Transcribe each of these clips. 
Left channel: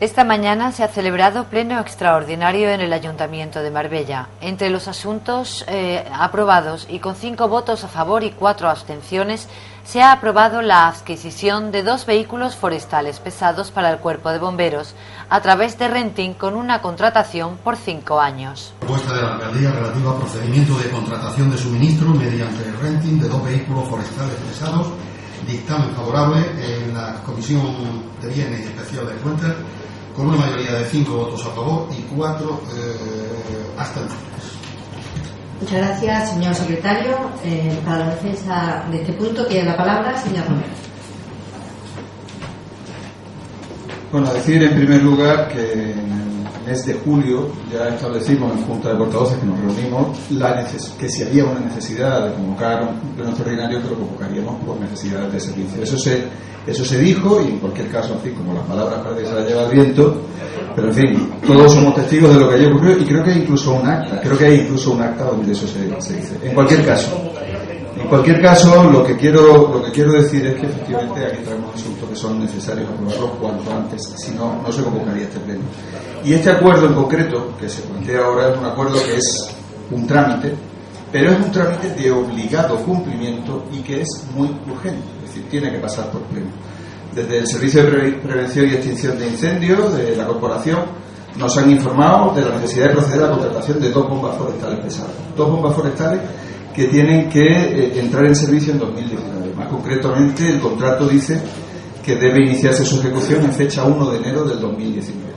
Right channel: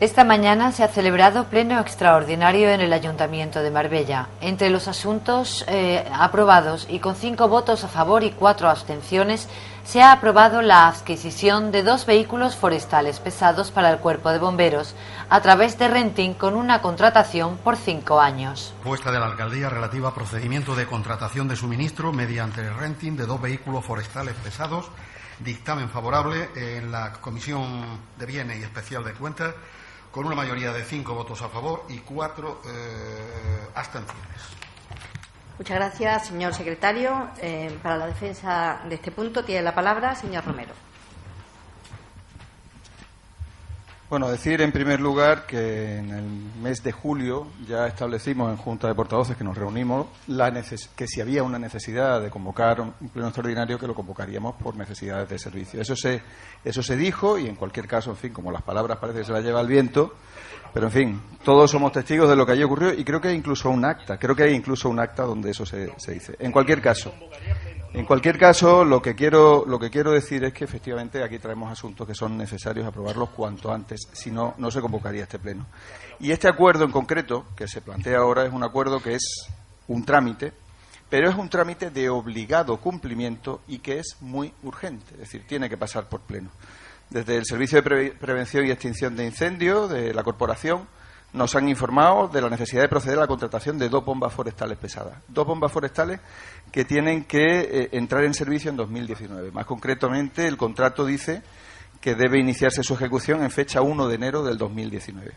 Esta mañana se ha celebrado pleno extraordinario en el Ayuntamiento de Marbella. Entre los asuntos aprobados y con 5 votos a favor y 4 abstenciones, se ha aprobado la adquisición de 2 vehículos forestales pesados para el Cuerpo de Bomberos a través de renting con una contratación por 5 años. Propuesta de la Alcaldía relativa a procedimiento de contratación de suministro mediante el renting de 2 vehículos forestales pesados. Dictamen favorable en la Comisión de Bienes y Especial de Cuentas, con una mayoría de 5 votos a favor y 4 abstenciones. Muchas gracias, señor secretario. Para la defensa de este punto tiene la palabra señor Romero. Bueno, decir en primer lugar que en el mes de julio ya establecimos en Junta de Portavoces que nos reunimos que si había una necesidad de convocar un pleno extraordinario, que lo convocaríamos por necesidades de servicio. Eso se dijo, y en cualquier caso, en fin, como las palabras parece que se las lleva el viento, pero en fin, todos somos testigos de lo que haya ocurrido, y creo que hay incluso un acta, donde eso se dice. En cualquier caso, lo que quiero decir es que efectivamente aquí traemos asuntos que son necesarios aprobarlos cuanto antes, si no, no se convocaría este pleno. Y este acuerdo en concreto, que se plantea ahora, es un acuerdo que es un trámite, pero es un trámite de obligado cumplimiento y que es muy urgente, es decir, tiene que pasar por pleno. Desde el Servicio de Prevención y Extinción de Incendios de la Corporación nos han informado de la necesidad de proceder a la contratación de 2 bombas forestales pesadas. 2 bombas forestales que tienen que entrar en servicio en 2019. Más concretamente, el contrato dice que debe iniciarse su ejecución en fecha 1 de enero del 2019.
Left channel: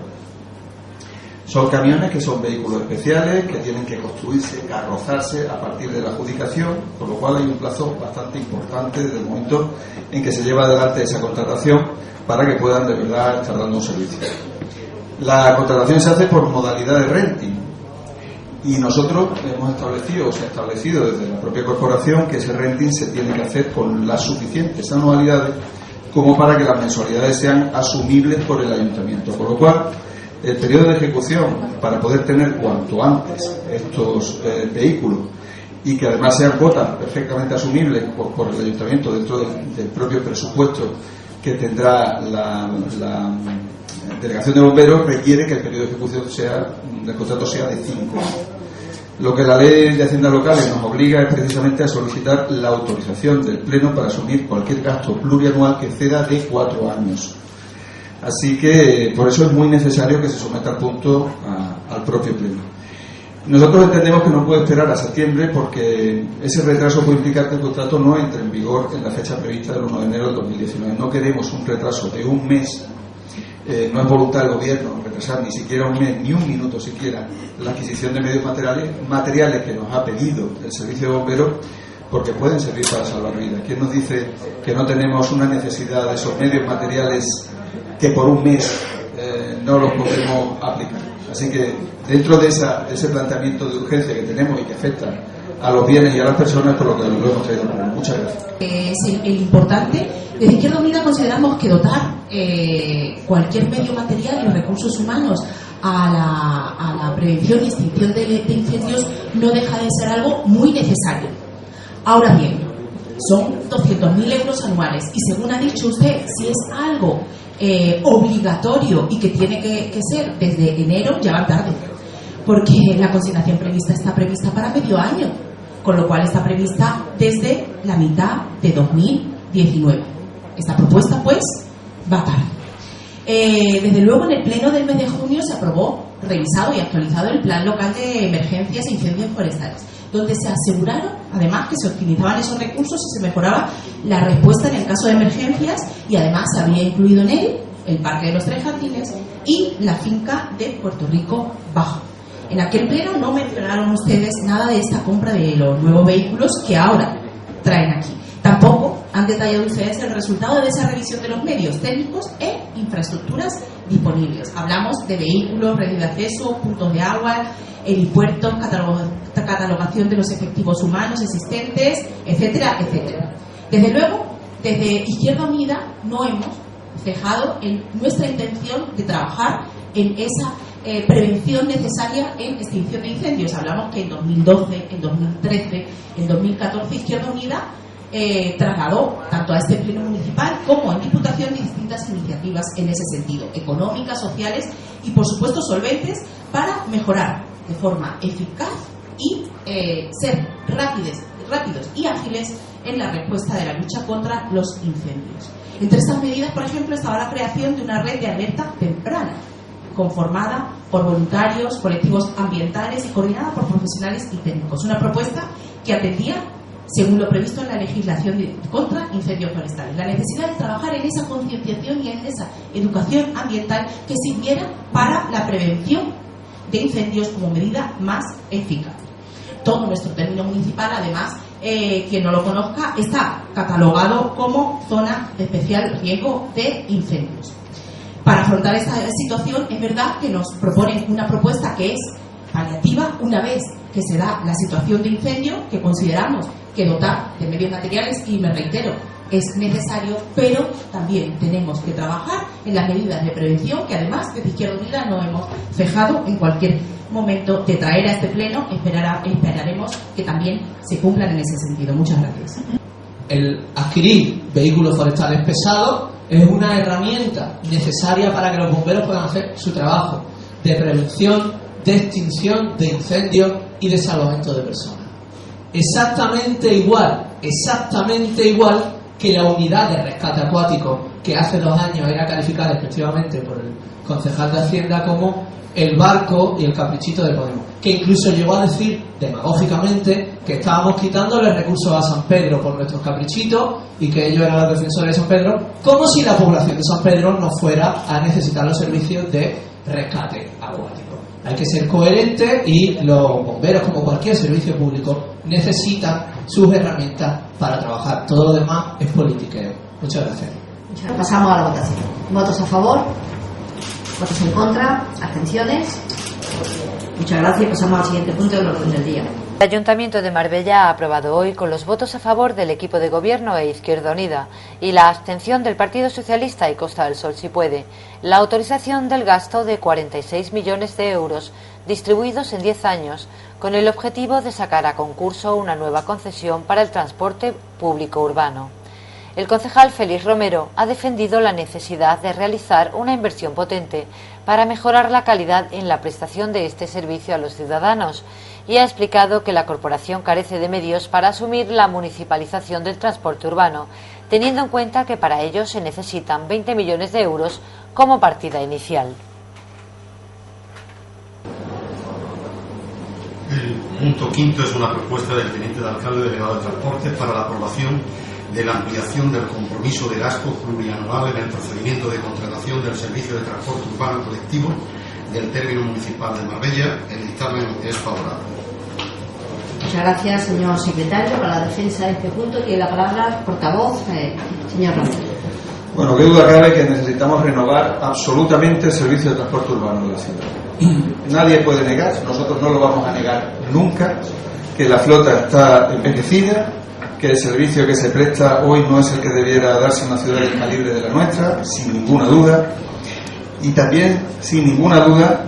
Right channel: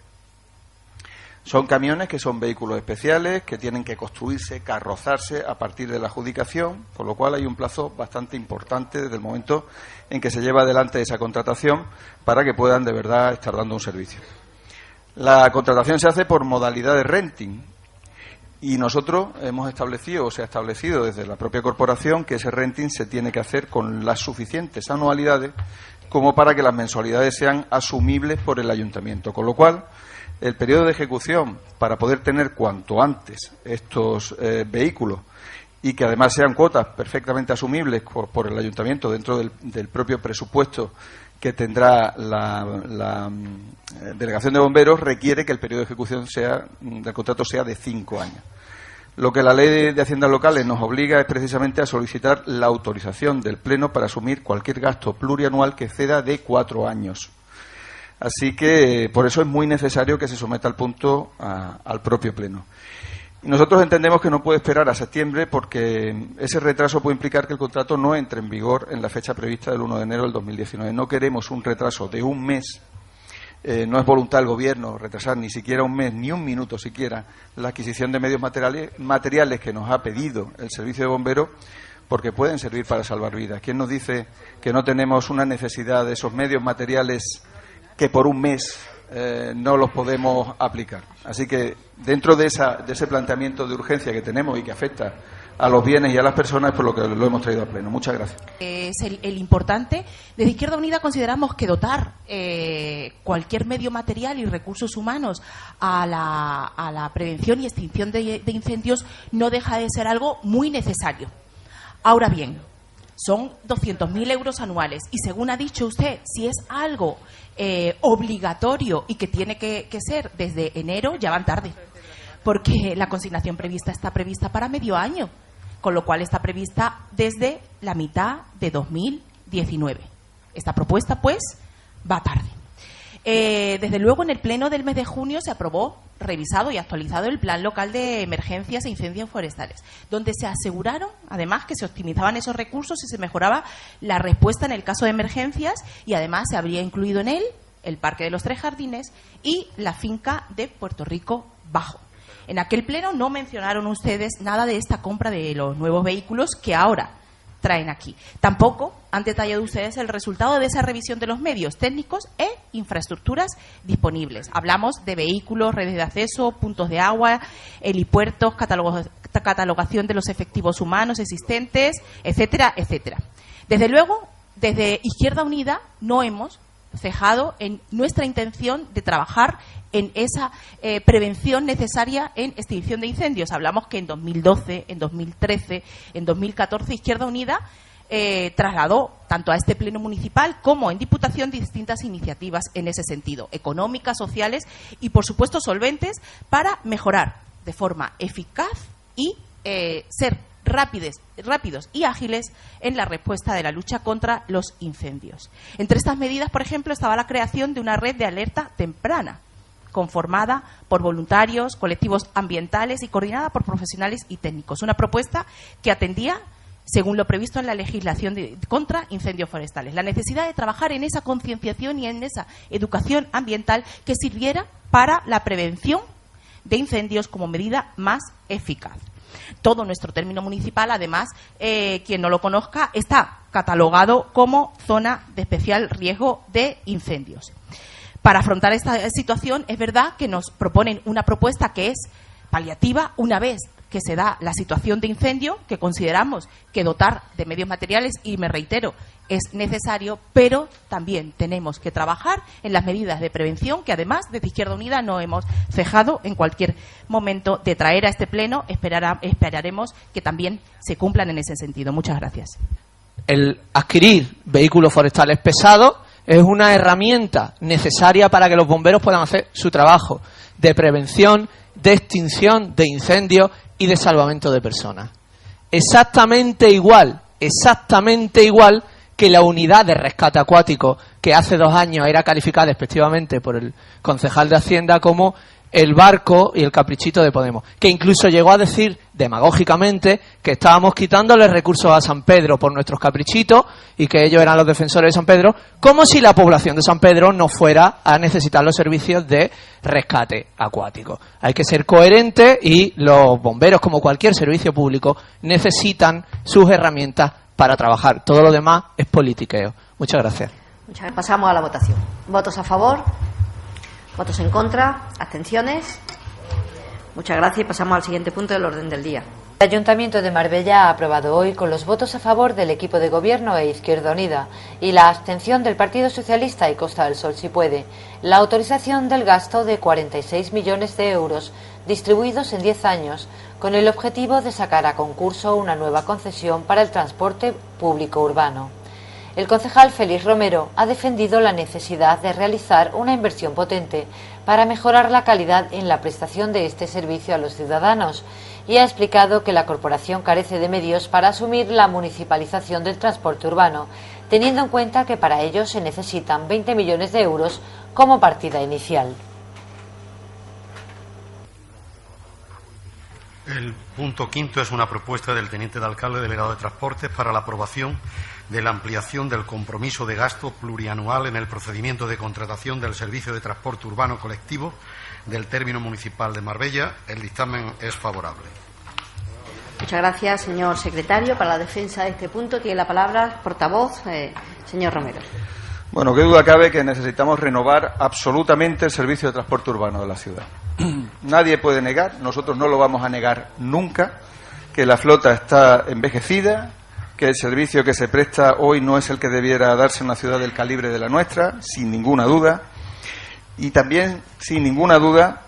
Son camiones que son vehículos especiales, que tienen que construirse, carrozarse a partir de la adjudicación, por lo cual hay un plazo bastante importante desde el momento en que se lleva adelante esa contratación para que puedan de verdad estar dando un servicio. La contratación se hace por modalidad de renting y nosotros hemos establecido, o se ha establecido desde la propia corporación, que ese renting se tiene que hacer con las suficientes anualidades como para que las mensualidades sean asumibles por el ayuntamiento, con lo cual el periodo de ejecución, para poder tener cuanto antes estos vehículos y que además sean cuotas perfectamente asumibles por el ayuntamiento dentro del propio presupuesto que tendrá la delegación de bomberos, requiere que el periodo de ejecución del contrato sea de 5 años. Lo que la ley de haciendas locales nos obliga es precisamente a solicitar la autorización del pleno para asumir cualquier gasto plurianual que exceda de 4 años. Así que por eso es muy necesario que se someta al punto al propio pleno. Nosotros entendemos que no puede esperar a septiembre porque ese retraso puede implicar que el contrato no entre en vigor en la fecha prevista del 1 de enero del 2019. No queremos un retraso de un mes. No es voluntad del gobierno retrasar ni siquiera un mes, ni un minuto siquiera, la adquisición de medios materiales que nos ha pedido el servicio de bomberos, porque pueden servir para salvar vidas. ¿Quién nos dice que no tenemos una necesidad de esos medios materiales que por un mes no los podemos aplicar? Así que dentro de ese planteamiento de urgencia que tenemos y que afecta a los bienes y a las personas, por lo que lo hemos traído a pleno. Muchas gracias. Es importante. Desde Izquierda Unida consideramos que dotar cualquier medio material y recursos humanos a la prevención y extinción de incendios no deja de ser algo muy necesario. Ahora bien, son 200.000 euros anuales y, según ha dicho usted, si es algo obligatorio y que tiene que ser desde enero, ya va tarde, porque la consignación está prevista para medio año, con lo cual está prevista desde la mitad de 2019. Esta propuesta, pues, va tarde. Desde luego, en el pleno del mes de junio se aprobó, revisado y actualizado el Plan Local de Emergencias e Incendios Forestales, donde se aseguraron, además, que se optimizaban esos recursos y se mejoraba la respuesta en el caso de emergencias, y además se había incluido en él el Parque de los Tres Jardines y la finca de Puerto Rico Bajo. En aquel pleno no mencionaron ustedes nada de esta compra de los nuevos vehículos que ahora traen aquí. Tampoco han detallado ustedes el resultado de esa revisión de los medios técnicos e infraestructuras disponibles. Hablamos de vehículos, redes de acceso, puntos de agua, helipuertos, catalogación de los efectivos humanos existentes, etcétera, etcétera. Desde luego, desde Izquierda Unida no hemos cejado en nuestra intención de trabajar en esa prevención necesaria en extinción de incendios. Hablamos que en 2012, en 2013, en 2014 Izquierda Unida trasladó tanto a este pleno municipal como en Diputación distintas iniciativas en ese sentido, económicas, sociales y por supuesto solventes, para mejorar de forma eficaz y ser rápidos y ágiles en la respuesta de la lucha contra los incendios. Entre estas medidas, por ejemplo, estaba la creación de una red de alerta temprana, conformada por voluntarios, colectivos ambientales y coordinada por profesionales y técnicos. Una propuesta que atendía, según lo previsto en la legislación contra incendios forestales, la necesidad de trabajar en esa concienciación y en esa educación ambiental que sirviera para la prevención de incendios como medida más eficaz. Todo nuestro término municipal, además, quien no lo conozca, está catalogado como zona de especial riesgo de incendios. Para afrontar esta situación, es verdad que nos proponen una propuesta que es paliativa una vez que se da la situación de incendio, que consideramos que dotar de medios materiales, y me reitero, es necesario, pero también tenemos que trabajar en las medidas de prevención que además desde Izquierda Unida no hemos cejado en cualquier momento de traer a este pleno. Esperaremos que también se cumplan en ese sentido. Muchas gracias. El adquirir vehículos forestales pesados es una herramienta necesaria para que los bomberos puedan hacer su trabajo de prevención, de extinción de incendios y de salvamento de personas. Exactamente igual que la unidad de rescate acuático, que hace 2 años era calificada despectivamente por el concejal de Hacienda como el barco y el caprichito de Podemos, que incluso llegó a decir demagógicamente que estábamos quitándole recursos a San Pedro por nuestros caprichitos y que ellos eran los defensores de San Pedro, como si la población de San Pedro no fuera a necesitar los servicios de rescate acuático. Hay que ser coherente y los bomberos, como cualquier servicio público, necesitan sus herramientas para trabajar. Todo lo demás es politiqueo. Muchas gracias. Pasamos a la votación. ¿Votos a favor? ¿Votos en contra? ¿Abstenciones? Muchas gracias y pasamos al siguiente punto del orden del día. El Ayuntamiento de Marbella ha aprobado hoy, con los votos a favor del equipo de gobierno e Izquierda Unida y la abstención del Partido Socialista y Costa del Sol si puede, la autorización del gasto de 46 millones de euros distribuidos en 10 años con el objetivo de sacar a concurso una nueva concesión para el transporte público urbano. El concejal Félix Romero ha defendido la necesidad de realizar una inversión potente para mejorar la calidad en la prestación de este servicio a los ciudadanos y ha explicado que la corporación carece de medios para asumir la municipalización del transporte urbano, teniendo en cuenta que para ello se necesitan 20 millones de euros como partida inicial. El punto quinto es una propuesta del teniente de alcalde de Venado de Transportes para la aprobación de la ampliación del compromiso de gasto plurianual en el procedimiento de contratación del servicio de transporte urbano colectivo del término municipal de Marbella. El dictamen es favorable. Muchas gracias, señor secretario. Para la defensa de este punto tiene la palabra el portavoz, señor Romero. Bueno, qué duda cabe que necesitamos renovar absolutamente el servicio de transporte urbano de la ciudad. Nadie puede negar, nosotros no lo vamos a negar nunca, que la flota está envejecida, que el servicio que se presta hoy no es el que debiera darse en una ciudad del calibre de la nuestra, sin ninguna duda. Y también, sin ninguna duda,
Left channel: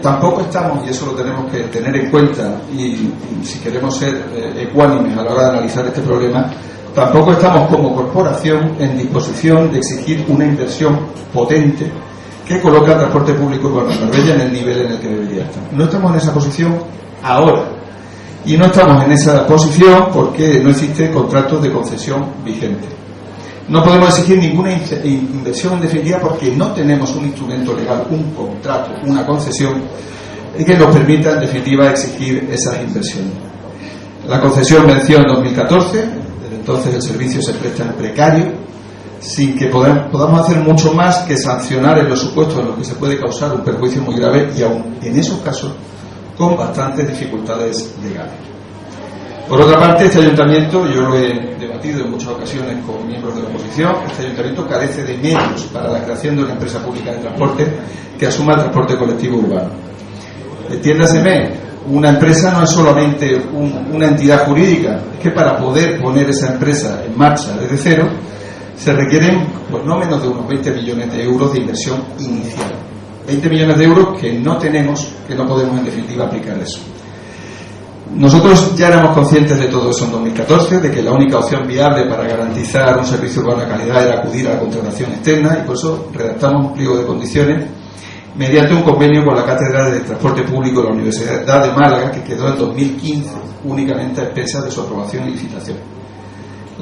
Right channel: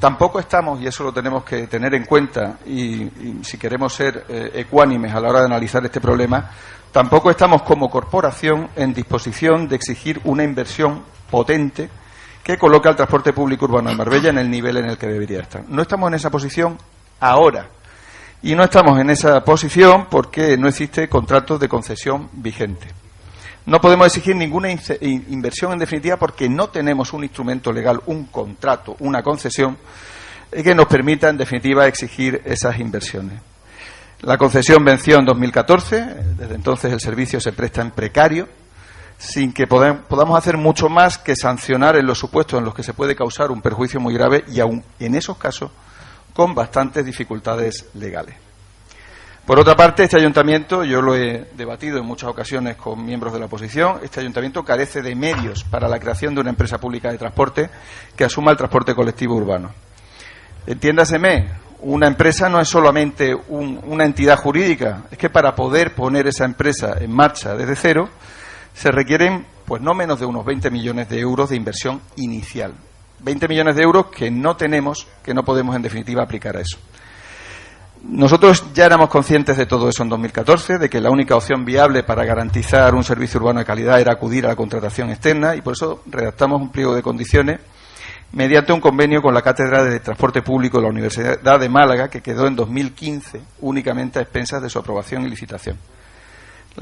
tampoco estamos, y eso lo tenemos que tener en cuenta, y si queremos ser ecuánimes a la hora de analizar este problema, tampoco estamos como corporación en disposición de exigir una inversión potente que coloque al transporte público urbano en Marbella en el nivel en el que debería estar. No estamos en esa posición ahora. Y no estamos en esa posición porque no existe contrato de concesión vigente. No podemos exigir ninguna inversión en definitiva porque no tenemos un instrumento legal, un contrato, una concesión que nos permita en definitiva exigir esas inversiones. La concesión venció en 2014, desde entonces el servicio se presta en precario, sin que podamos hacer mucho más que sancionar en los supuestos en los que se puede causar un perjuicio muy grave y aún en esos casos con bastantes dificultades legales. Por otra parte, este ayuntamiento, yo lo he debatido en muchas ocasiones con miembros de la oposición, este ayuntamiento carece de medios para la creación de una empresa pública de transporte que asuma el transporte colectivo urbano. Entiéndaseme, una empresa no es solamente una entidad jurídica, es que para poder poner esa empresa en marcha desde cero se requieren pues no menos de unos 20 millones de euros de inversión inicial. 20 millones de euros que no tenemos, que no podemos en definitiva aplicar eso. Nosotros ya éramos conscientes de todo eso en 2014, de que la única opción viable para garantizar un servicio urbano de calidad era acudir a la contratación externa, y por eso redactamos un pliego de condiciones mediante un convenio con la Cátedra de Transporte Público de la Universidad de Málaga, que quedó en 2015 únicamente a expensas de su aprobación y licitación.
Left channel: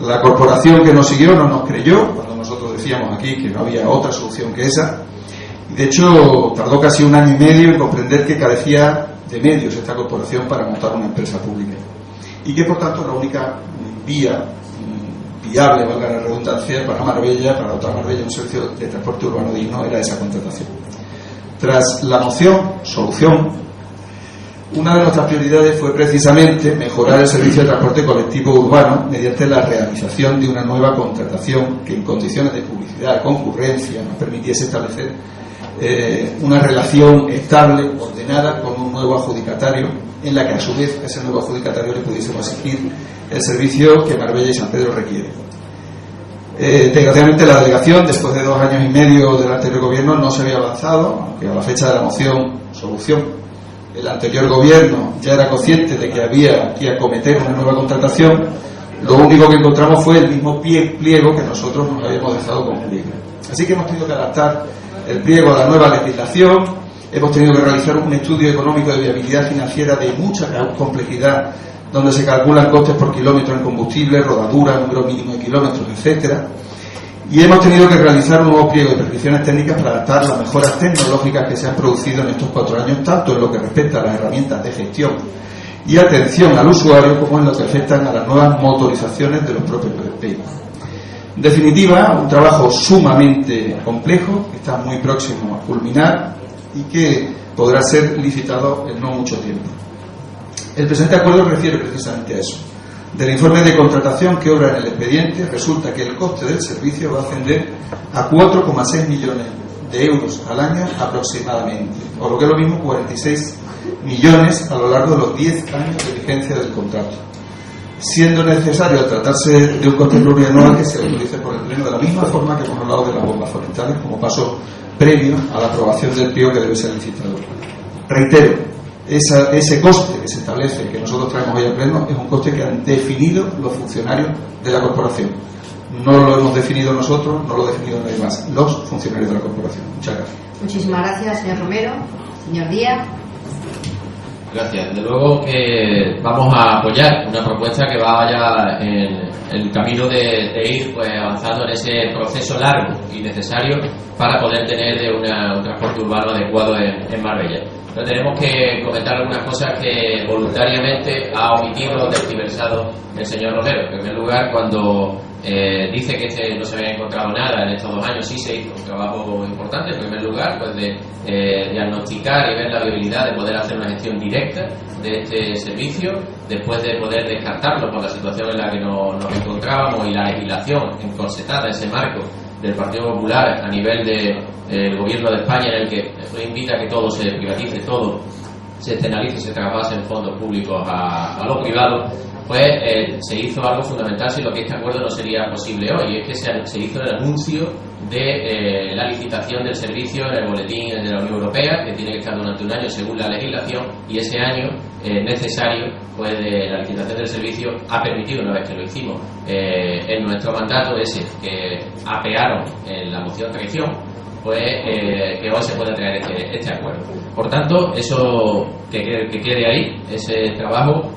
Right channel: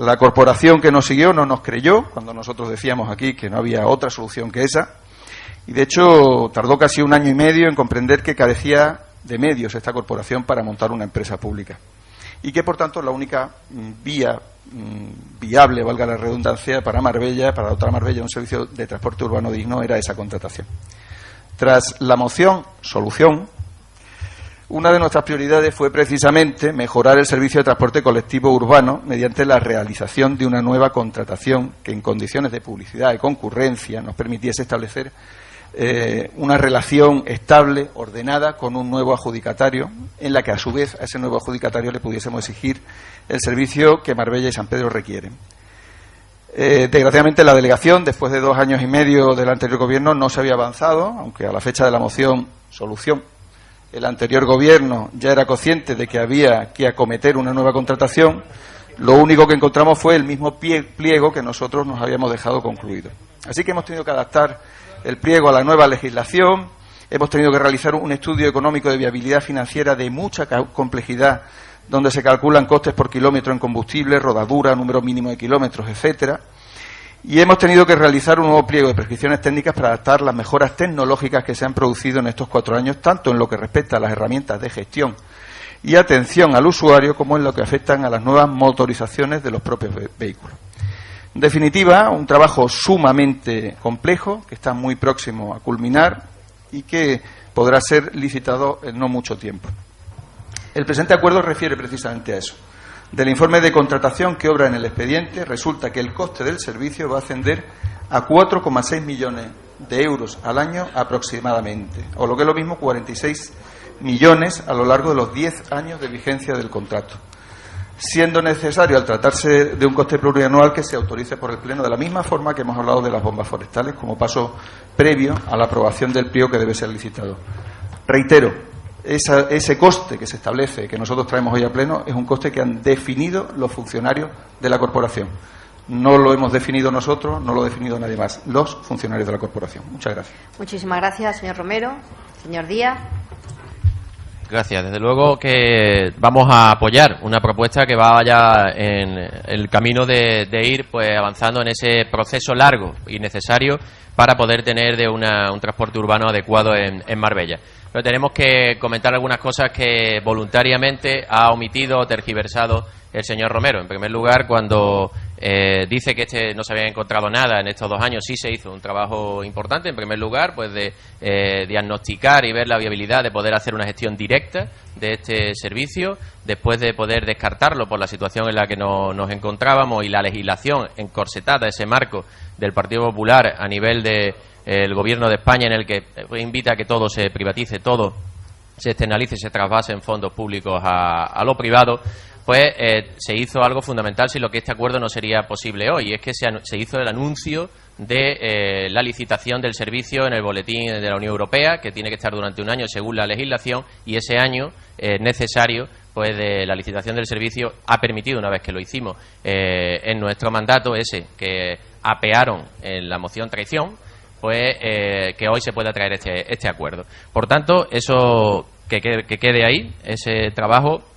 La corporación que nos siguió no nos creyó cuando nosotros decíamos aquí que no había otra solución que esa, y de hecho tardó casi 1 año y medio en comprender que carecía de medios esta corporación para montar una empresa pública, y que por tanto la única vía viable, valga la redundancia, para Marbella, para dotar a Marbella un servicio de transporte urbano digno, era esa contratación. Tras la solución, una de nuestras prioridades fue precisamente mejorar el servicio de transporte colectivo urbano mediante la realización de una nueva contratación que, en condiciones de publicidad y concurrencia, nos permitiese establecer una relación estable, ordenada, con un nuevo adjudicatario, en la que a su vez a ese nuevo adjudicatario le pudiésemos exigir el servicio que Marbella y San Pedro requieren. Desgraciadamente la delegación, después de 2 años y medio del anterior gobierno, no se había avanzado, aunque a la fecha de la solución el anterior gobierno ya era consciente de que había que acometer una nueva contratación. Lo único que encontramos fue el mismo pliego que nosotros nos habíamos dejado concluir. Así que hemos tenido que adaptar el pliego a la nueva legislación, hemos tenido que realizar un estudio económico de viabilidad financiera de mucha complejidad, donde se calculan costes por kilómetro en combustible, rodadura, número mínimo de kilómetros, etcétera. Y hemos tenido que realizar un nuevo pliego de prescripciones técnicas para adaptar las mejoras tecnológicas que se han producido en estos 4 años, tanto en lo que respecta a las herramientas de gestión y atención al usuario, como en lo que afectan a las nuevas motorizaciones de los propios vehículos. En definitiva, un trabajo sumamente complejo, que está muy próximo a culminar y que podrá ser licitado en no mucho tiempo. El presente acuerdo refiere precisamente a eso. Del informe de contratación que obra en el expediente, resulta que el coste del servicio va a ascender a 4,6 millones de euros al año aproximadamente, o lo que es lo mismo, 46 millones a lo largo de los 10 años de vigencia del contrato, siendo necesario, al tratarse de un coste plurianual, que se autorice por el Pleno, de la misma forma que hemos hablado de las bombas forestales, como paso previo a la aprobación del pliego que debe ser licitado. Reitero, ese coste que se establece, que nosotros traemos hoy a Pleno, es un coste que han definido los funcionarios de la corporación. No lo hemos definido nosotros, no lo ha definido nadie más, los funcionarios de la corporación. Muchas gracias. Muchísimas gracias, señor Romero. Señor Díaz. Gracias. Desde luego que vamos a apoyar una propuesta que vaya en el camino de ir pues avanzando en ese proceso largo y necesario para poder tener un transporte urbano adecuado en Marbella. Pero tenemos que comentar algunas cosas que voluntariamente ha omitido, tergiversado el señor Romero. En primer lugar, cuando dice que no se había encontrado nada en estos 2 años, sí se hizo un trabajo importante. En primer lugar, pues de diagnosticar y ver la viabilidad de poder hacer una gestión directa de este servicio, después de poder descartarlo por la situación en la que nos encontrábamos y la legislación encorsetada, ese marco del Partido Popular a nivel del Gobierno de España, en el que invita a que todo se privatice, todo se externalice y se traspase en fondos públicos a los privados. Pues se hizo algo fundamental, sin lo que este acuerdo no sería posible hoy, y es que se hizo el anuncio de la licitación del servicio en el boletín de la Unión Europea, que tiene que estar durante 1 año según la legislación, y ese año necesario pues de la licitación del servicio ha permitido, una vez que lo hicimos en nuestro mandato ese que apearon en la moción traición, pues que hoy se pueda traer este acuerdo. Por tanto, eso que quede ahí, ese trabajo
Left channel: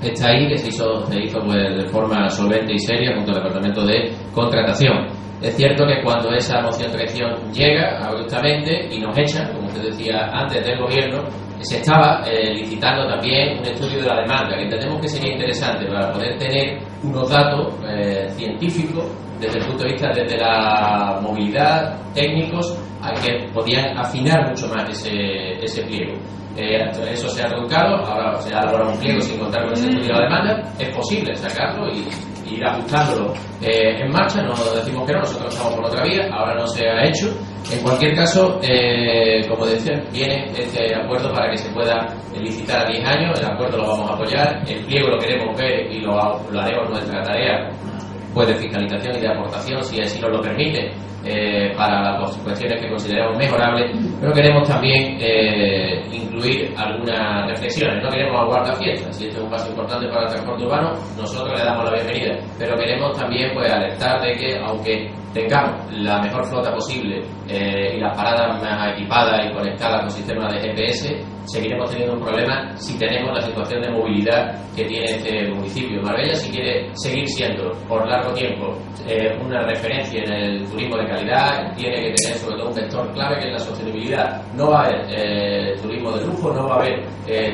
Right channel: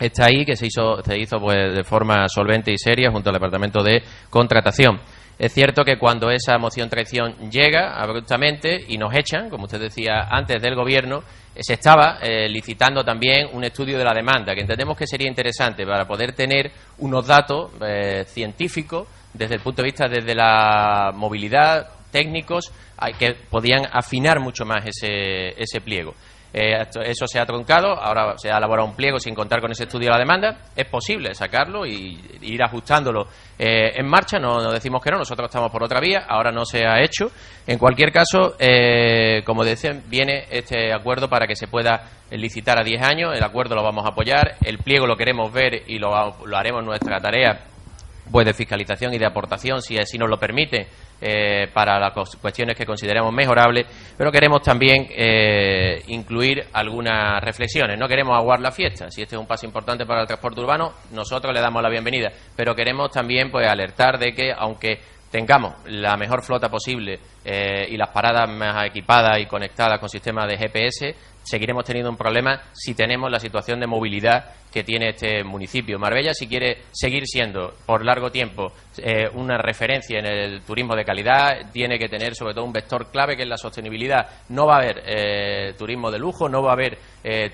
está ahí, que se hizo pues de forma solvente y seria junto al Departamento de Contratación. Es cierto que cuando esa moción traición llega abruptamente y nos echan, como usted decía antes del gobierno, se estaba licitando también un estudio de la demanda, que entendemos que sería interesante para poder tener unos datos científicos desde el punto de vista desde la movilidad, técnicos, que podían afinar mucho más ese pliego. Eso se ha truncado, ahora se ha elaborado un pliego sin contar con ese estudio de la demanda. Es posible sacarlo y ir ajustándolo en marcha, no decimos que no, nosotros estamos por otra vía, ahora no se ha hecho. En cualquier caso, como decía, viene este acuerdo para que se pueda licitar a 10 años, el acuerdo lo vamos a apoyar, el pliego lo queremos ver y lo haremos en nuestra tarea pues de fiscalización y de aportación, si así nos lo permite, para las cuestiones que consideremos mejorables, pero queremos también incluir algunas reflexiones. No queremos aguar la fiesta. Si este es un paso importante para el transporte urbano, nosotros le damos la bienvenida, pero queremos también pues alertar de que, aunque tengamos la mejor flota posible y las paradas más equipadas y conectadas con sistemas de GPS, seguiremos teniendo un problema si tenemos la situación de movilidad que tiene este municipio. Marbella, si quiere seguir siendo por largo tiempo una referencia en el turismo de calidad, tiene que tener sobre todo un vector clave, que es la sostenibilidad. No va a haber turismo de lujo, no va a haber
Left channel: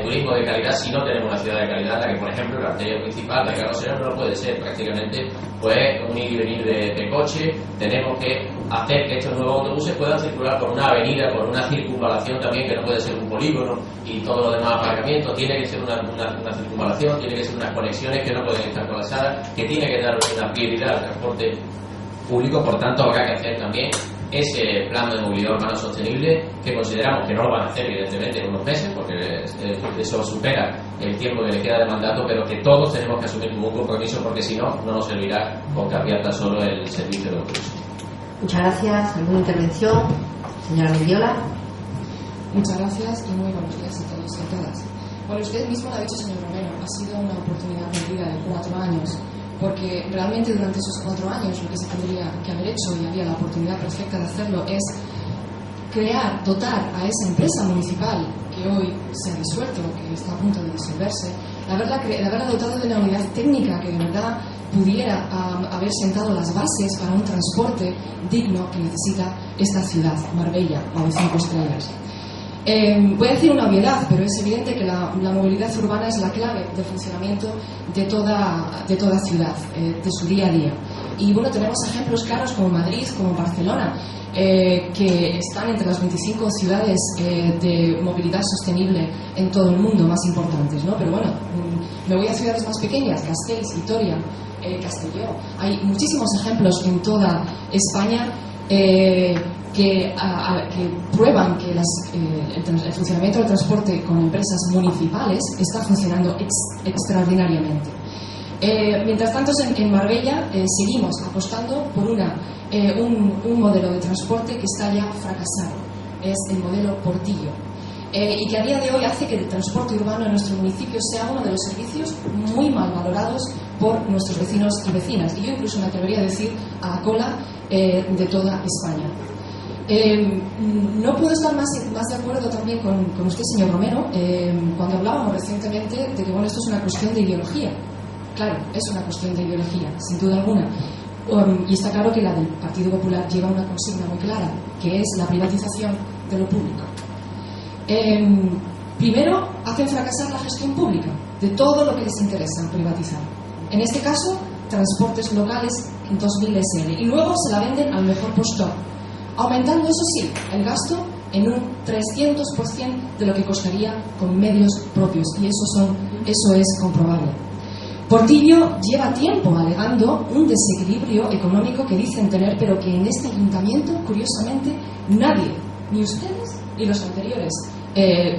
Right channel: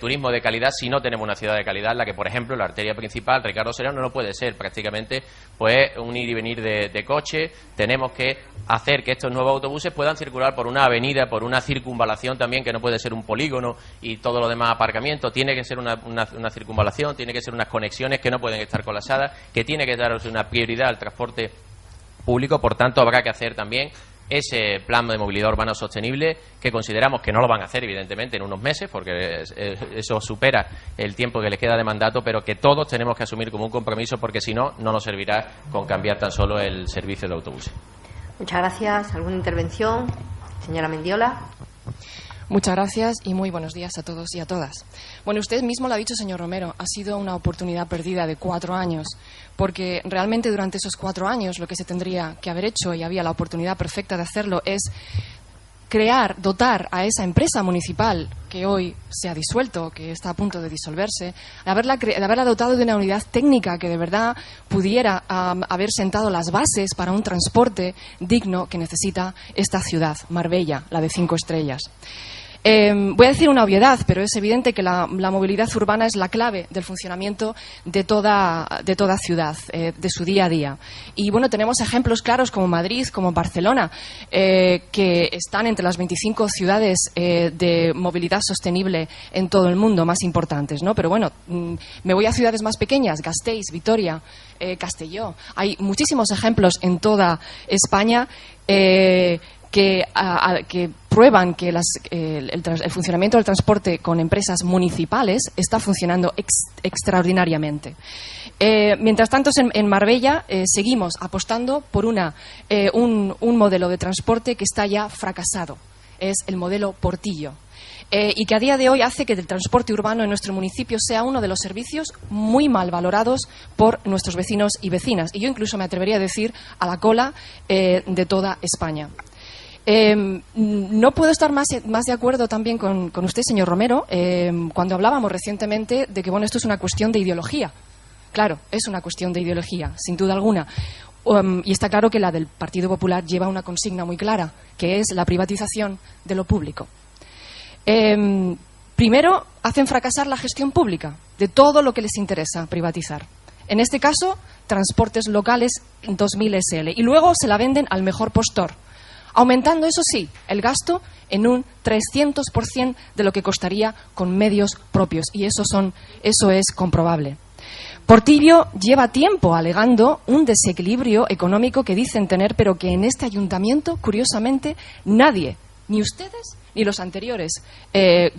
turismo de calidad si no tenemos una ciudad de calidad, la que, por ejemplo, la arteria principal de Carlos Serrano no lo puede ser. Prácticamente pues un ir y venir de coche. Tenemos que hacer que estos nuevos autobuses puedan circular por una avenida, por una circunvalación también, que no puede ser un polígono y todo lo demás aparcamiento. Tiene que ser una circunvalación, tiene que ser unas conexiones que no pueden estar colapsadas, que tiene que dar una prioridad al transporte público. Por tanto, habrá que hacer también ese plan de movilidad urbana sostenible, que consideramos que no lo van a hacer evidentemente en unos meses, porque eso supera el tiempo que les queda de mandato, pero que todos tenemos que asumir como un compromiso, porque si no, no nos servirá con cambiar tan solo el servicio de autobuses. Muchas gracias. ¿Alguna intervención? Señora Mendiola. Muchas gracias y muy buenos días a todos y a todas. Bueno, usted mismo lo ha dicho, señor Romero, ha sido una oportunidad perdida de 4 años, porque realmente durante esos 4 años lo que se tendría que haber hecho, y había la oportunidad perfecta de hacerlo, es dotar a esa empresa municipal que hoy se ha disuelto, que está a punto de disolverse, de haberla dotado de una unidad técnica que de verdad pudiera haber sentado las bases para un transporte digno que necesita esta ciudad, Marbella, la de 5 estrellas. Voy a decir una obviedad, pero es evidente que la movilidad urbana es la clave del funcionamiento de toda ciudad, de su día a día. Y bueno, tenemos ejemplos claros como Madrid, como Barcelona, que están entre las 25 ciudades de movilidad sostenible en todo el mundo más importantes, ¿no? Pero bueno, me voy a ciudades más pequeñas, Gasteiz, Vitoria, Castelló. Hay muchísimos ejemplos en toda España que prueban que el funcionamiento del transporte con empresas municipales está funcionando extraordinariamente. Mientras tanto, en Marbella seguimos apostando por un modelo de transporte que está ya fracasado. Es el modelo Portillo. Y que a día de hoy hace que el transporte urbano en nuestro municipio sea uno de los servicios muy mal valorados por nuestros vecinos y vecinas. Y yo incluso me atrevería a decir a la cola de toda España. No puedo estar más de acuerdo también con usted, señor Romero, cuando hablábamos recientemente de que bueno, esto es una cuestión de ideología. Claro, es una cuestión de ideología, sin duda alguna. Y está claro que la del Partido Popular lleva una consigna muy clara, que es la privatización de lo público. Primero, hacen fracasar la gestión pública de todo lo que les interesa privatizar. En este caso, transportes locales 2000 SL. Y luego se la venden al mejor postor, aumentando, eso sí, el gasto en un 300% de lo que costaría con medios propios. Y eso es comprobable. Portillo lleva tiempo alegando un desequilibrio económico que dicen tener, pero que en este ayuntamiento, curiosamente, nadie, ni ustedes ni los anteriores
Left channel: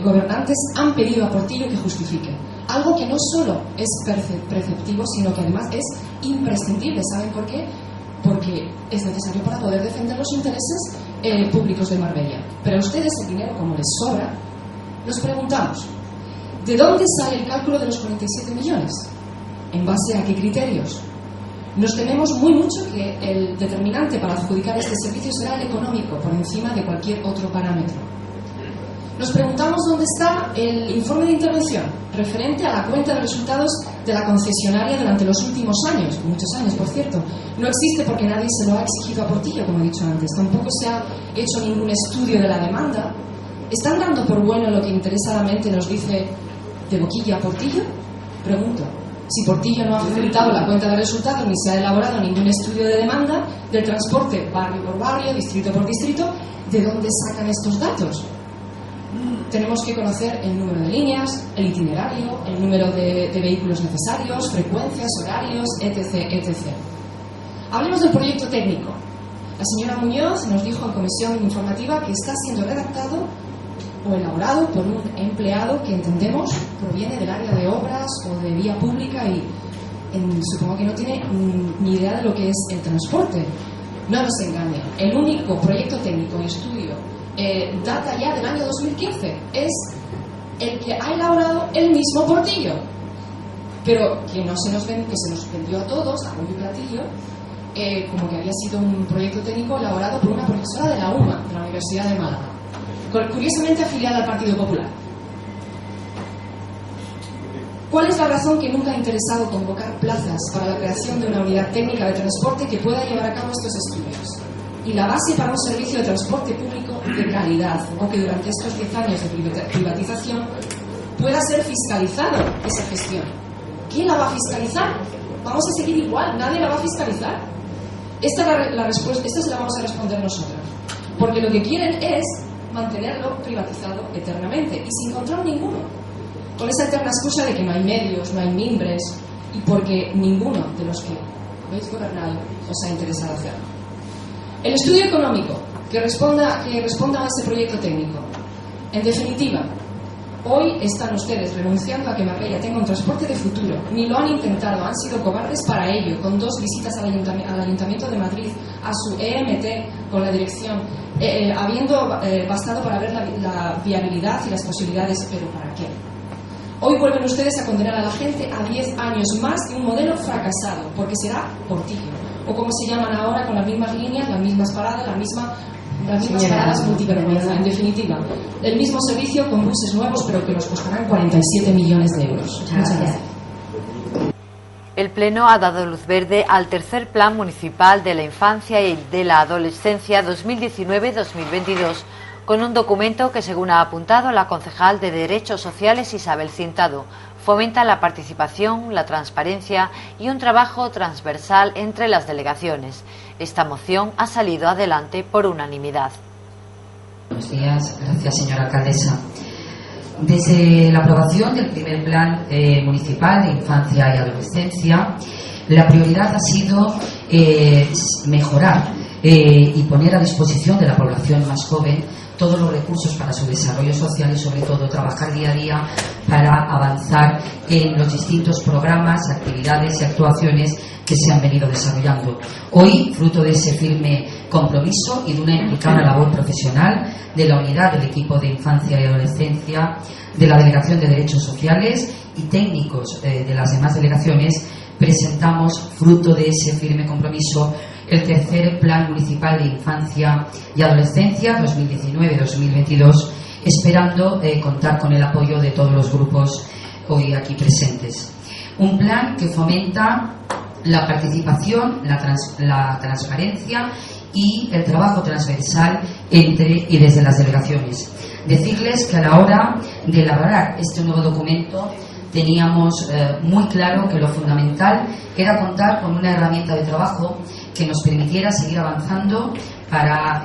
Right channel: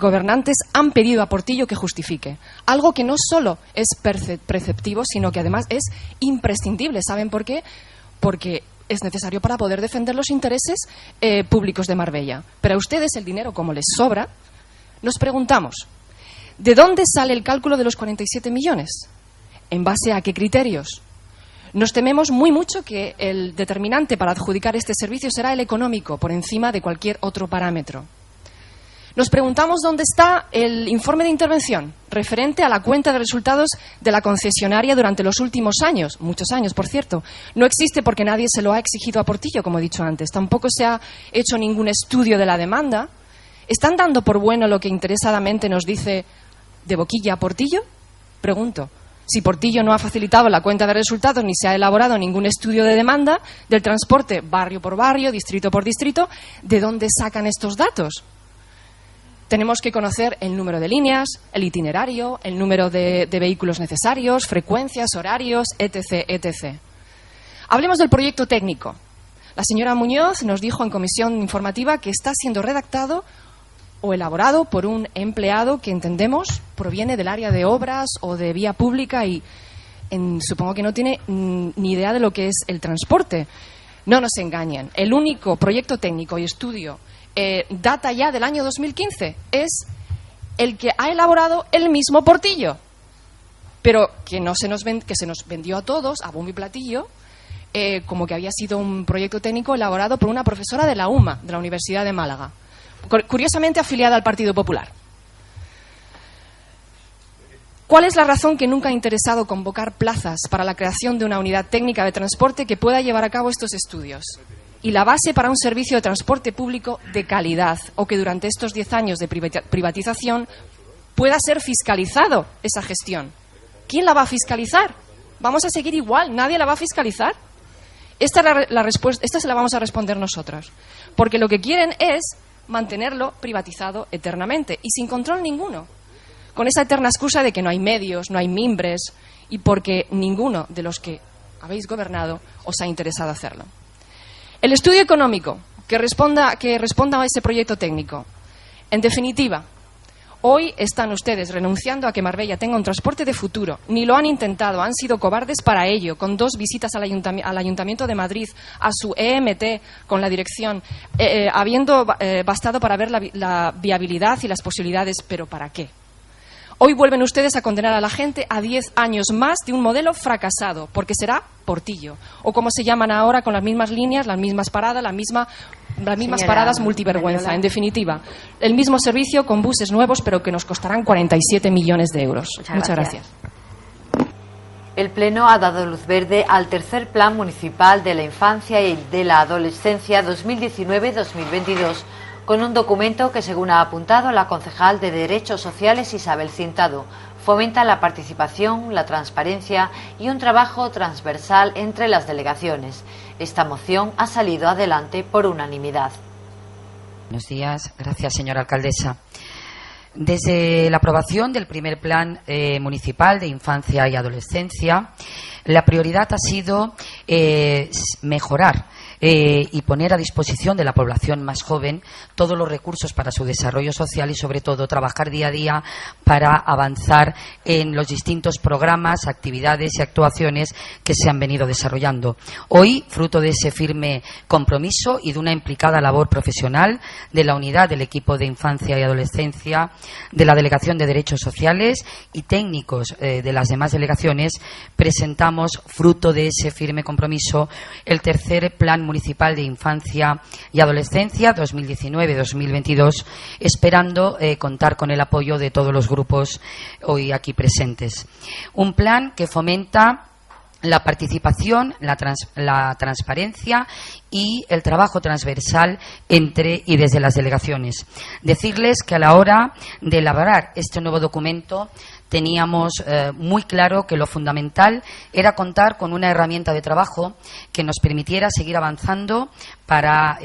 gobernantes, han pedido a Portillo que justifique. Algo que no solo es preceptivo, sino que además es imprescindible. ¿Saben por qué? Porque es necesario para poder defender los intereses públicos de Marbella. Pero a ustedes el dinero, como les sobra, nos preguntamos, ¿de dónde sale el cálculo de los 47 millones? ¿En base a qué criterios? Nos tememos muy mucho que el determinante para adjudicar este servicio será el económico, por encima de cualquier otro parámetro. Nos preguntamos dónde está el informe de intervención referente a la cuenta de resultados de la concesionaria durante los últimos años, muchos años, por cierto. No existe porque nadie se lo ha exigido a Portillo, como he dicho antes. Tampoco se ha hecho ningún estudio de la demanda. ¿Están dando por bueno lo que interesadamente nos dice de boquilla a Portillo? Pregunto. Si Portillo no ha facilitado la cuenta de resultados ni se ha elaborado ningún estudio de demanda del transporte barrio por barrio, distrito por distrito, ¿de dónde sacan estos datos? Tenemos que conocer el número de líneas, el itinerario, el número de vehículos necesarios, frecuencias, horarios, etc., etc. Hablemos del proyecto técnico. La señora Muñoz nos dijo en comisión informativa que está siendo redactado o elaborado por un empleado que entendemos proviene del área de obras o de vía pública y supongo que no tiene ni idea de lo que es el transporte. No nos engañen, el único proyecto técnico y estudio data ya del año 2015 es el que ha elaborado el mismo Portillo, pero que se nos vendió a todos a bombo y platillo como que había sido un proyecto técnico elaborado por una profesora de la UMA, de la Universidad de Málaga, curiosamente afiliada al Partido Popular. ¿Cuál es la razón que nunca ha interesado convocar plazas para la creación de una unidad técnica de transporte que pueda llevar a cabo estos estudios? Y la base para un servicio de transporte público de calidad, o que durante estos 10 años de privatización pueda ser fiscalizado esa gestión. ¿Quién la va a fiscalizar? ¿Vamos a seguir igual? ¿Nadie la va a fiscalizar? Esta se la vamos a responder nosotros. Porque lo que quieren es mantenerlo privatizado eternamente y sin control ninguno. Con esa eterna excusa de que no hay medios, no hay mimbres, y porque ninguno de los que habéis gobernado os ha interesado hacerlo. El estudio económico que responda a ese proyecto técnico. En definitiva, hoy están ustedes renunciando a que Marbella tenga un transporte de futuro. Ni lo han intentado, han sido cobardes para ello, con 2 visitas al Ayuntamiento de Madrid, a su EMT con la dirección, habiendo bastado para ver la viabilidad y las posibilidades, pero ¿para qué? Hoy vuelven ustedes a condenar a la gente a 10 años más de un modelo fracasado, porque será Portillo, o como se llaman ahora, con las mismas líneas, las mismas paradas, las mismas paradas multivergüenza. En definitiva, el mismo servicio con buses nuevos, pero que nos costarán 47 millones de euros. Muchas gracias. El Pleno ha dado luz verde al tercer Plan Municipal de la Infancia y de la Adolescencia 2019-2022, con un documento que, según ha apuntado la concejal de Derechos Sociales Isabel Cintado, fomenta la participación, la transparencia y un trabajo transversal entre las delegaciones. Esta moción ha salido adelante por unanimidad. Buenos días, gracias señora alcaldesa. Desde la aprobación del primer Plan Municipal de Infancia y Adolescencia, la prioridad ha sido mejorar y poner a disposición de la población más joven todos los recursos para su desarrollo social y, sobre todo, trabajar día a día para avanzar en los distintos programas, actividades y actuaciones que se han venido desarrollando. Hoy, fruto de ese firme compromiso y de una implicada labor profesional de la unidad del equipo de infancia y adolescencia, de la Delegación de Derechos Sociales y técnicos de las demás delegaciones, presentamos, fruto de ese firme compromiso, el tercer Plan Municipal de Infancia y Adolescencia 2019-2022, esperando contar con el apoyo de todos los grupos hoy aquí presentes. Un plan que fomenta la participación, la transparencia y el trabajo transversal entre y desde las delegaciones. Decirles que a la hora de elaborar este nuevo documento teníamos muy claro que lo fundamental era contar con una herramienta de trabajo que nos permitiera seguir avanzando para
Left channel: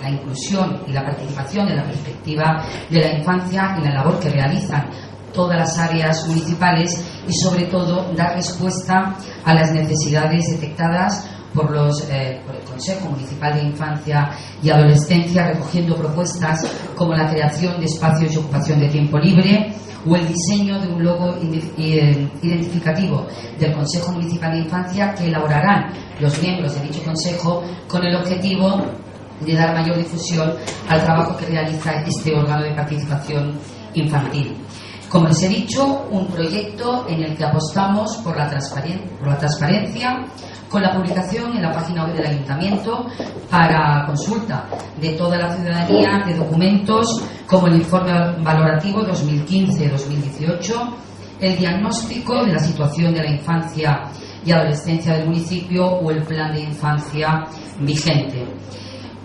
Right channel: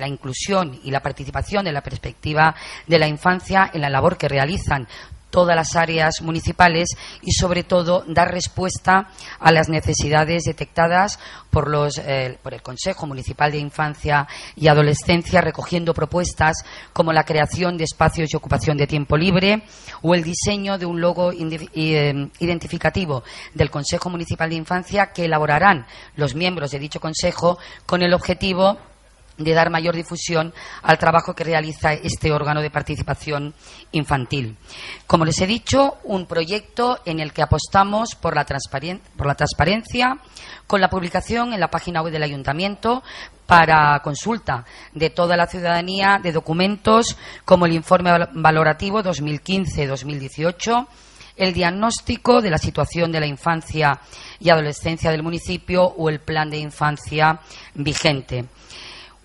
la inclusión y la participación en la perspectiva de la infancia en la labor que realizan todas las áreas municipales y, sobre todo, dar respuesta a las necesidades detectadas por el Consejo Municipal de Infancia y Adolescencia, recogiendo propuestas como la creación de espacios de ocupación de tiempo libre o el diseño de un logo identificativo del Consejo Municipal de Infancia que elaborarán los miembros de dicho Consejo con el objetivo de dar mayor difusión al trabajo que realiza este órgano de participación infantil. Como les he dicho, un proyecto en el que apostamos por la transparencia, con la publicación en la página web del Ayuntamiento para consulta de toda la ciudadanía de documentos como el informe valorativo 2015-2018, el diagnóstico de la situación de la infancia y adolescencia del municipio o el plan de infancia vigente.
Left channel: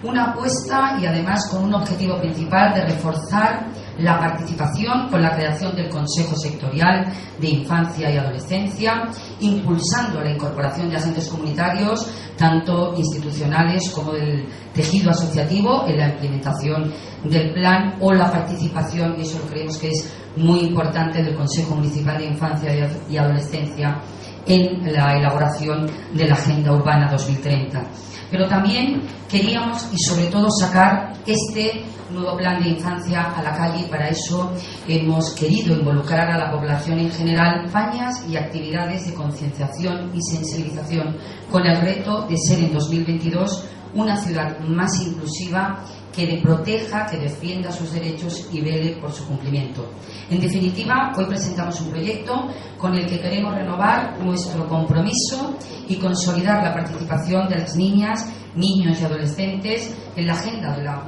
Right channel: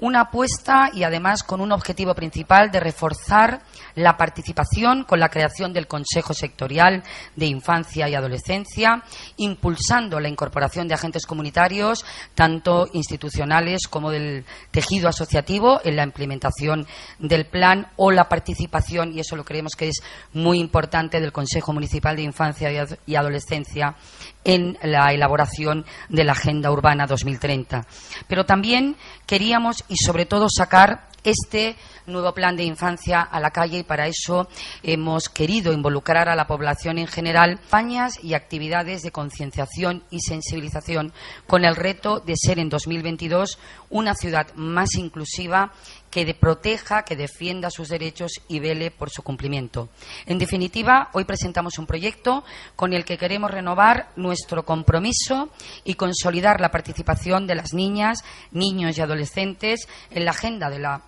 Una apuesta y además con un objetivo principal de reforzar la participación con la creación del Consejo Sectorial de Infancia y Adolescencia, impulsando la incorporación de agentes comunitarios, tanto institucionales como del tejido asociativo, en la implementación del plan, o la participación, y eso lo creemos que es muy importante, del Consejo Municipal de Infancia y Adolescencia en la elaboración de la Agenda Urbana 2030. Pero también queríamos, y sobre todo, sacar este nuevo plan de infancia a la calle y para eso hemos querido involucrar a la población en general, campañas y actividades de concienciación y sensibilización con el reto de ser en 2022 una ciudad más inclusiva que proteja, que defienda sus derechos y vele por su cumplimiento. En definitiva, hoy presentamos un proyecto con el que queremos renovar nuestro compromiso y consolidar la participación de las niñas, niños y adolescentes en la agenda de la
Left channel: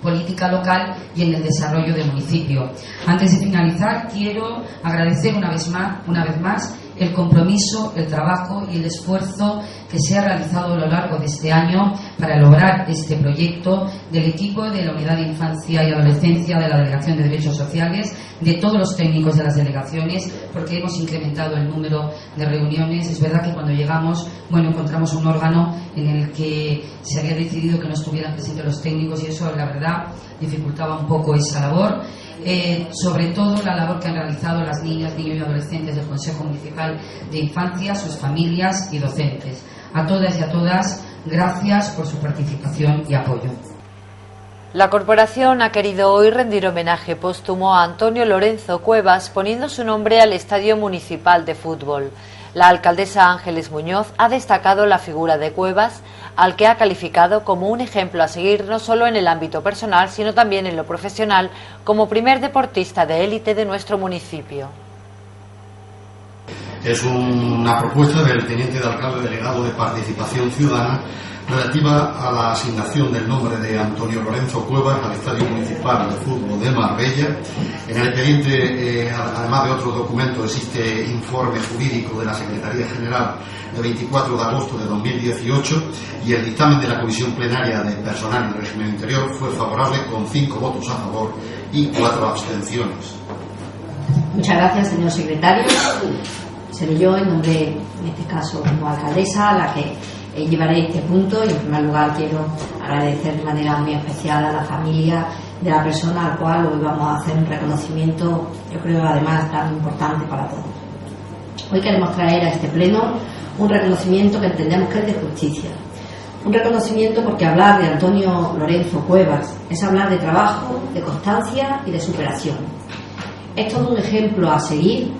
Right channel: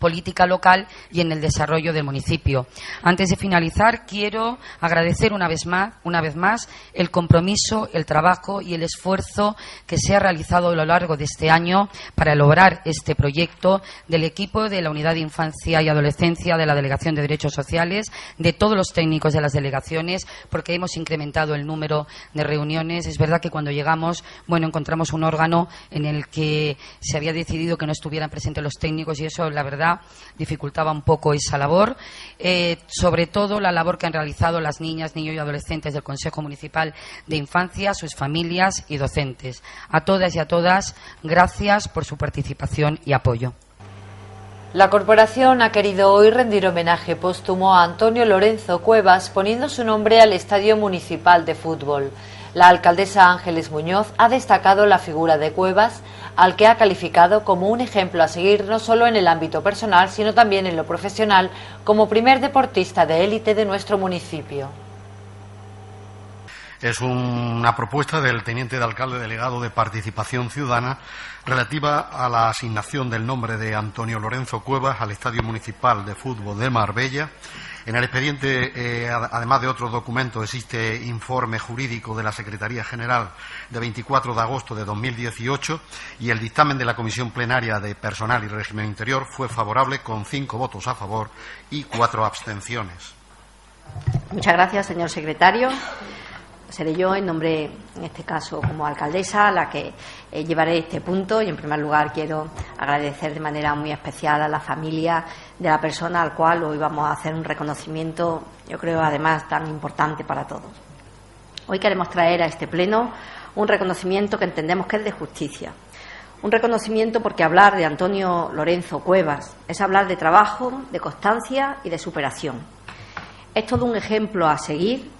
política local y en el desarrollo del municipio. Antes de finalizar, quiero agradecer una vez más el compromiso, el trabajo y el esfuerzo que se ha realizado a lo largo de este año para lograr este proyecto del equipo de la Unidad de Infancia y Adolescencia de la Delegación de Derechos Sociales, de todos los técnicos de las delegaciones, porque hemos incrementado el número de reuniones. Es verdad que cuando llegamos, encontramos un órgano en el que se había decidido que no estuvieran presentes los técnicos y eso, la verdad, dificultaba un poco esa labor. Sobre todo la labor que han realizado las niñas, niños y adolescentes del Consejo Municipal de Infancia, sus familias y docentes. A todas y a todas, gracias por su participación y apoyo. La corporación ha querido hoy rendir homenaje póstumo a Antonio Lorenzo Cuevas poniendo su nombre al Estadio Municipal de Fútbol. La alcaldesa Ángeles Muñoz ha destacado la figura de Cuevas, al que ha calificado como un ejemplo a seguir no solo en el ámbito personal, sino también en lo profesional, como primer deportista de élite de nuestro municipio. Es una propuesta del teniente de alcalde delegado de Participación Ciudadana relativa a la asignación del nombre de Antonio Lorenzo Cuevas al Estadio Municipal de Fútbol de Marbella. En el expediente, además de otros documentos, existe informe jurídico de la Secretaría General de 24 de agosto de 2018 y el dictamen de la Comisión Plenaria de Personal y Régimen Interior fue favorable con 5 votos a favor y 4 abstenciones. Muchas gracias, señor secretario. Seré yo, en nombre, en este caso, como alcaldesa, la que llevaré este punto y en primer lugar quiero agradecer de manera muy especial a la familia de la persona al cual hoy vamos a hacer un reconocimiento, yo creo además tan importante para todos. Hoy queremos traer a este pleno un reconocimiento que entendemos que es de justicia. Un reconocimiento porque hablar de Antonio Lorenzo Cuevas es hablar de trabajo, de constancia y de superación. Es todo un ejemplo a seguir,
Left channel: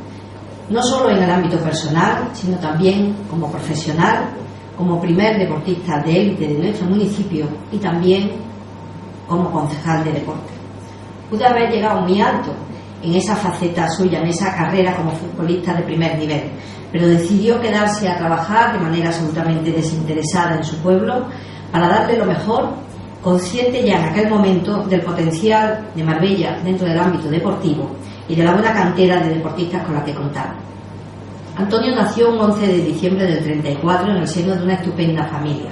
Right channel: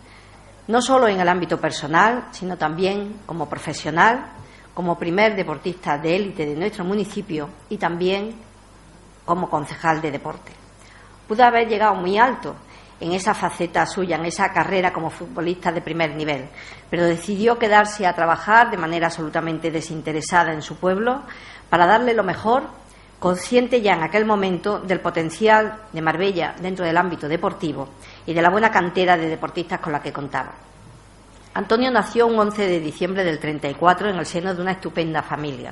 no solo en el ámbito personal, sino también como profesional, como primer deportista de élite de nuestro municipio y también como concejal de deporte. Pudo haber llegado muy alto en esa faceta suya, en esa carrera como futbolista de primer nivel, pero decidió quedarse a trabajar de manera absolutamente desinteresada en su pueblo para darle lo mejor, consciente ya en aquel momento del potencial de Marbella dentro del ámbito deportivo y de la buena cantera de deportistas con la que contaron. Antonio nació un 11 de diciembre del 34 en el seno de una estupenda familia.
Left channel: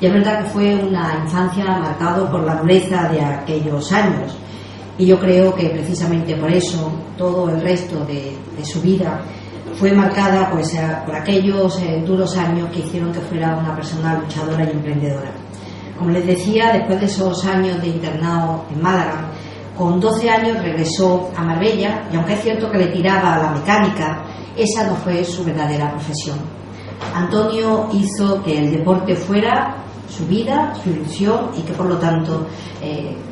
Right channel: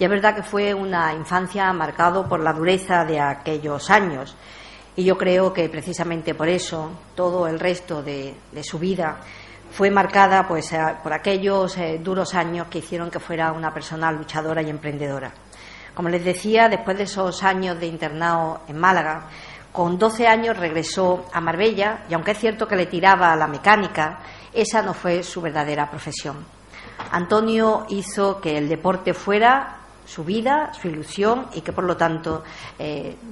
Y es verdad que fue una infancia marcada por la dureza de aquellos años. Y yo creo que precisamente por eso todo el resto de su vida fue marcada pues, por aquellos duros años que hicieron que fuera una persona luchadora y emprendedora. Como les decía, después de esos años de internado en Málaga, con 12 años regresó a Marbella y aunque es cierto que le tiraba a la mecánica, esa no fue su verdadera profesión. Antonio hizo que el deporte fuera su vida, su ilusión y que por lo tanto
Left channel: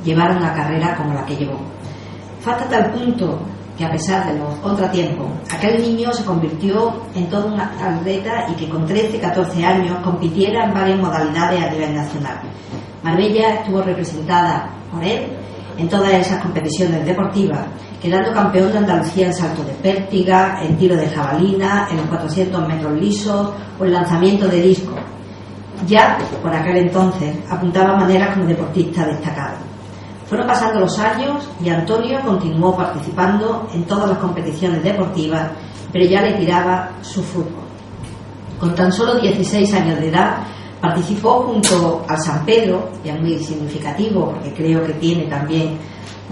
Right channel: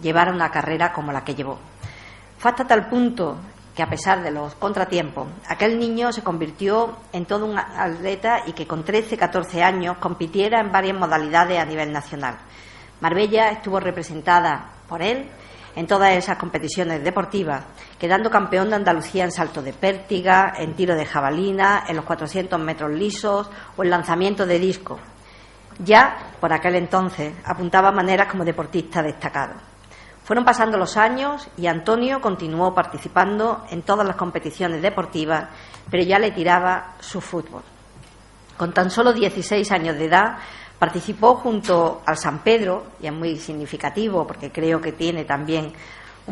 llevara una carrera como la que llevó. Fue hasta tal punto que a pesar de los contratiempos, aquel niño se convirtió en todo un atleta y que con 13-14 años compitiera en varias modalidades a nivel nacional. Marbella estuvo representada por él en todas esas competiciones deportivas, quedando campeón de Andalucía en salto de pértiga, en tiro de jabalina, en los 400 metros lisos o en lanzamiento de disco. Ya por aquel entonces apuntaba maneras como deportista destacado. Fueron pasando los años y Antonio continuó participando en todas las competiciones deportivas, pero ya le tiraba su fútbol. Con tan solo 16 años de edad participó junto al San Pedro, y es muy significativo porque creo que tiene también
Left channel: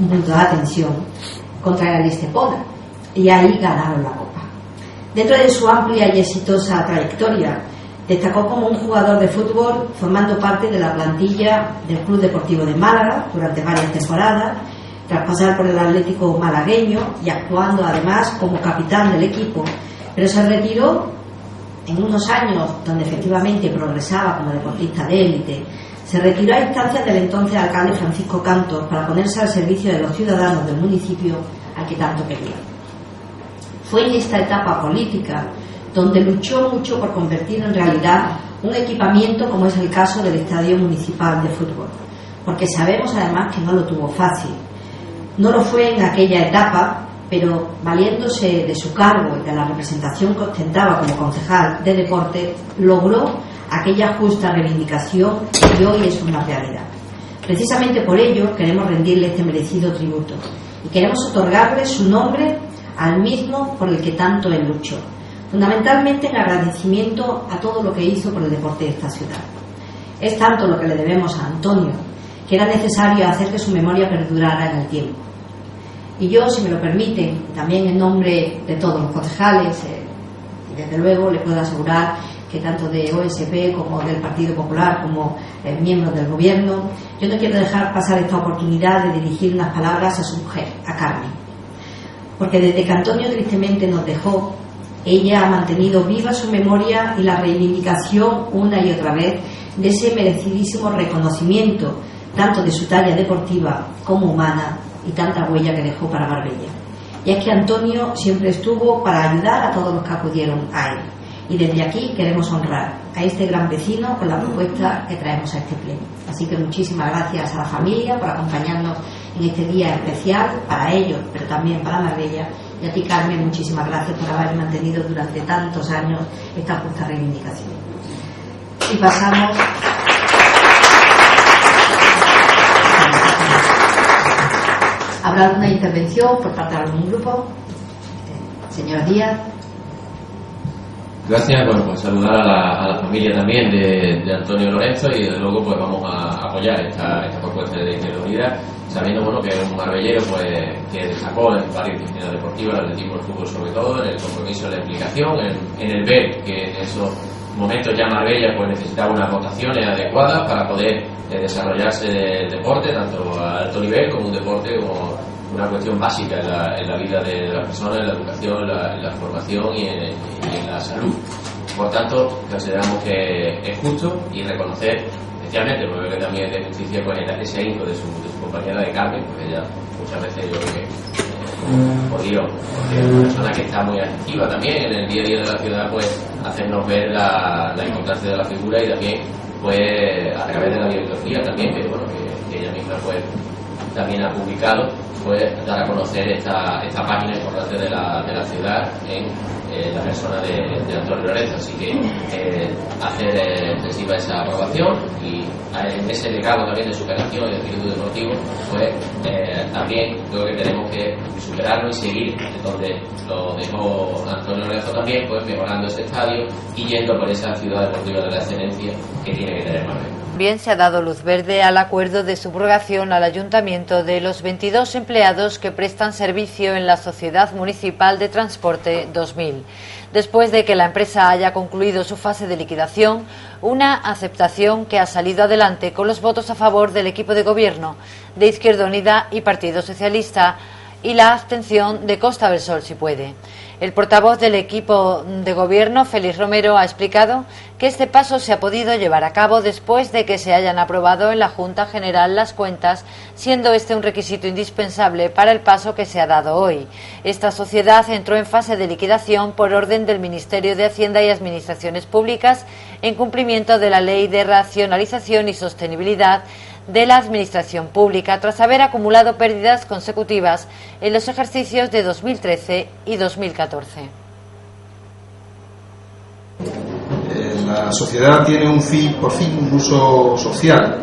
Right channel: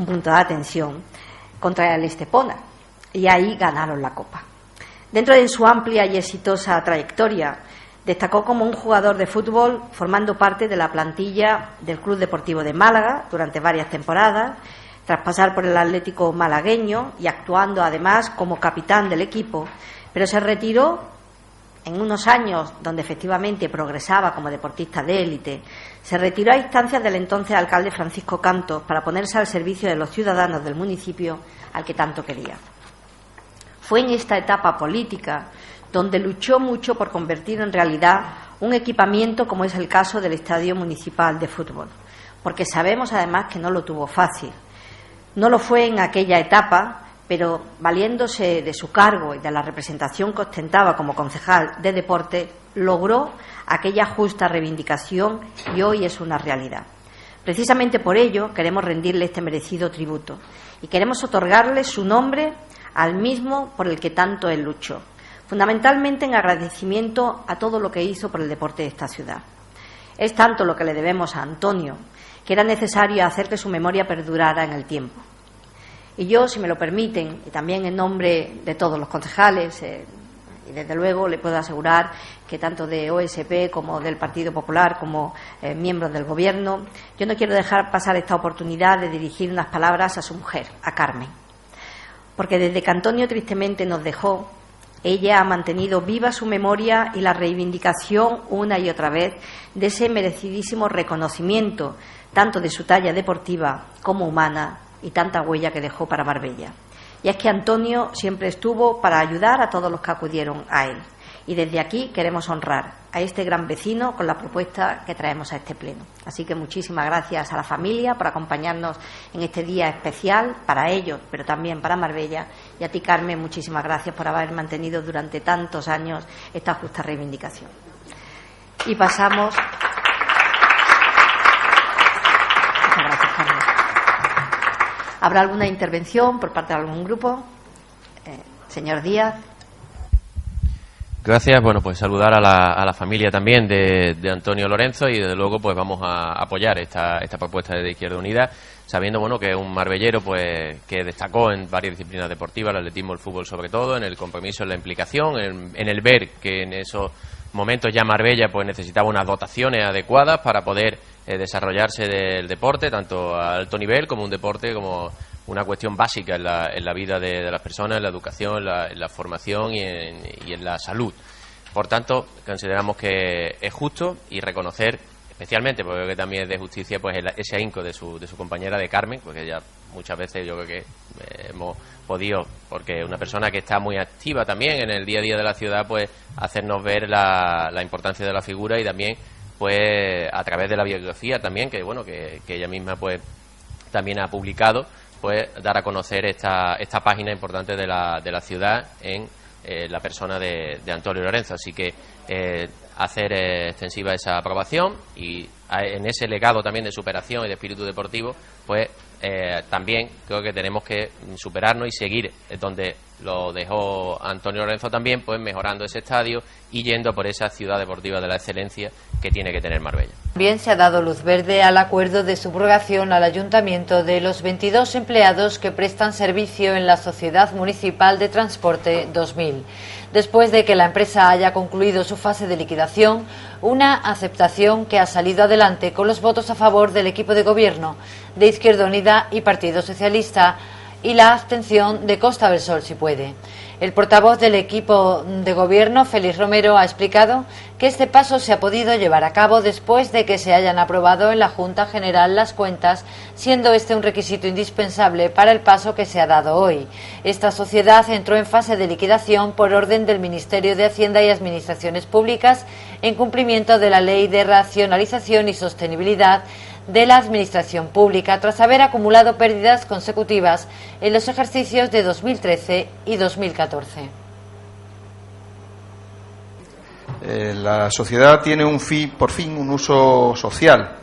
un punto de atención, contra el Estepona, y ahí ganaron la Copa. Dentro de su amplia y exitosa trayectoria, destacó como un jugador de fútbol formando parte de la plantilla del Club Deportivo de Málaga durante varias temporadas, tras pasar por el Atlético malagueño y actuando además como capitán del equipo, pero se retiró en unos años donde efectivamente progresaba como deportista de élite, Se retiró a instancias del entonces alcalde Francisco Cantos para ponerse al servicio de los ciudadanos del municipio al que tanto quería. Fue en esta etapa política donde luchó mucho por convertir en realidad un equipamiento como es el caso del Estadio Municipal de Fútbol, porque sabemos además que no lo tuvo fácil. No lo fue en aquella etapa, pero valiéndose de su cargo y de la representación que ostentaba como concejal de deporte, logró aquella justa reivindicación y hoy es una realidad. Precisamente por ello queremos rendirle este merecido tributo y queremos otorgarle su nombre al mismo por el que tanto él luchó, fundamentalmente en agradecimiento a todo lo que hizo por el deporte de esta ciudad. Es tanto lo que le debemos a Antonio que era necesario hacer que su memoria perdurara en el tiempo. Y yo, si me lo permiten, también en nombre de todos los concejales, y desde luego le puedo asegurar que tanto de OSP como del Partido Popular como miembros del Gobierno, yo no quiero dejar pasar esta oportunidad de dirigir unas palabras a su mujer, a Carmen. Porque desde que Antonio tristemente nos dejó, ella ha mantenido viva su memoria y la reivindicación una y otra vez de ese merecidísimo reconocimiento, tanto de su talla deportiva como humana y tanta huella que dejó para Marbella. Y es que Antonio siempre estuvo para ayudar a todos los que acudieron a él. Y desde aquí queremos honrar a este gran vecino con la propuesta que traemos a este pleno. Así que muchísimas gracias a la familia por acompañarnos en este día especial para ellos, pero también para Marbella. Y a ti, Carmen, muchísimas gracias por haber mantenido durante tantos años esta justa reivindicación. Y pasamos a hablar de una intervención por parte de algún grupo. Señor Díaz. Gracias. Bueno, pues saludar a la familia también de Antonio Lorenzo y desde luego pues vamos a apoyar esta propuesta de Izquierda Unida, sabiendo bueno que es un marbellero pues que destacó en varias disciplinas deportivas, el atletismo, el fútbol sobre todo, en el compromiso, en la implicación, en el ver que en esos momentos ya Marbella pues necesitaba unas dotaciones adecuadas para poder desarrollarse del deporte, tanto a alto nivel como un deporte como una cuestión básica en la vida de las personas, en la educación, en la formación y en la salud. Por tanto, consideramos que es justo y reconocer, especialmente porque creo que también es de justicia, pues ese ahínco de su compañera de Carmen, porque ella muchas veces yo creo que hemos podido, porque es una persona que está muy activa también en el día a día de la ciudad, pues hacernos ver la importancia de la figura y también pues a través de la bibliografía también, que bueno que ella misma pues también ha publicado, pues dar a conocer esta página importante de la ciudad en la persona de Antonio Lorenzo. Así que hacer extensiva esa aprobación y en ese legado también de superación y de espíritu deportivo, pues también creo que tenemos que superarnos y seguir donde lo dejó Antonio Lorenzo también, pues mejorando ese estadio y yendo por esa ciudad deportiva de la excelencia que tiene que tener Marbella. También se ha dado luz verde al acuerdo de subrogación al Ayuntamiento de los 22 empleados que prestan servicio en la Sociedad Municipal de Transporte 2000. Después de que la empresa haya concluido su fase de liquidación, una aceptación que ha salido adelante con los votos a favor del equipo de gobierno de Izquierda Unida y Partido Socialista y la abstención de Costa del Sol, si puede. El portavoz del equipo de gobierno, Félix Romero, ha explicado que este paso se ha podido llevar a cabo después de que se hayan aprobado en la Junta General las cuentas, siendo este un requisito indispensable para el paso que se ha dado hoy. Esta sociedad entró en fase de liquidación por orden del Ministerio de Hacienda y Administraciones Públicas en cumplimiento de la Ley de Racionalización y Sostenibilidad de la Administración Pública, tras haber acumulado pérdidas consecutivas en los ejercicios de 2013 y 2014. La sociedad tiene por fin un uso social,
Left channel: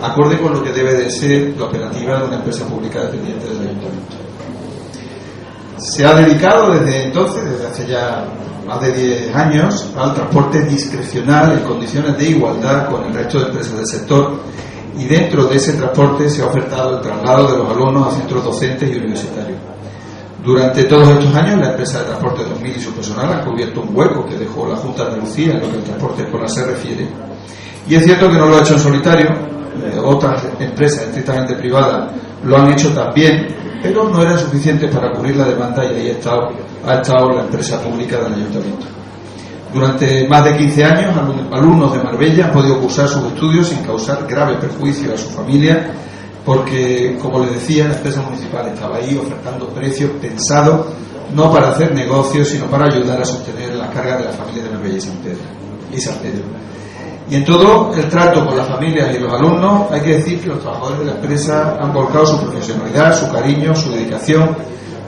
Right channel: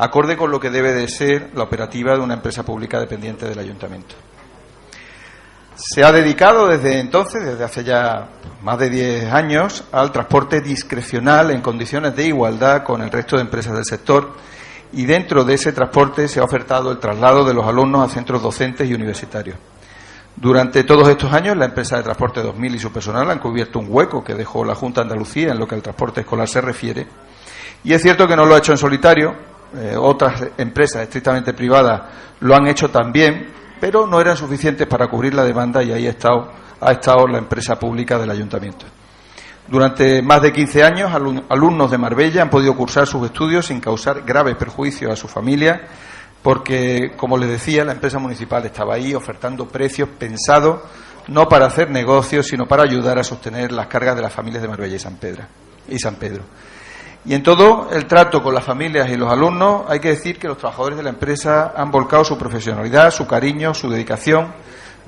acorde con lo que debe de ser la operativa de una empresa pública dependiente del Ayuntamiento. Se ha dedicado desde entonces, desde hace ya más de 10 años, al transporte discrecional en condiciones de igualdad con el resto de empresas del sector, y dentro de ese transporte se ha ofertado el traslado de los alumnos a centros docentes y universitarios. Durante todos estos años, la empresa de Transporte 2000 y su personal han cubierto un hueco que dejó la Junta de Andalucía en lo que al transporte escolar se refiere. Y es cierto que no lo ha hecho en solitario, otras empresas estrictamente privadas lo han hecho también, pero no era suficiente para cubrir la demanda y ahí ha estado la empresa pública del Ayuntamiento. Durante más de 15 años, alumnos de Marbella han podido cursar sus estudios sin causar graves perjuicios a su familia, porque, como les decía, la empresa municipal estaba ahí ofertando precios pensados no para hacer negocios, sino para ayudar a sostener las cargas de las familias de Marbella y San Pedro. Y en todo el trato con las familias y los alumnos, hay que decir que los trabajadores de la empresa han volcado su profesionalidad, su cariño, su dedicación,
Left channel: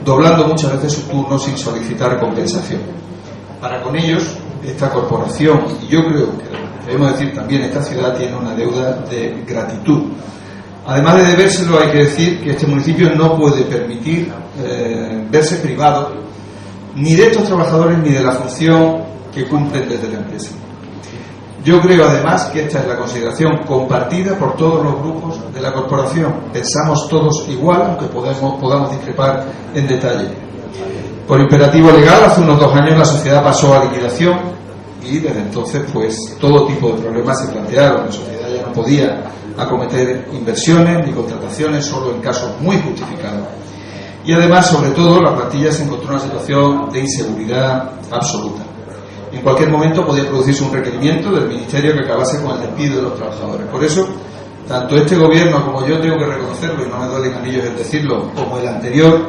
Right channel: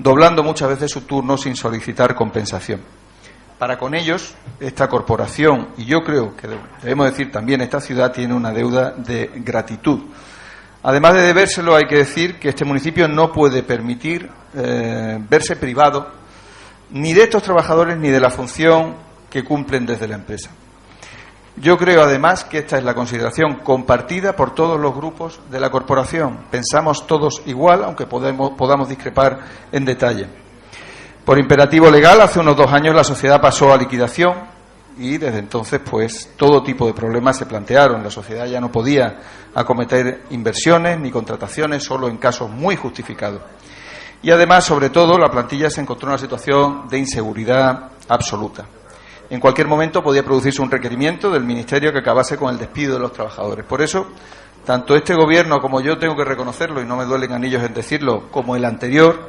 doblando muchas veces su turno sin solicitar compensación. Para con ellos, esta corporación, y yo creo que debemos decir también esta ciudad, tiene una deuda de gratitud. Además de debérselo, hay que decir que este municipio no puede permitir verse privado ni de estos trabajadores ni de la función que cumplen desde la empresa. Yo creo además que esta es la consideración compartida por todos los grupos de la corporación. Pensamos todos igual, aunque podamos discrepar en detalle. Por imperativo legal, hace unos 2 años la sociedad pasó a liquidación y desde entonces pues todo tipo de problemas se plantearon. La sociedad ya no podía acometer inversiones ni contrataciones, solo en casos muy justificados. Y además, sobre todo, la plantilla se encontró en una situación de inseguridad absoluta. En cualquier momento podía producirse un requerimiento del Ministerio que acabase con el despido de los trabajadores. Por eso, tanto este gobierno como yo tengo que reconocerlo, y no me duelen anillos en decirlo, como el anterior,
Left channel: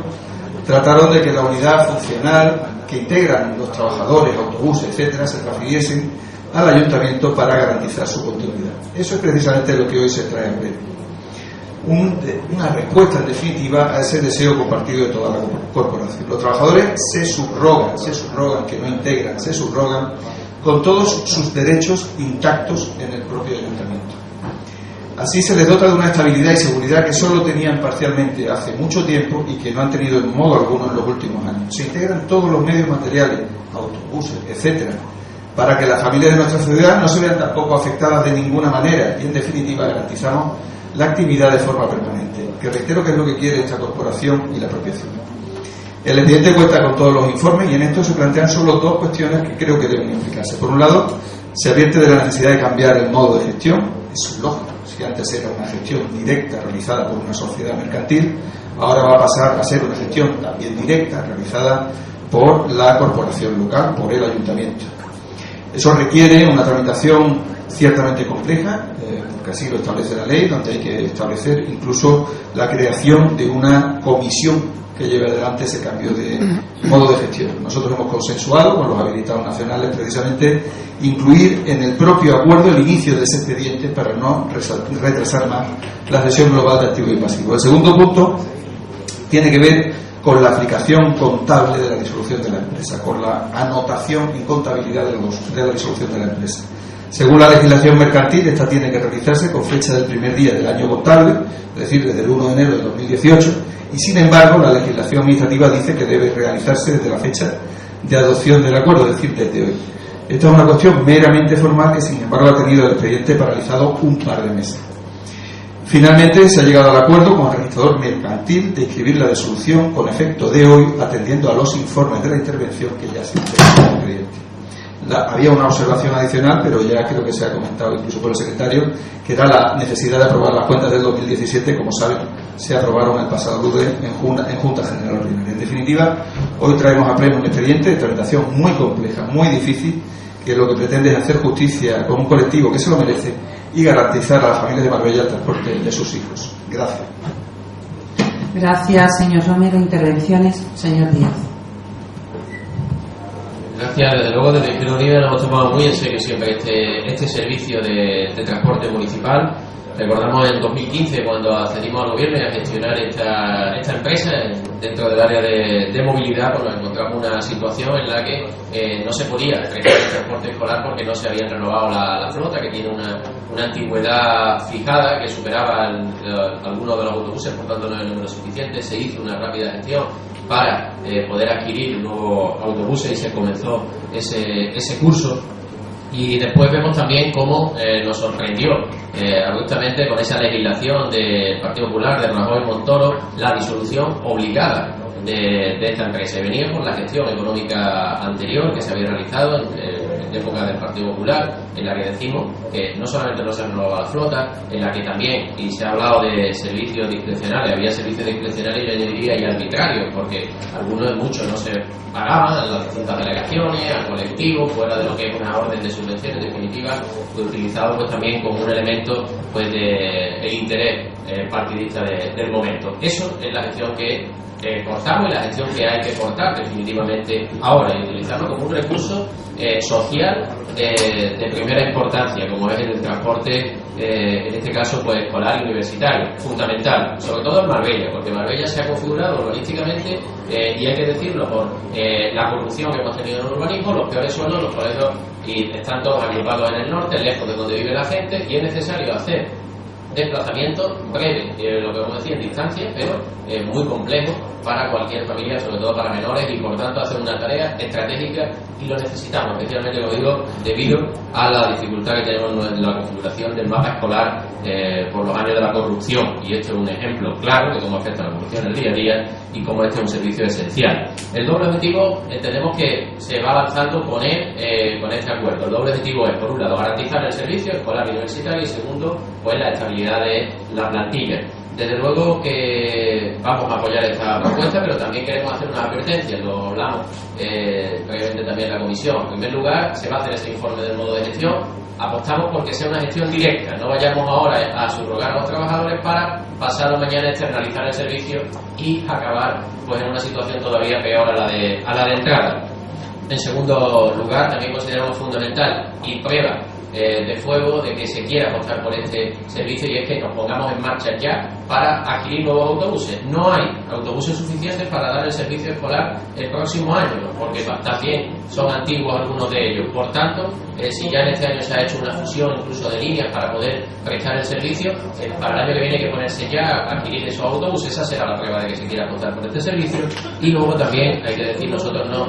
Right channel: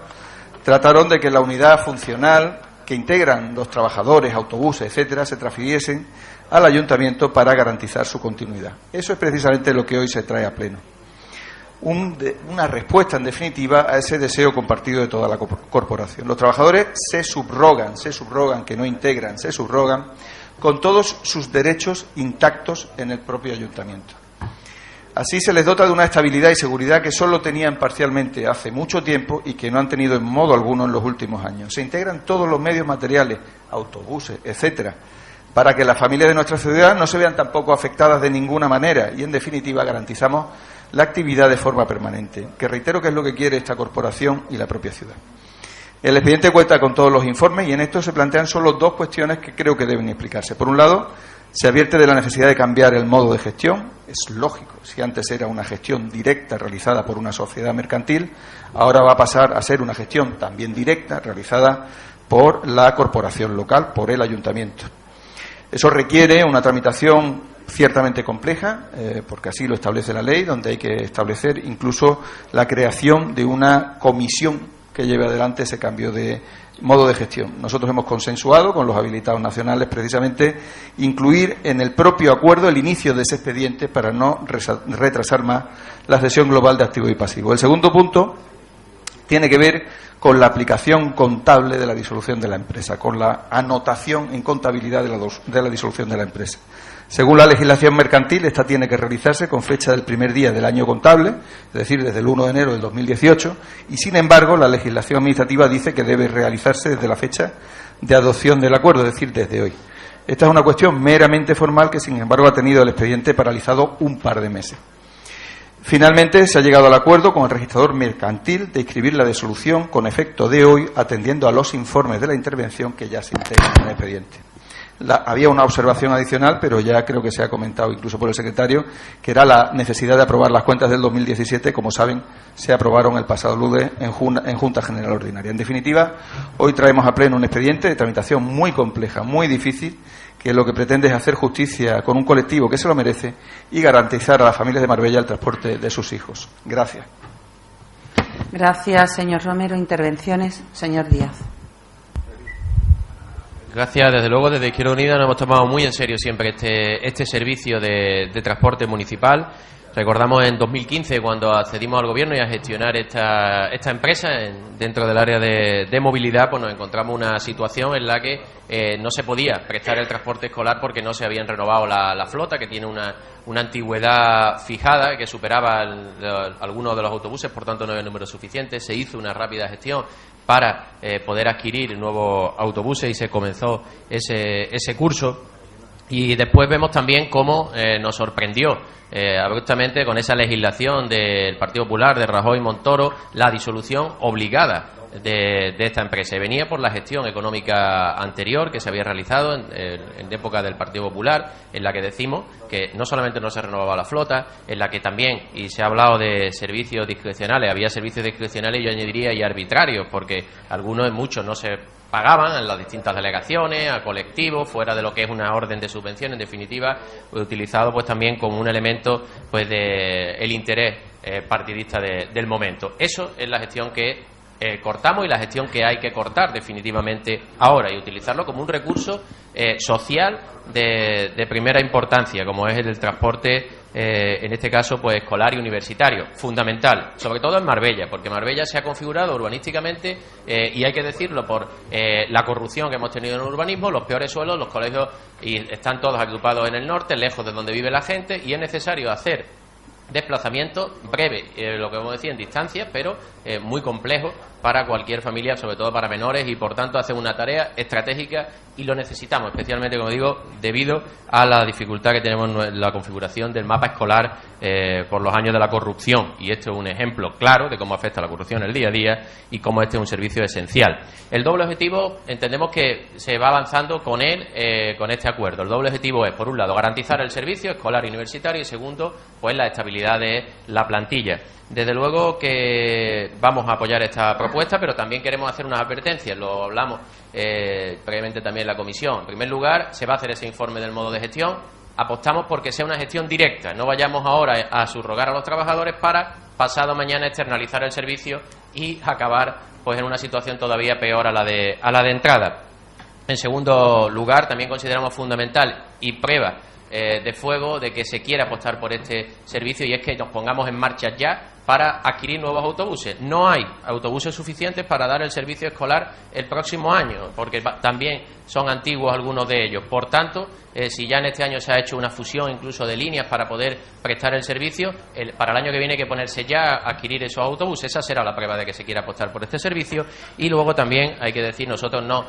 trataron de que la unidad funcional que integran los trabajadores, autobuses, etcétera, se transfiriesen al ayuntamiento para garantizar su continuidad. Eso es precisamente lo que hoy se trae a pleno. Una respuesta, en definitiva, a ese deseo compartido de toda la corporación. Los trabajadores se subrogan, que no integran, se subrogan con todos sus derechos intactos en el propio ayuntamiento. Así se les dota de una estabilidad y seguridad que solo tenían parcialmente hace mucho tiempo y que no han tenido en modo alguno en los últimos años. Se integran todos los medios materiales, autobuses, etcétera, para que las familias de nuestra ciudad no se vean tampoco afectadas de ninguna manera y, en definitiva, garantizamos la actividad de forma permanente, que reitero que es lo que quiere esta corporación y la propia ciudad. El expediente cuenta con todos los informes y en esto se plantean solo 2 cuestiones que creo que deben implicarse. Por un lado, se advierte de la necesidad de cambiar el modo de gestión. Es lógico, si antes era una gestión directa realizada por una sociedad mercantil, ahora va a pasar a ser una gestión también directa realizada por la corporación local, por el ayuntamiento. Eso requiere una tramitación ciertamente compleja, porque así lo establece la ley, donde hay que establecer incluso la creación de una comisión que lleve adelante ese cambio de modo de gestión. Nosotros hemos consensuado con los habilitados nacionales precisamente incluir en el propio acuerdo el inicio de ese expediente para no retrasar más la cesión global de activo y pasivo. El segundo punto tiene que ver con la aplicación contable de la disolución de la empresa, con la anotación y contabilidad de la disolución de la empresa. Según la legislación mercantil, esta tiene que realizarse con fecha del primer día del año contable, es decir, desde el 1 de enero del 2018, y sin embargo la legislación administrativa dice que debe realizarse desde la fecha de adopción del acuerdo, es decir, desde hoy. Esta es una cuestión meramente formal que, sin embargo, ha tenido el expediente paralizado un par de meses. Finalmente, se ha llegado al acuerdo con el registrador mercantil de inscribir la disolución con efecto de hoy, atendiendo a los informes de la intervención que ya se integran en el expediente. Había una observación adicional, pero ya creo que se ha comentado incluso por el secretario, que era la necesidad de aprobar las cuentas del 2017. Como saben, se aprobaron el pasado lunes en Junta General Ordinaria. En definitiva, hoy traemos a pleno un expediente de tramitación muy compleja, muy difícil, que lo que pretende es hacer justicia con un colectivo que se lo merece y garantizar a las familias de Marbella el transporte de sus hijos. Gracias. Gracias, señor Romero. Intervenciones, señor Díaz. Gracias. Desde luego, desde Izquierda Unida nos hemos tomado muy en serio siempre este servicio de transporte municipal. Recordamos en 2015, cuando accedimos al gobierno y a gestionar esta empresa dentro del área de movilidad, pues nos encontramos una situación en la que no se podía prestar el transporte escolar porque no se había renovado la flota, que tiene una antigüedad fijada que superaba algunos de los autobuses, por tanto no era el número suficiente. Se hizo una rápida gestión para poder adquirir nuevos autobuses y se comenzó ese curso. Y después vemos también cómo nos sorprendió abruptamente con esa legislación del Partido Popular, de Rajoy y Montoro, la disolución obligada de esta empresa. Venía por la gestión económica anterior que se había realizado de época del Partido Popular, en la que decimos que no solamente no se renovaba la flota, en la que también, y se ha hablado de servicios discrecionales, había servicios discrecionales, yo añadiría, y arbitrarios, porque muchos no se pagaban en las distintas delegaciones, al colectivo, fuera de lo que es una orden de subvención, en definitiva, fue utilizado pues también como un elemento pues de el interés partidista del momento. Eso es la gestión que cortamos y la gestión que hay que cortar definitivamente ahora, y utilizarlo como un recurso social de primera importancia, como es el transporte, en este caso pues escolar y universitario, fundamental, sobre todo en Marbella, porque Marbella se ha configurado urbanísticamente, y hay que decirlo, por la corrupción que hemos tenido en el urbanismo, los peores suelos, los colegios, y están todos agrupados en el norte, lejos de donde vive la gente, y es necesario hacer desplazamiento breve, lo que vamos a decir en distancia, pero muy complejo para cualquier familia, sobre todo para menores, y por tanto hacer una tarea estratégica, y lo necesitamos, especialmente, como digo, debido a la dificultad que tenemos en la configuración del mapa escolar por los años de la corrupción, y esto es un ejemplo claro de cómo afecta la corrupción en el día a día y cómo este es un servicio esencial. El doble objetivo entendemos que se va avanzando con este acuerdo. El doble objetivo es, por un lado, garantizar el servicio escolar y universitario, y segundo, pues la estabilidad de la plantilla. Desde luego que vamos a apoyar esta propuesta, pero también queremos hacer una advertencia, lo hablamos brevemente también en la comisión. En primer lugar, se va a hacer ese informe del modo de gestión. Apostamos porque sea una gestión directa, no vayamos ahora a subrogar a los trabajadores para pasado mañana externalizar el servicio y acabar pues en una situación todavía peor a la de entrada. En segundo lugar, también consideramos fundamental y prueba de fuego de que se quiere apostar por este servicio, y es que nos pongamos en marcha ya para adquirir nuevos autobuses. No hay autobuses suficientes para dar el servicio escolar el próximo año, porque también son antiguos algunos de ellos. Por tanto, si ya en este año se ha hecho una fusión incluso de líneas para poder prestar el servicio, para el año que viene hay que ponerse ya a adquirir esos autobuses. Esa será la prueba de que se quiere apostar por este servicio. Y luego también hay que decir, nosotros no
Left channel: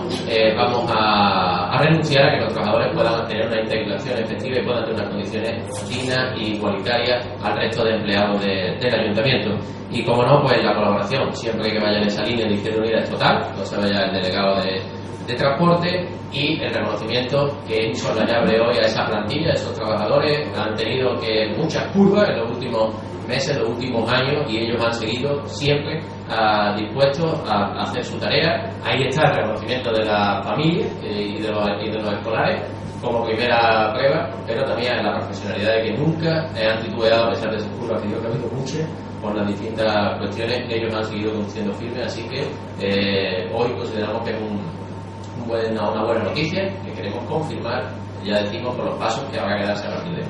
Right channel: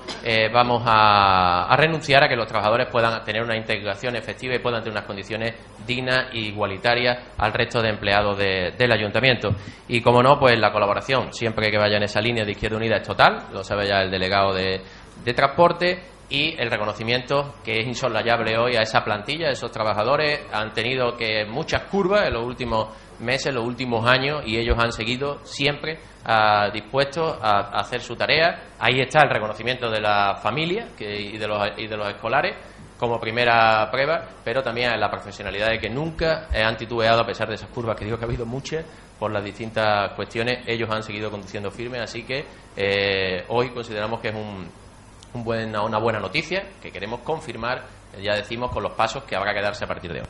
vamos a renunciar a que los trabajadores puedan tener una integración efectiva y puedan tener unas condiciones dignas e igualitarias al resto de empleados del ayuntamiento. Y como no, pues la colaboración, siempre que vaya en esa línea de Izquierda Unida, es total, lo sabe ya el delegado de transporte, y el reconocimiento que es insoslayable hoy a esa plantilla, a esos trabajadores. Han tenido que muchas curvas en los últimos meses, en los últimos años, y ellos han seguido siempre dispuestos a hacer su tarea. Ahí está el reconocimiento de la familia y de los escolares como primera prueba, pero también la profesionalidad de que nunca han titubeado a pesar de esas curvas, que digo que ha habido muchas por las distintas cuestiones. Ellos han seguido conduciendo firmes, así que hoy consideramos que es una buena noticia que queremos confirmar, ya decimos, con los pasos que habrá que darse a partir de hoy.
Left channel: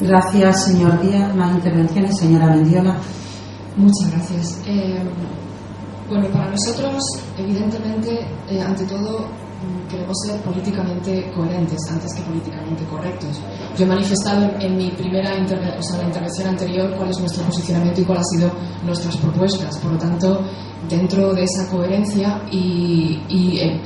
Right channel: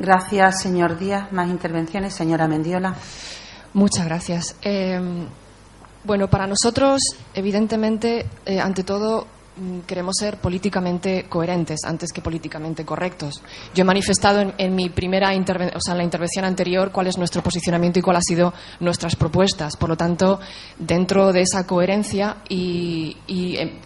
Gracias, señor Díaz. Más intervenciones, señora Mendiola. Muchas gracias. Bueno, para nosotros, evidentemente, ante todo, queremos ser políticamente coherentes antes que políticamente correctos. Yo he manifestado en mi primera intervención, o sea, en la intervención anterior, cuál es nuestro posicionamiento y cuáles han sido nuestras propuestas. Por lo tanto, dentro de esa coherencia, y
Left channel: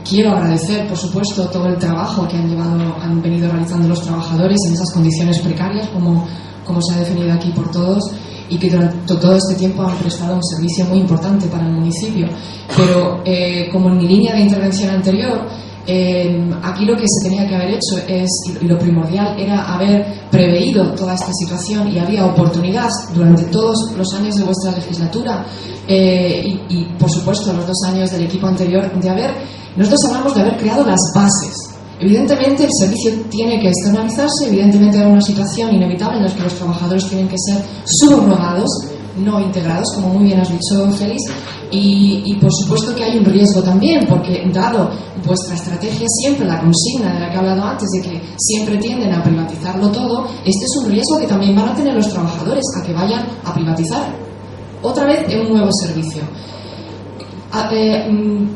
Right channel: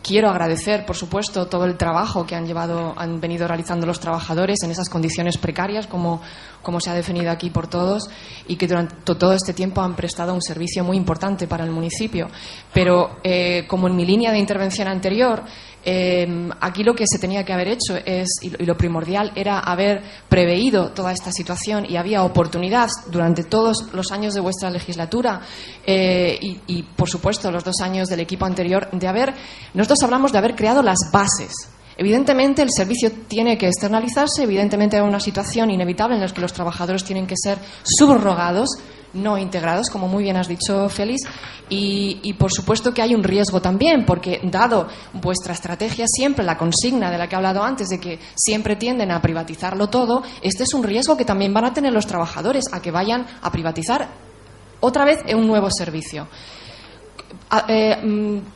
quiero agradecer, por supuesto, todo el trabajo que han venido realizando los trabajadores en esas condiciones precarias, como se ha definido aquí por todos, y que durante todo este tiempo han prestado un servicio muy importante para el municipio. Pero, como en mi línea de intervención anterior, aquí lo que se tenía que haber hecho y lo primordial era haber preveído toda esta situación, y había oportunidad durante todos los años de vuestra legislatura y por supuesto los 2 años del equipo anterior, nosotros hablamos de haber creado las bases. Evidentemente el servicio tiene que externalizarse, evidentemente hay una situación inevitable en la que los trabajadores tienen que ser subrogados, no integrados, como muy bien has dicho, Félix, y por supuesto que hay un riesgo también, porque dado vuestra estrategia, siempre la consigna de la que he hablado antes, de que siempre tienden a privatizarlo todo, este es un riesgo que también van a tener los trabajadores, a que vayan a privatizar otra vez en un nuevo servicio.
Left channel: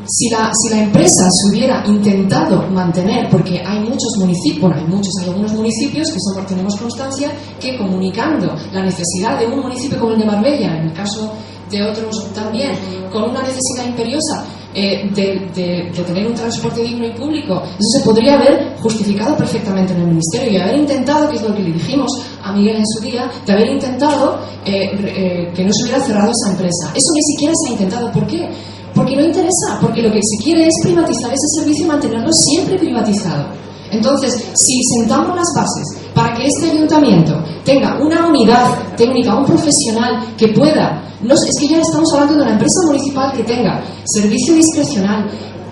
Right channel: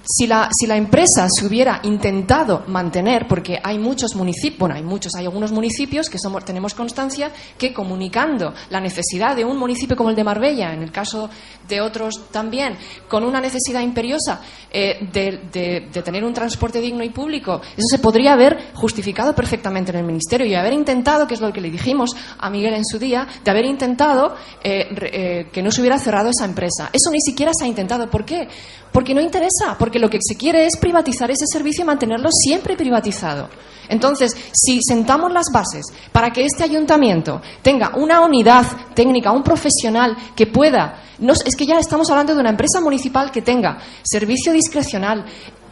Si la empresa se hubiera intentado mantener, porque hay muchos municipios, hay algunos municipios que tenemos constancia que, comunicando la necesidad de un municipio como el de Marbella, en el caso de otros también, con una necesidad imperiosa de tener un transporte digno y público, eso se podría haber justificado perfectamente en el ministerio, y haber intentado, que es lo que le dijimos a Miguel en su día, de haber intentado que no se hubiera cerrado esa empresa. Eso ni siquiera se ha intentado. ¿Por qué? Porque no interesa, porque lo que se quiere es privatizar ese servicio y mantenerlo siempre privatizado. Entonces, si sentamos las bases para que este ayuntamiento tenga una unidad técnica, un profesional que pueda, es que ya estamos hablando de una empresa municipal que tenga servicio discrecional,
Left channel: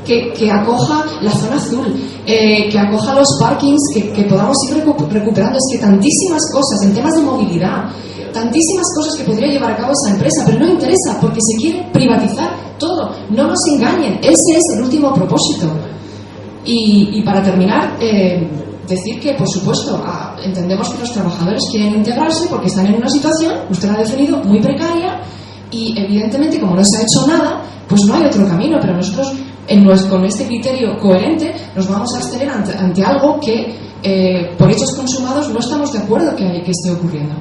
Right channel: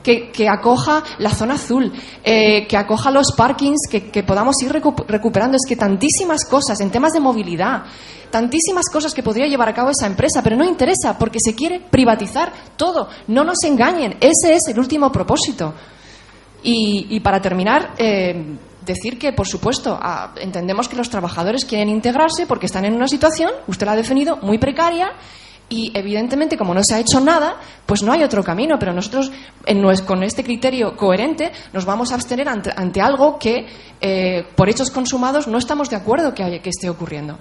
que acoja la zona azul, que acoja los parkings, que podamos ir recuperando. Es que tantísimas cosas en temas de movilidad, tantísimas cosas que podría llevar a cabo esa empresa, pero no interesa porque se quiere privatizar todo. No nos engañen, ese es el último propósito. Y para terminar, decir que, por supuesto, entendemos que los trabajadores quieren integrarse porque están en una situación, usted la ha definido, muy precaria, y evidentemente, como no se ha hecho nada, pues no hay otro camino, pero nosotros, con este criterio coherente, nos vamos a abstener ante algo que, por hechos consumados, no estamos de acuerdo que esté ocurriendo.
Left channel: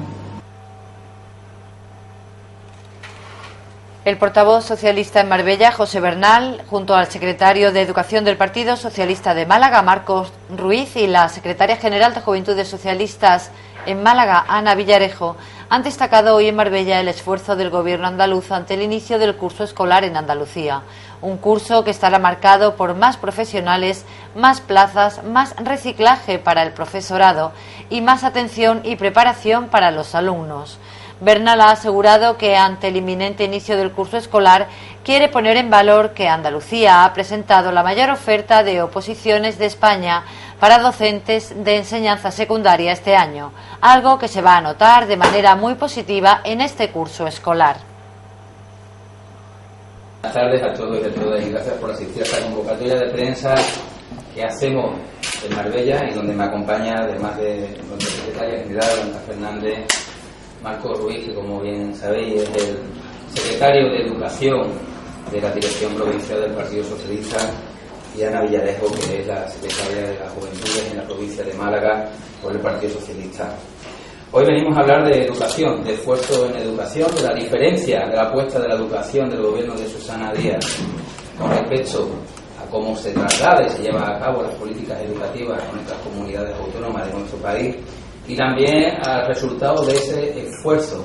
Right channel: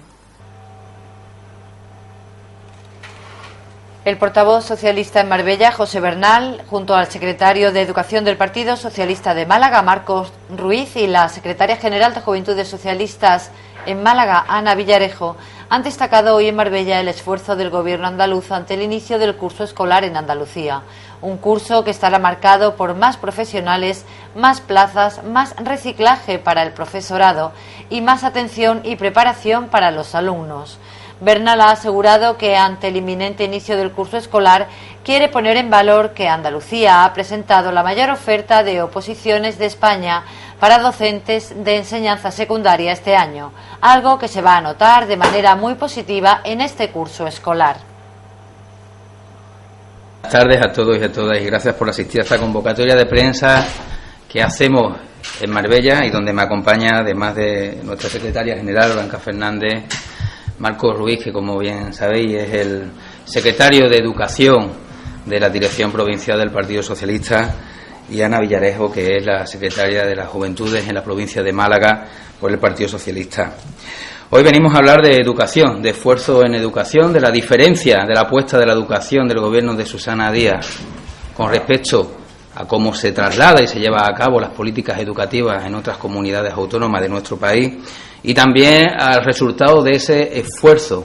El portavoz socialista en Marbella, José Bernal, junto al secretario de Educación del Partido Socialista de Málaga, Marcos Ruiz, y la secretaria general de Juventudes Socialistas en Málaga, Ana Villarejo, han destacado hoy en Marbella el esfuerzo del gobierno andaluz ante el inicio del curso escolar en Andalucía. Un curso que estará marcado por más profesionales, más plazas, más reciclaje para el profesorado y más atención y preparación para los alumnos. Bernal ha asegurado que ante el inminente inicio del curso escolar quiere poner en valor que Andalucía ha presentado la mayor oferta de oposiciones de España para docentes de enseñanza secundaria este año, algo que se va a notar de manera muy positiva en este curso escolar. Buenas tardes a todos y a todas y gracias por asistir a esta convocatoria de prensa que hacemos en Marbella y donde me acompaña, además de nuestra secretaria general, Blanca Fernández, Marcos Ruiz, que como bien sabéis es el secretario de Educación de la Dirección Provincial del Partido Socialista, y Ana Villarejo, que es la secretaria de las Juventudes en la provincia de Málaga por el Partido Socialista. Hoy venimos a hablar de educación, de esfuerzo en educación, de la diferencia de la apuesta de la educación del gobierno de Susana Díaz con respecto a cómo se traslada y se lleva a cabo las políticas educativas en otras comunidades autónomas de nuestro país, y también al resultado de ese esfuerzo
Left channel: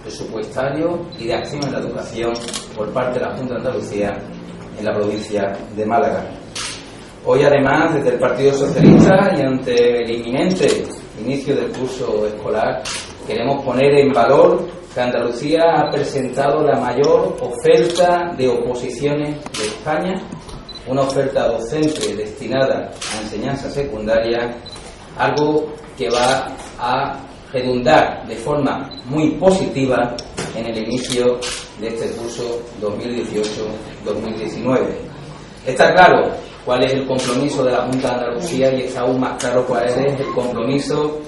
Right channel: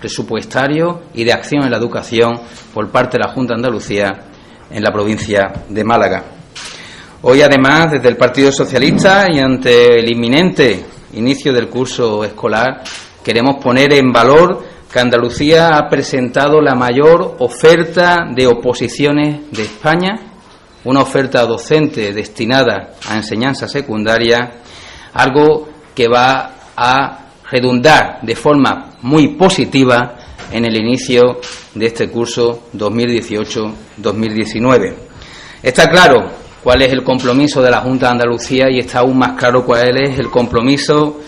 presupuestario y de acción en la educación por parte de la Junta de Andalucía en la provincia de Málaga. Hoy, además, desde el Partido Socialista y ante el inminente inicio del curso escolar, queremos poner en valor que Andalucía ha presentado la mayor oferta de oposiciones de España, una oferta docente destinada a enseñanza secundaria, algo que va a redundar de forma muy positiva en el inicio de este curso 2018-2019. Está claro cuál es el compromiso de la Junta de Andalucía y está aún más claro cuál es el compromiso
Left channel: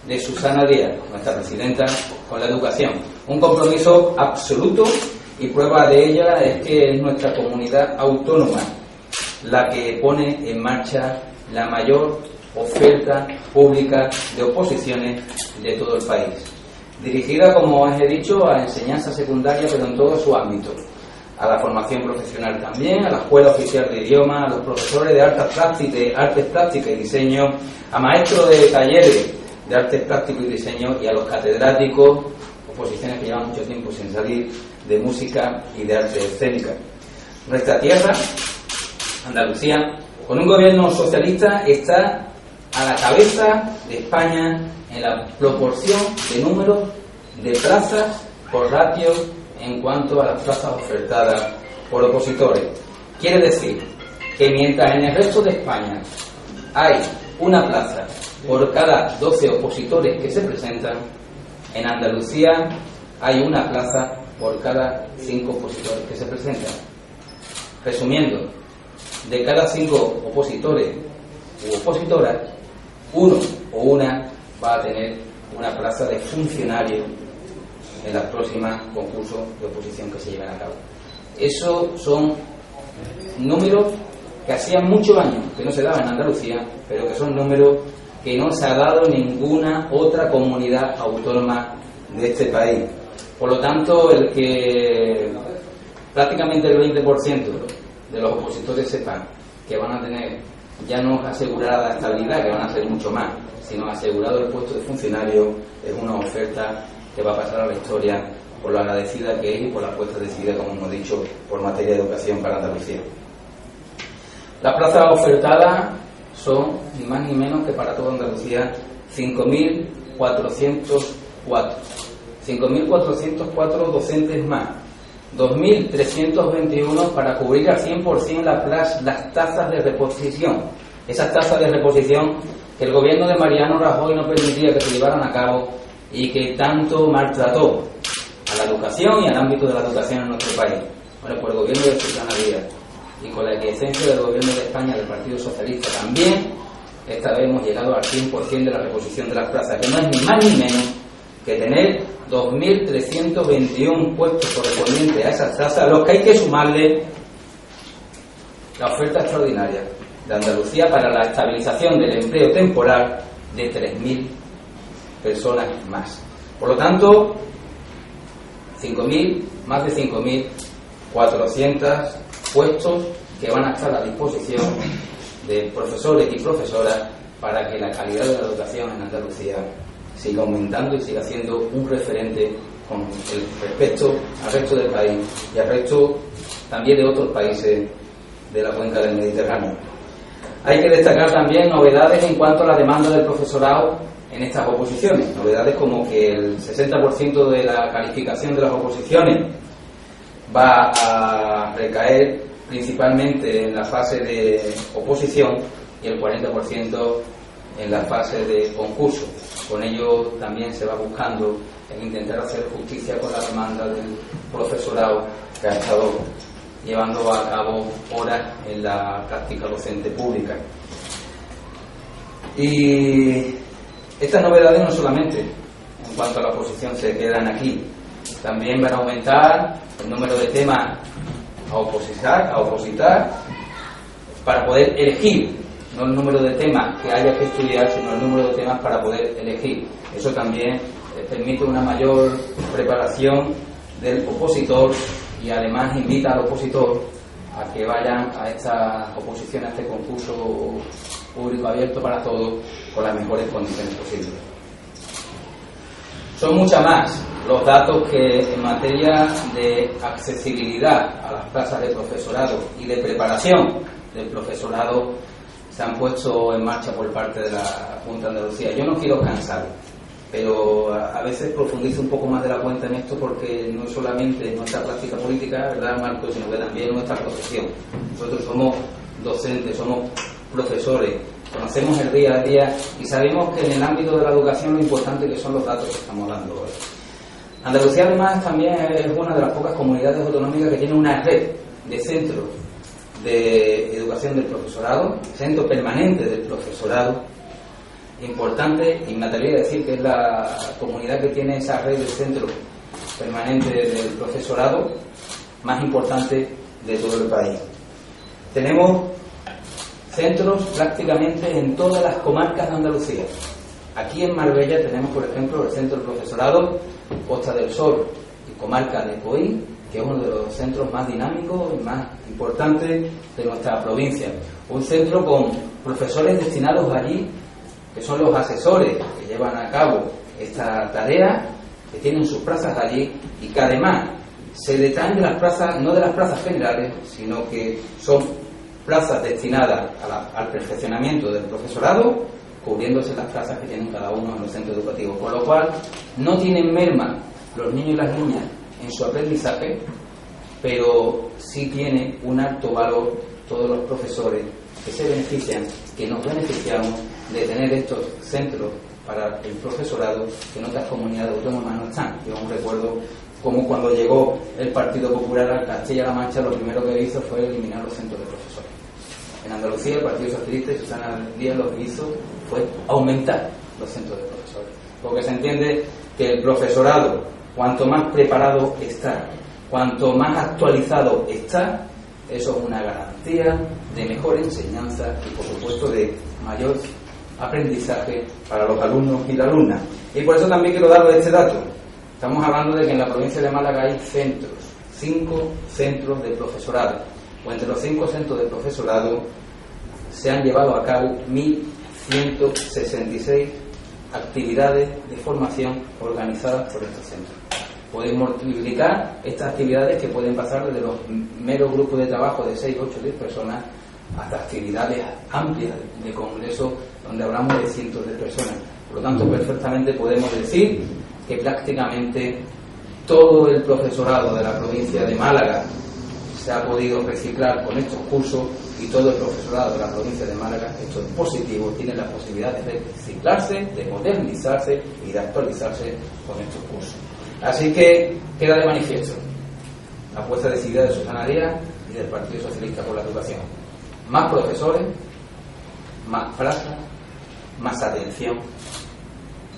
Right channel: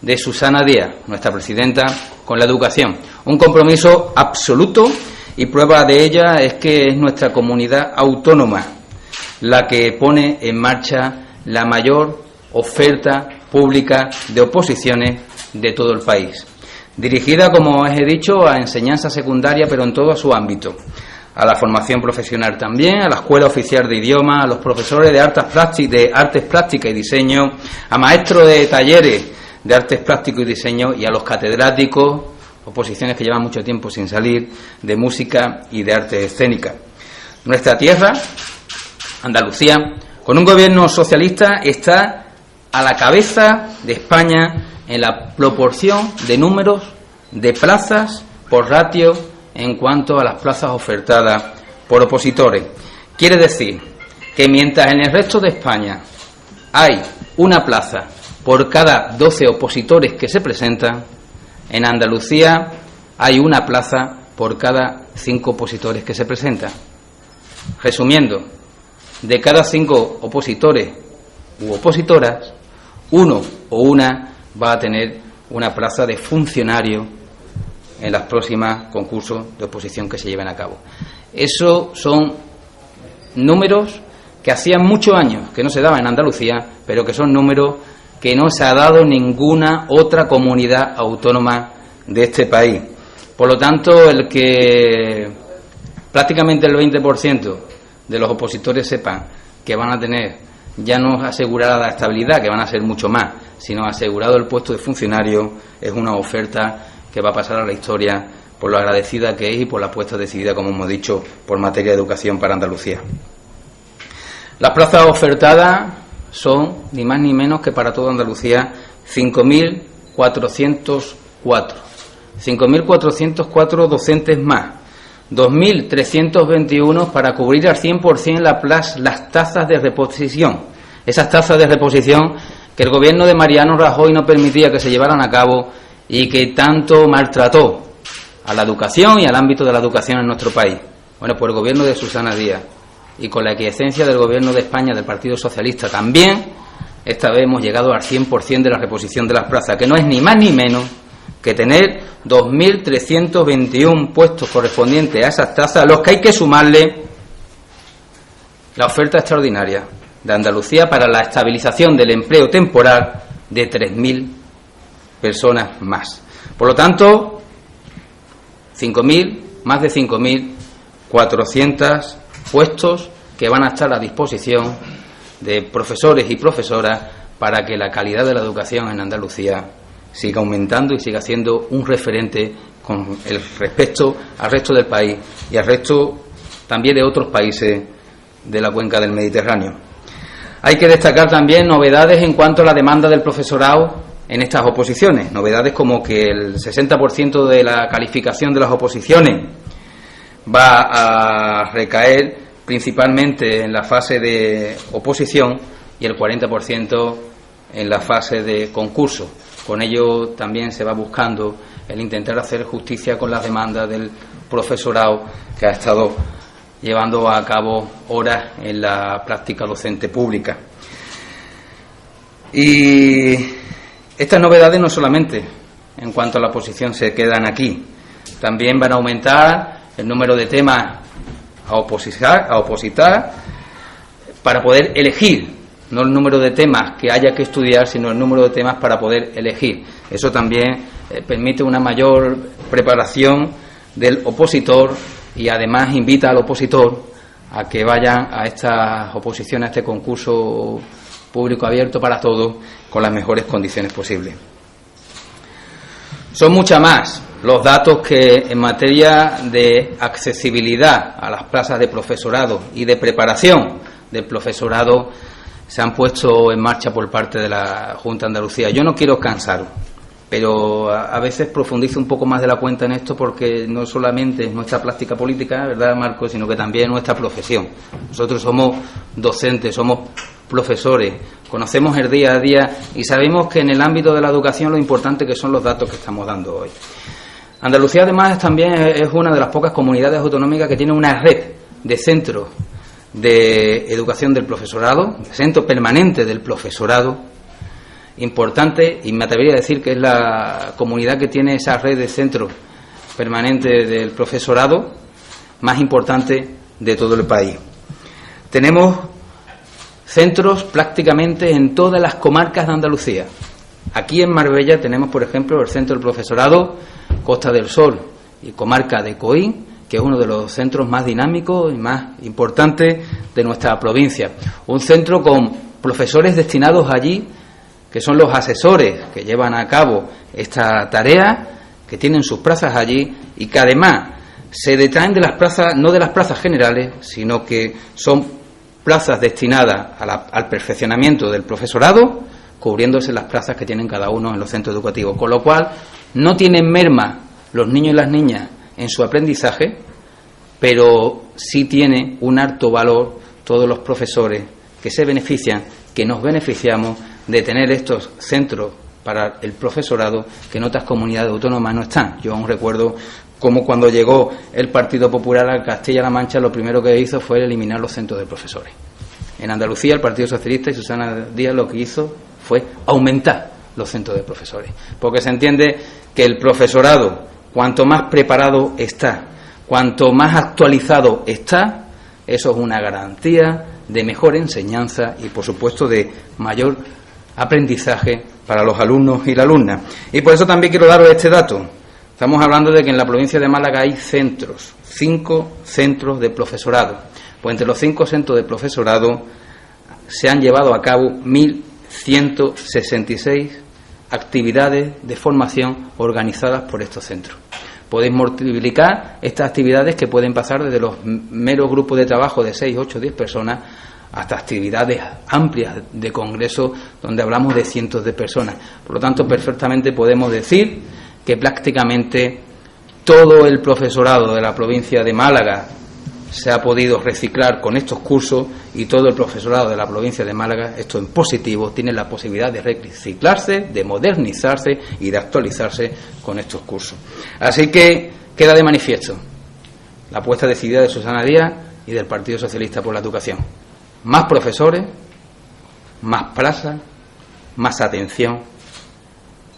de Susana Díaz, nuestra presidenta, con la educación. Un compromiso absoluto, y prueba de ella es que es nuestra comunidad autónoma la que pone en marcha la mayor oferta pública de oposiciones de todo el país, dirigida, como os he dicho, a enseñanza secundaria, pero en todo su ámbito, a la formación profesional también, a la Escuela Oficial de Idiomas, a los profesores de artes plásticas y diseño, a maestros de talleres de artes plásticos y diseño y a los catedráticos, oposiciones que llevan mucho tiempo sin salir, de música y de artes escénicas. Nuestra tierra, Andalucía, con un gobierno socialista, está a la cabeza de España en la proporción de números de plazas por ratio en cuanto a las plazas ofertadas por opositores. Quiere decir que mientras en el resto de España hay una plaza por cada 12 opositores que se presentan, en Andalucía hay una plaza por cada 5 opositores que se presentan. Resumiendo, de cada 5 opositores u opositoras, uno o una va a tener una plaza de funcionario en los próximos concursos de oposición que se lleven a cabo. Esos son números que hacían muchos años que no se daban en Andalucía, pero que son números que no se ha dado en ninguna otra comunidad autónoma de este país. Por lo tanto, el que prácticamente el 20% de los opositores sepan que van a tener ya no asegurada la estabilidad, que van a ser mucho más, sino asegurado el puesto de funcionario, es una oferta que va a pasar a la historia por lo agradecida que es y por la apuesta decidida, como hemos dicho, por materia de educación para Andalucía. Las plazas ofertadas son ni más ni menos que para toda Andalucía 5.404. 5.404 docentes más. 2.321 para cubrir al 100% las tasas de reposición. Esas tasas de reposición que el gobierno de Mariano Rajoy no permitía que se llevaran a cabo y que tanto maltrató a la educación y al ámbito de la educación en nuestro país. Bueno, pues el gobierno de Susana Díaz y con la aquiescencia del gobierno de España, del Partido Socialista también, esta vez hemos llegado al 100% de la reposición de las plazas, que no es ni más ni menos que tener 2.321 puestos correspondientes a esas tasas, a los que hay que sumarle la oferta extraordinaria de Andalucía para la estabilización del empleo temporal de 3.000 personas más. Por lo tanto, más de 5.400 puestos que van a estar a disposición de profesores y profesoras para que la calidad de la educación en Andalucía siga aumentando y siga siendo un referente con el respecto al resto del país y al resto también de otros países de la cuenca del Mediterráneo. Hay que destacar también novedades en cuanto a la demanda del profesorado en estas oposiciones, novedades como que el 60% de la calificación de las oposiciones va a recaer principalmente en la fase de oposición y el 40% en la fase de concurso. Con ello también se va buscando el intentar hacer justicia con la demanda del profesorado que ha estado llevando a cabo horas en la práctica docente pública. Y estas novedades no solamente en cuanto a la oposición se quedan aquí, también van a aumentar el número de temas a opositar para poder elegir, no el número de temas que haya que estudiar, sino el número de temas para poder elegir. Eso también permite una mayor preparación del opositor y además invita al opositor a que vayan a estas oposiciones, a este concurso público abierto para todos, con las mejores condiciones posibles. Son muchas más los datos que en materia de accesibilidad a las plazas de profesorado y de preparación del profesorado se han puesto en marcha por parte de la Junta de Andalucía. Yo no quiero cansaros, pero a veces profundizo un poco más de la cuenta en esto porque no solamente es nuestra práctica política, ¿verdad, Marco?, sino que también es nuestra profesión. Nosotros somos docentes, somos profesores, conocemos el día a día y sabemos que en el ámbito de la educación lo importante que son los datos que estamos dando hoy. Andalucía además también es una de las pocas comunidades autonómicas que tiene una red de centros de educación del profesorado, centro permanente del profesorado, importante, y me atrevería a decir que es la comunidad que tiene esa red de centros permanentes del profesorado más importante de todo el país. Tenemos centros prácticamente en todas las comarcas de Andalucía. Aquí en Marbella tenemos, por ejemplo, el centro del profesorado Costa del Sol y comarca de Coín, que es uno de los centros más dinámicos y más importantes de nuestra provincia. Un centro con profesores destinados allí, que son los asesores que llevan a cabo esta tarea, que tienen sus plazas allí y que además se detraen de las plazas, no de las plazas generales, sino que son plazas destinadas al perfeccionamiento del profesorado, cubriéndose las plazas que tienen cada uno en los centros educativos, con lo cual no tienen merma los niños y las niñas en su aprendizaje, pero sí tiene un alto valor todos los profesores que se benefician, que nos beneficiamos de tener estos centros para el profesorado que en otras comunidades autónomas no están. Yo aún recuerdo cómo cuando llegó el Partido Popular a Castilla-La Mancha lo primero que hizo fue eliminar los centros de profesores. En Andalucía el Partido Socialista y Susana Díaz lo que hizo fue aumentar los centros de profesores, porque se entiende que el profesorado, cuanto más preparado está, cuanto más actualizado está, eso es una garantía de mejor enseñanza y, por supuesto, de mayor aprendizaje para los alumnos y las alumnas. Y por eso también quiero daros este dato. Estamos hablando de que en la provincia de Málaga hay centros, 5 centros de profesorado. Pues entre los 5 centros de profesorado se han llevado a cabo 1.166 actividades de formación organizadas por estos centros. Podéis multiplicar estas actividades que pueden pasar desde los meros grupos de trabajo de 6, 8, 10 personas hasta actividades amplias de congreso donde hablamos de cientos de personas. Por lo tanto, perfectamente podemos decir que prácticamente todo el profesorado de la provincia de Málaga se ha podido reciclar con estos cursos, y todo el profesorado de la provincia de Málaga, esto en positivo, tiene la posibilidad de reciclarse, de modernizarse y de actualizarse con estos cursos. Así que queda de manifiesto la apuesta decidida de Susana Díaz y del Partido Socialista por la Educación. Más profesores, más plazas, más atención,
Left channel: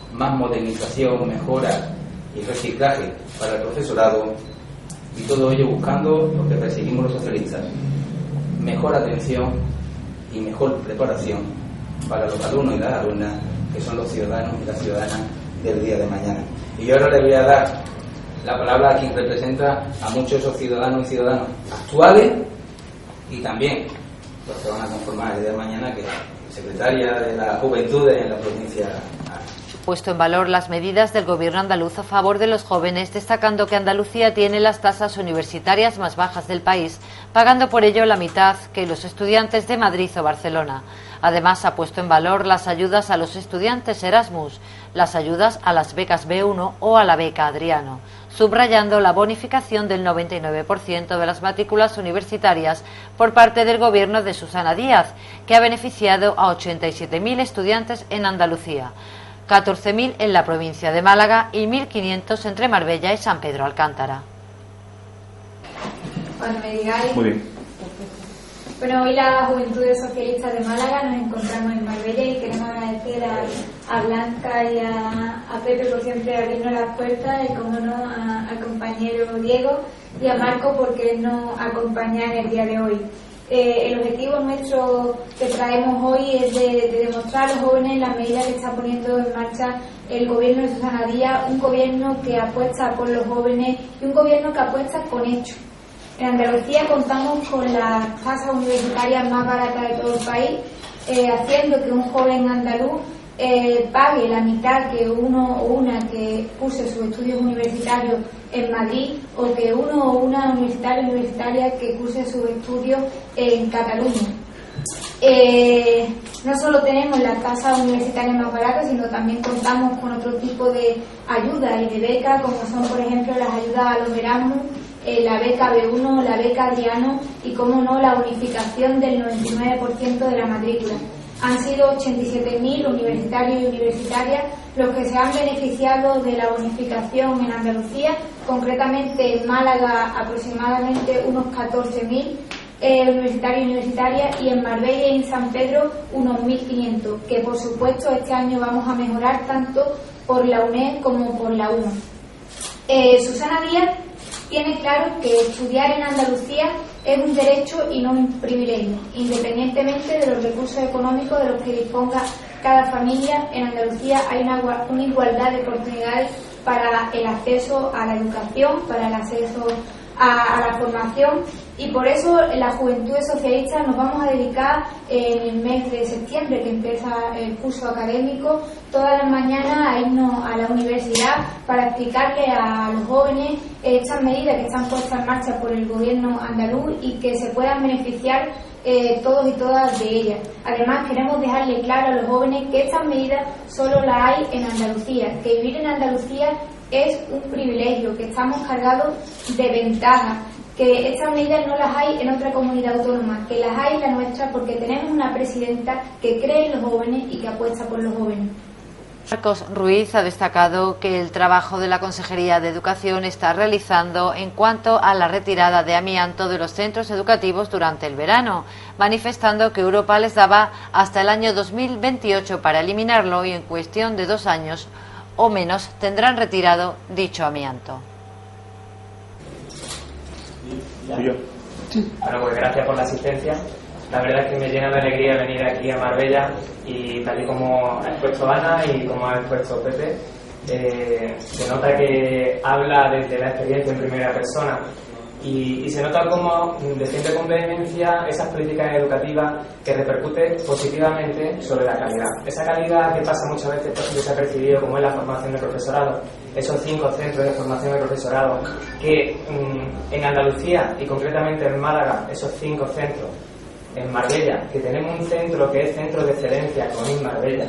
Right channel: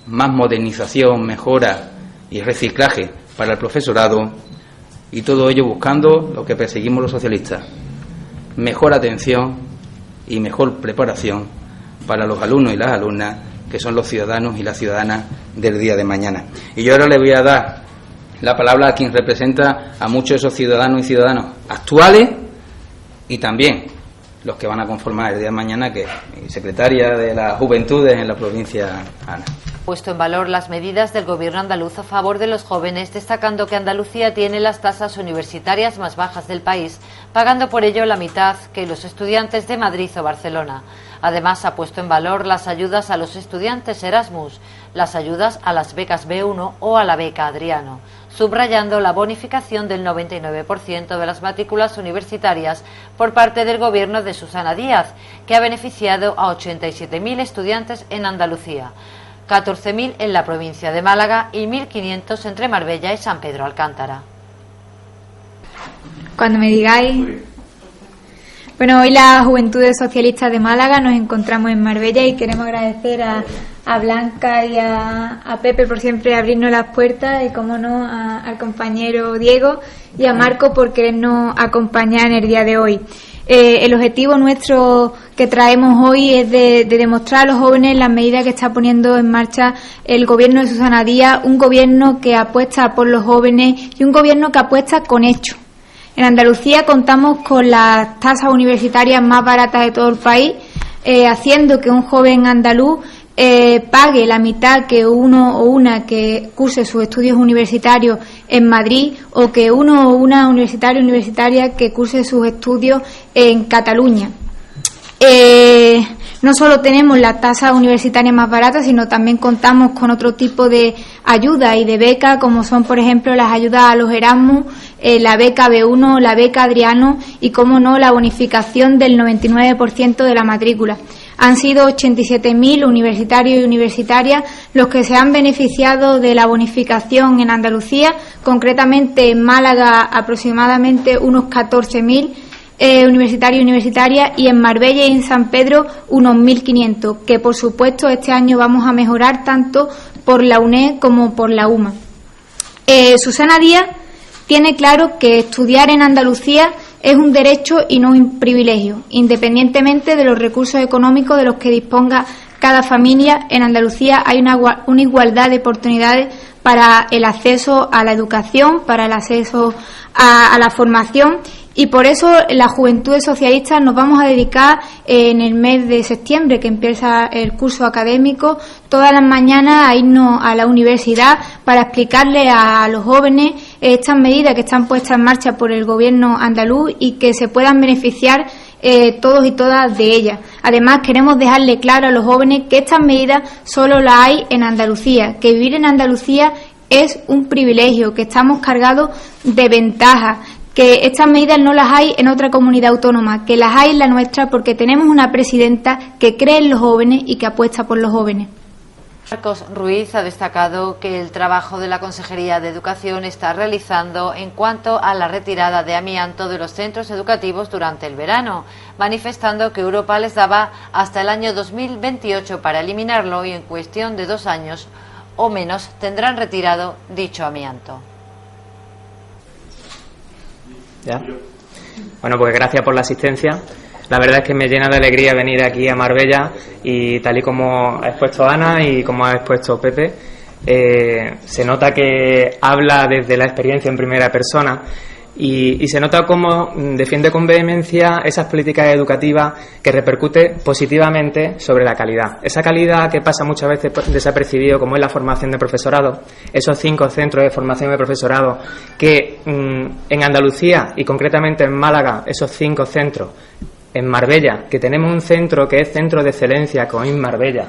más modernización, mejora y reciclaje para el profesorado, y todo ello buscando lo que perseguimos los socialistas: mejor atención y mejor preparación para los alumnos y las alumnas, que son los ciudadanos y las ciudadanas del día de mañana. Y yo ahora le voy a dar la palabra a quien representa a muchos de esos ciudadanos y ciudadanas actuales y también los que van a conformar el día de mañana, que es secretaria de las Juventudes en la provincia. Puesto en valor las medidas del gobierno andaluz a favor de los jóvenes, destacando que Andalucía tiene las tasas universitarias más bajas del país, pagando por ello la mitad que los estudiantes de Madrid o Barcelona. Además, ha puesto en valor las ayudas a los estudiantes Erasmus, las ayudas a las becas B1 o a la beca Adriano, subrayando la bonificación del 99% de las matrículas universitarias por parte del gobierno de Susana Díaz, que ha beneficiado a 87.000 estudiantes en Andalucía, 14.000 en la provincia de Málaga y 1.500 entre Marbella y San Pedro Alcántara. Cuando me digáis. Bueno, hoy las Juventudes Socialistas de Málaga nos encontramos en Marbella y queremos agradecer a Blanca y a Pepe por siempre abrirnos las puertas, y como no al compañero Diego y a Marco por querernos acompañar en el día de hoy. El objetivo nuestro que traemos hoy es de demostrar a los jóvenes las medidas que está poniendo en marcha el gobierno de Susana Díaz, un gobierno que apuesta por los jóvenes y un gobierno que apuesta con hechos. En Andalucía contamos con las tasas universitarias más baratas de todo el país, haciendo que un joven andaluz pague la mitad que uno o una que curse sus estudios universitarios en Madrid, o que uno o una universitaria que curse sus estudios en Cataluña. No solo tenemos las tasas universitarias más baratas, sino también contamos con otro tipo de ayudas y de becas, como son, por ejemplo, las ayudas a los Erasmus, la beca B1, la beca Adriano y, como no, la bonificación del 99% de la matrícula. Han sido 87.000 universitarios y universitarias los que se han beneficiado de la bonificación en Andalucía, concretamente en Málaga aproximadamente unos 14.000 universitarios y universitarias, y en Marbella y en San Pedro unos 1.500, que por supuesto este año vamos a mejorar tanto por la UNED como por la UMA. Susana Díaz tiene claro que estudiar en Andalucía es un derecho y no un privilegio, independientemente de los recursos económicos de los que disponga cada familia. En Andalucía hay una igualdad de oportunidades para el acceso a la educación, para el acceso a la formación, y por eso las Juventudes Socialistas nos vamos a dedicar en el mes de septiembre, que empieza el curso académico, todas las mañanas a irnos a la universidad para explicarle a los jóvenes estas medidas que están puestas en marcha por el gobierno andaluz y que se puedan beneficiar todos y todas de ellas. Además, queremos dejarle claro a los jóvenes que estas medidas solo las hay en Andalucía, que vivir en Andalucía es un privilegio, que estamos cargados de ventajas, que estas medidas no las hay en otra comunidad autónoma, que las hay en la nuestra, porque tenemos una presidenta que cree en los jóvenes y que apuesta por los jóvenes. Marcos Ruiz ha destacado que el trabajo de la Consejería de Educación está realizando en cuanto a la retirada de amianto de los centros educativos durante el verano, manifestando que Europa les daba hasta el año 2028 para eliminarlo, y en cuestión de 2 años o menos tendrán retirado dicho amianto. ¿Ya? Bueno, pues gracias por la asistencia. La verdad es que me llena de alegría venir aquí a Marbella, y tal y como ha expuesto Ana y como ha expuesto Pepe, se nota que habla desde la experiencia en primera persona, y se nota cómo defiende con vehemencia esas políticas educativas que repercute positivamente sobre la calidad. Esa calidad que pasa muchas veces desapercibido, como es la formación de profesorado, esos 5 centros de formación de profesorado que en Andalucía y concretamente en Málaga, esos 5 centros, en Marbella, que tenemos un centro que es Centro de Excelencia, COIM Marbella,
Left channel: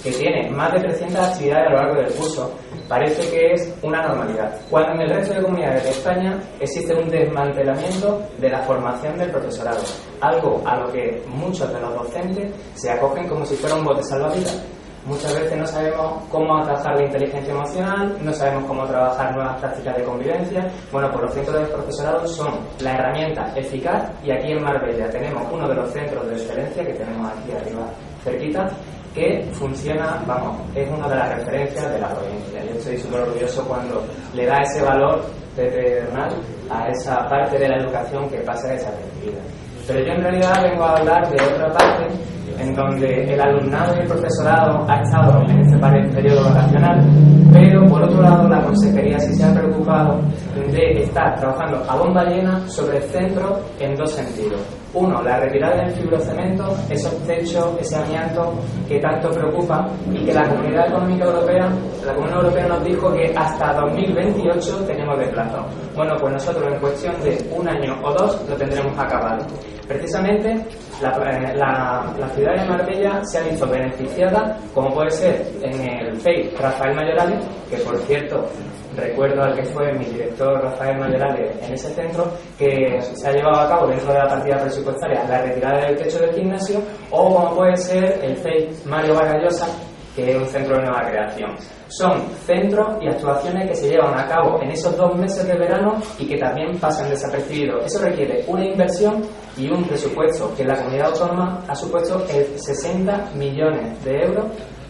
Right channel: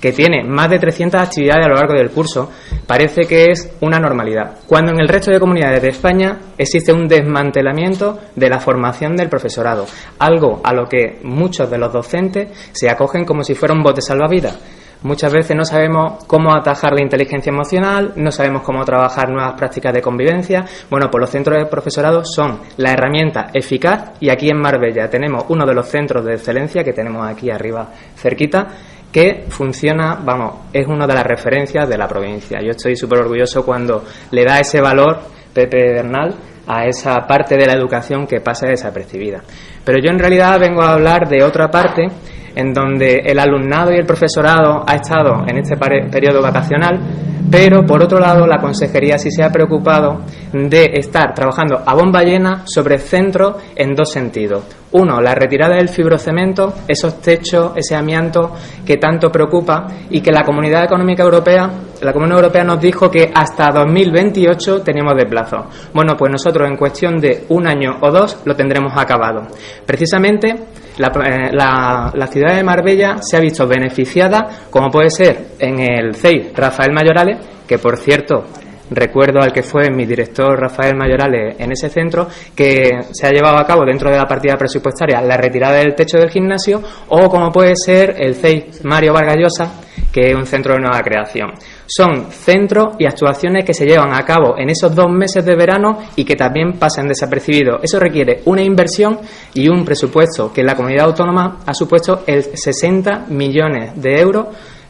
que tiene más de 300 actividades a lo largo del curso, parece que es una normalidad, cuando en el resto de comunidades de España existe un desmantelamiento de la formación del profesorado, algo a lo que muchos de los docentes se acogen como si fuera un bote salvavidas. Muchas veces no sabemos cómo atajar la inteligencia emocional, no sabemos cómo trabajar nuevas prácticas de convivencia. Bueno, pues los centros de profesorado son la herramienta eficaz, y aquí en Marbella tenemos uno de los centros de excelencia que tenemos aquí arriba cerquita, que funciona, vamos, es una de las referencias de la provincia. Yo estoy súper orgulloso cuando le da ese valor Pepe Bernal a esa parte de la educación que pasa desapercibida. Pero yo en realidad vengo a hablar de otra parte en donde el alumnado y el profesorado ha estado en este periodo vacacional, pero por otro lado la consejería sí se ha preocupado de estar trabajando a bomba llena sobre centros en 2 sentidos. Uno, la retirada del fibrocemento, esos techos, ese amianto que tanto preocupa y que la Comunidad Económica Europea, la Comunidad Europea nos dijo que hasta 2028 teníamos de plazo. Bueno, pues nosotros en cuestión de 1 año o 2 lo tendremos acabado. Precisamente la ciudad de Marbella se ha visto beneficiada, como puede ser en el CEI Rafael Mayorales, que por cierto recuerdo al que fue mi director Rafael Mayorales en ese centro, que se ha llevado a cabo dentro de la partida presupuestaria la retirada del techo del gimnasio, o como puede ser el CEI Mario Vargas Llosa, que es un centro de nueva creación. Son centros y actuaciones que se llevan a cabo en esos 2 meses de verano y que también pasan desapercibidos. Eso requiere una inversión y un presupuesto que la comunidad autónoma ha supuesto el 60 millones de euros,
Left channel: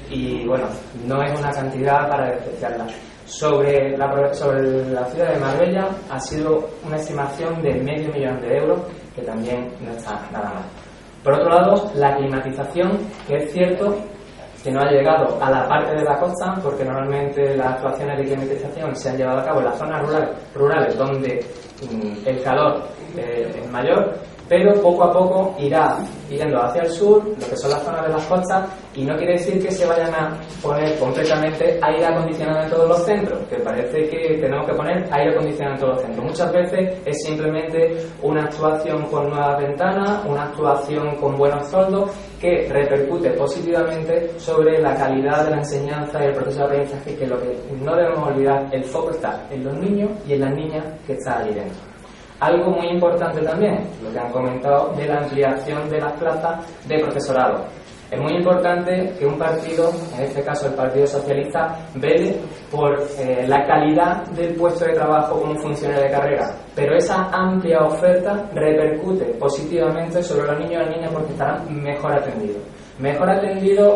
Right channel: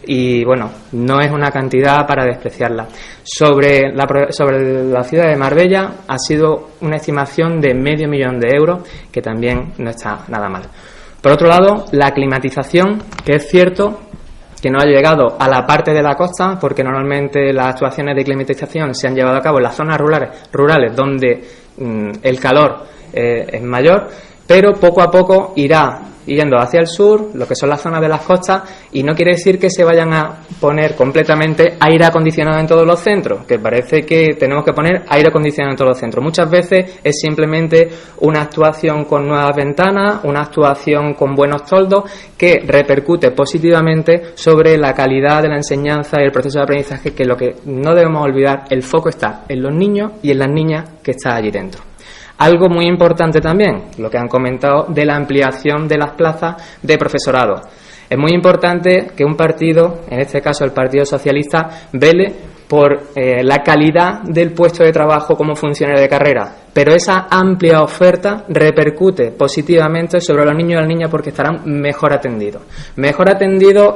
y bueno, no es una cantidad para despreciarla. Sobre la ciudad de Marbella ha sido una estimación de medio millón de euros, que también no está nada mal. Por otro lado, la climatización, que es cierto que no ha llegado a la parte de la costa, porque normalmente las actuaciones de climatización se han llevado a cabo en las zonas rurales donde el calor es mayor, pero poco a poco irá yendo hacia el sur, lo que son las zonas de las costas, y no quiere decir que se vayan a poner completamente aire acondicionado en todos los centros, que parece que tenemos que poner aire acondicionado en todos los centros. Muchas veces es simplemente una actuación con nuevas ventanas, una actuación con buenos toldos, que repercute positivamente sobre la calidad de la enseñanza y el proceso de aprendizaje, que lo que no debemos olvidar, el foco está en los niños y en las niñas que están allí dentro. Algo muy importante también, lo que han comentado de la ampliación de las plazas de profesorado. Es muy importante que un partido, en este caso el Partido Socialista, vele por la calidad del puesto de trabajo como funcionario de carrera, pero esa amplia oferta repercute positivamente sobre los niños y las niñas, porque estarán mejor atendidos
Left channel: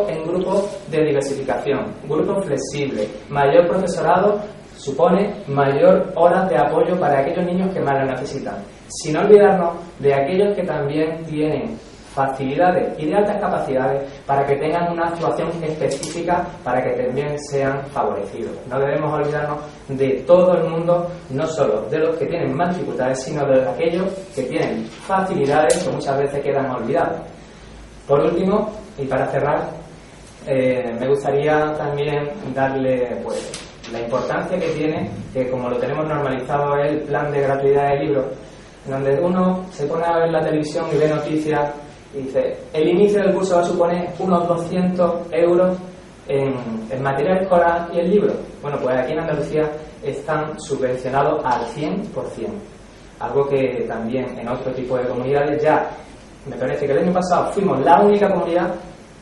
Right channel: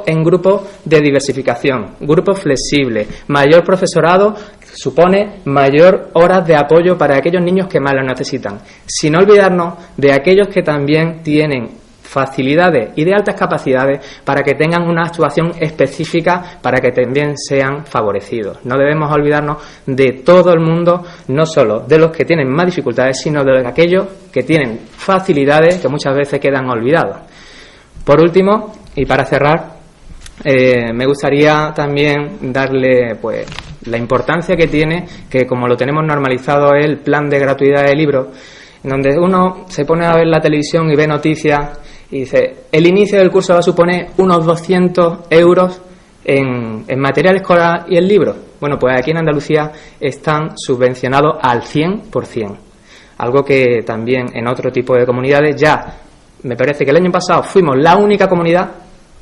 en grupos de diversificación, grupos flexibles, mayor profesorado supone mayor horas de apoyo para aquellos niños que más lo necesitan, sin olvidarnos de aquellos que también tienen facilidades y de altas capacidades para que tengan una actuación específica, para que también sean favorecidos. No debemos olvidarnos de todo el mundo, no solo de los que tienen más dificultades, sino de aquellos que tienen facilidades que muchas veces quedan olvidados. Por último, y para cerrar, me gustaría también darle pues la importancia que tiene, que como lo tenemos normalizado, es el plan de gratuidad de libros, en donde uno se pone a ver la televisión y ve noticias y dice, el inicio del curso va a suponer unos 200 euros en material escolar y en libros. Bueno, pues aquí en Andalucía están subvencionados al 100%, algo que también en otro tipo de comunidades ya, me parece que el año pasado fuimos la única comunidad,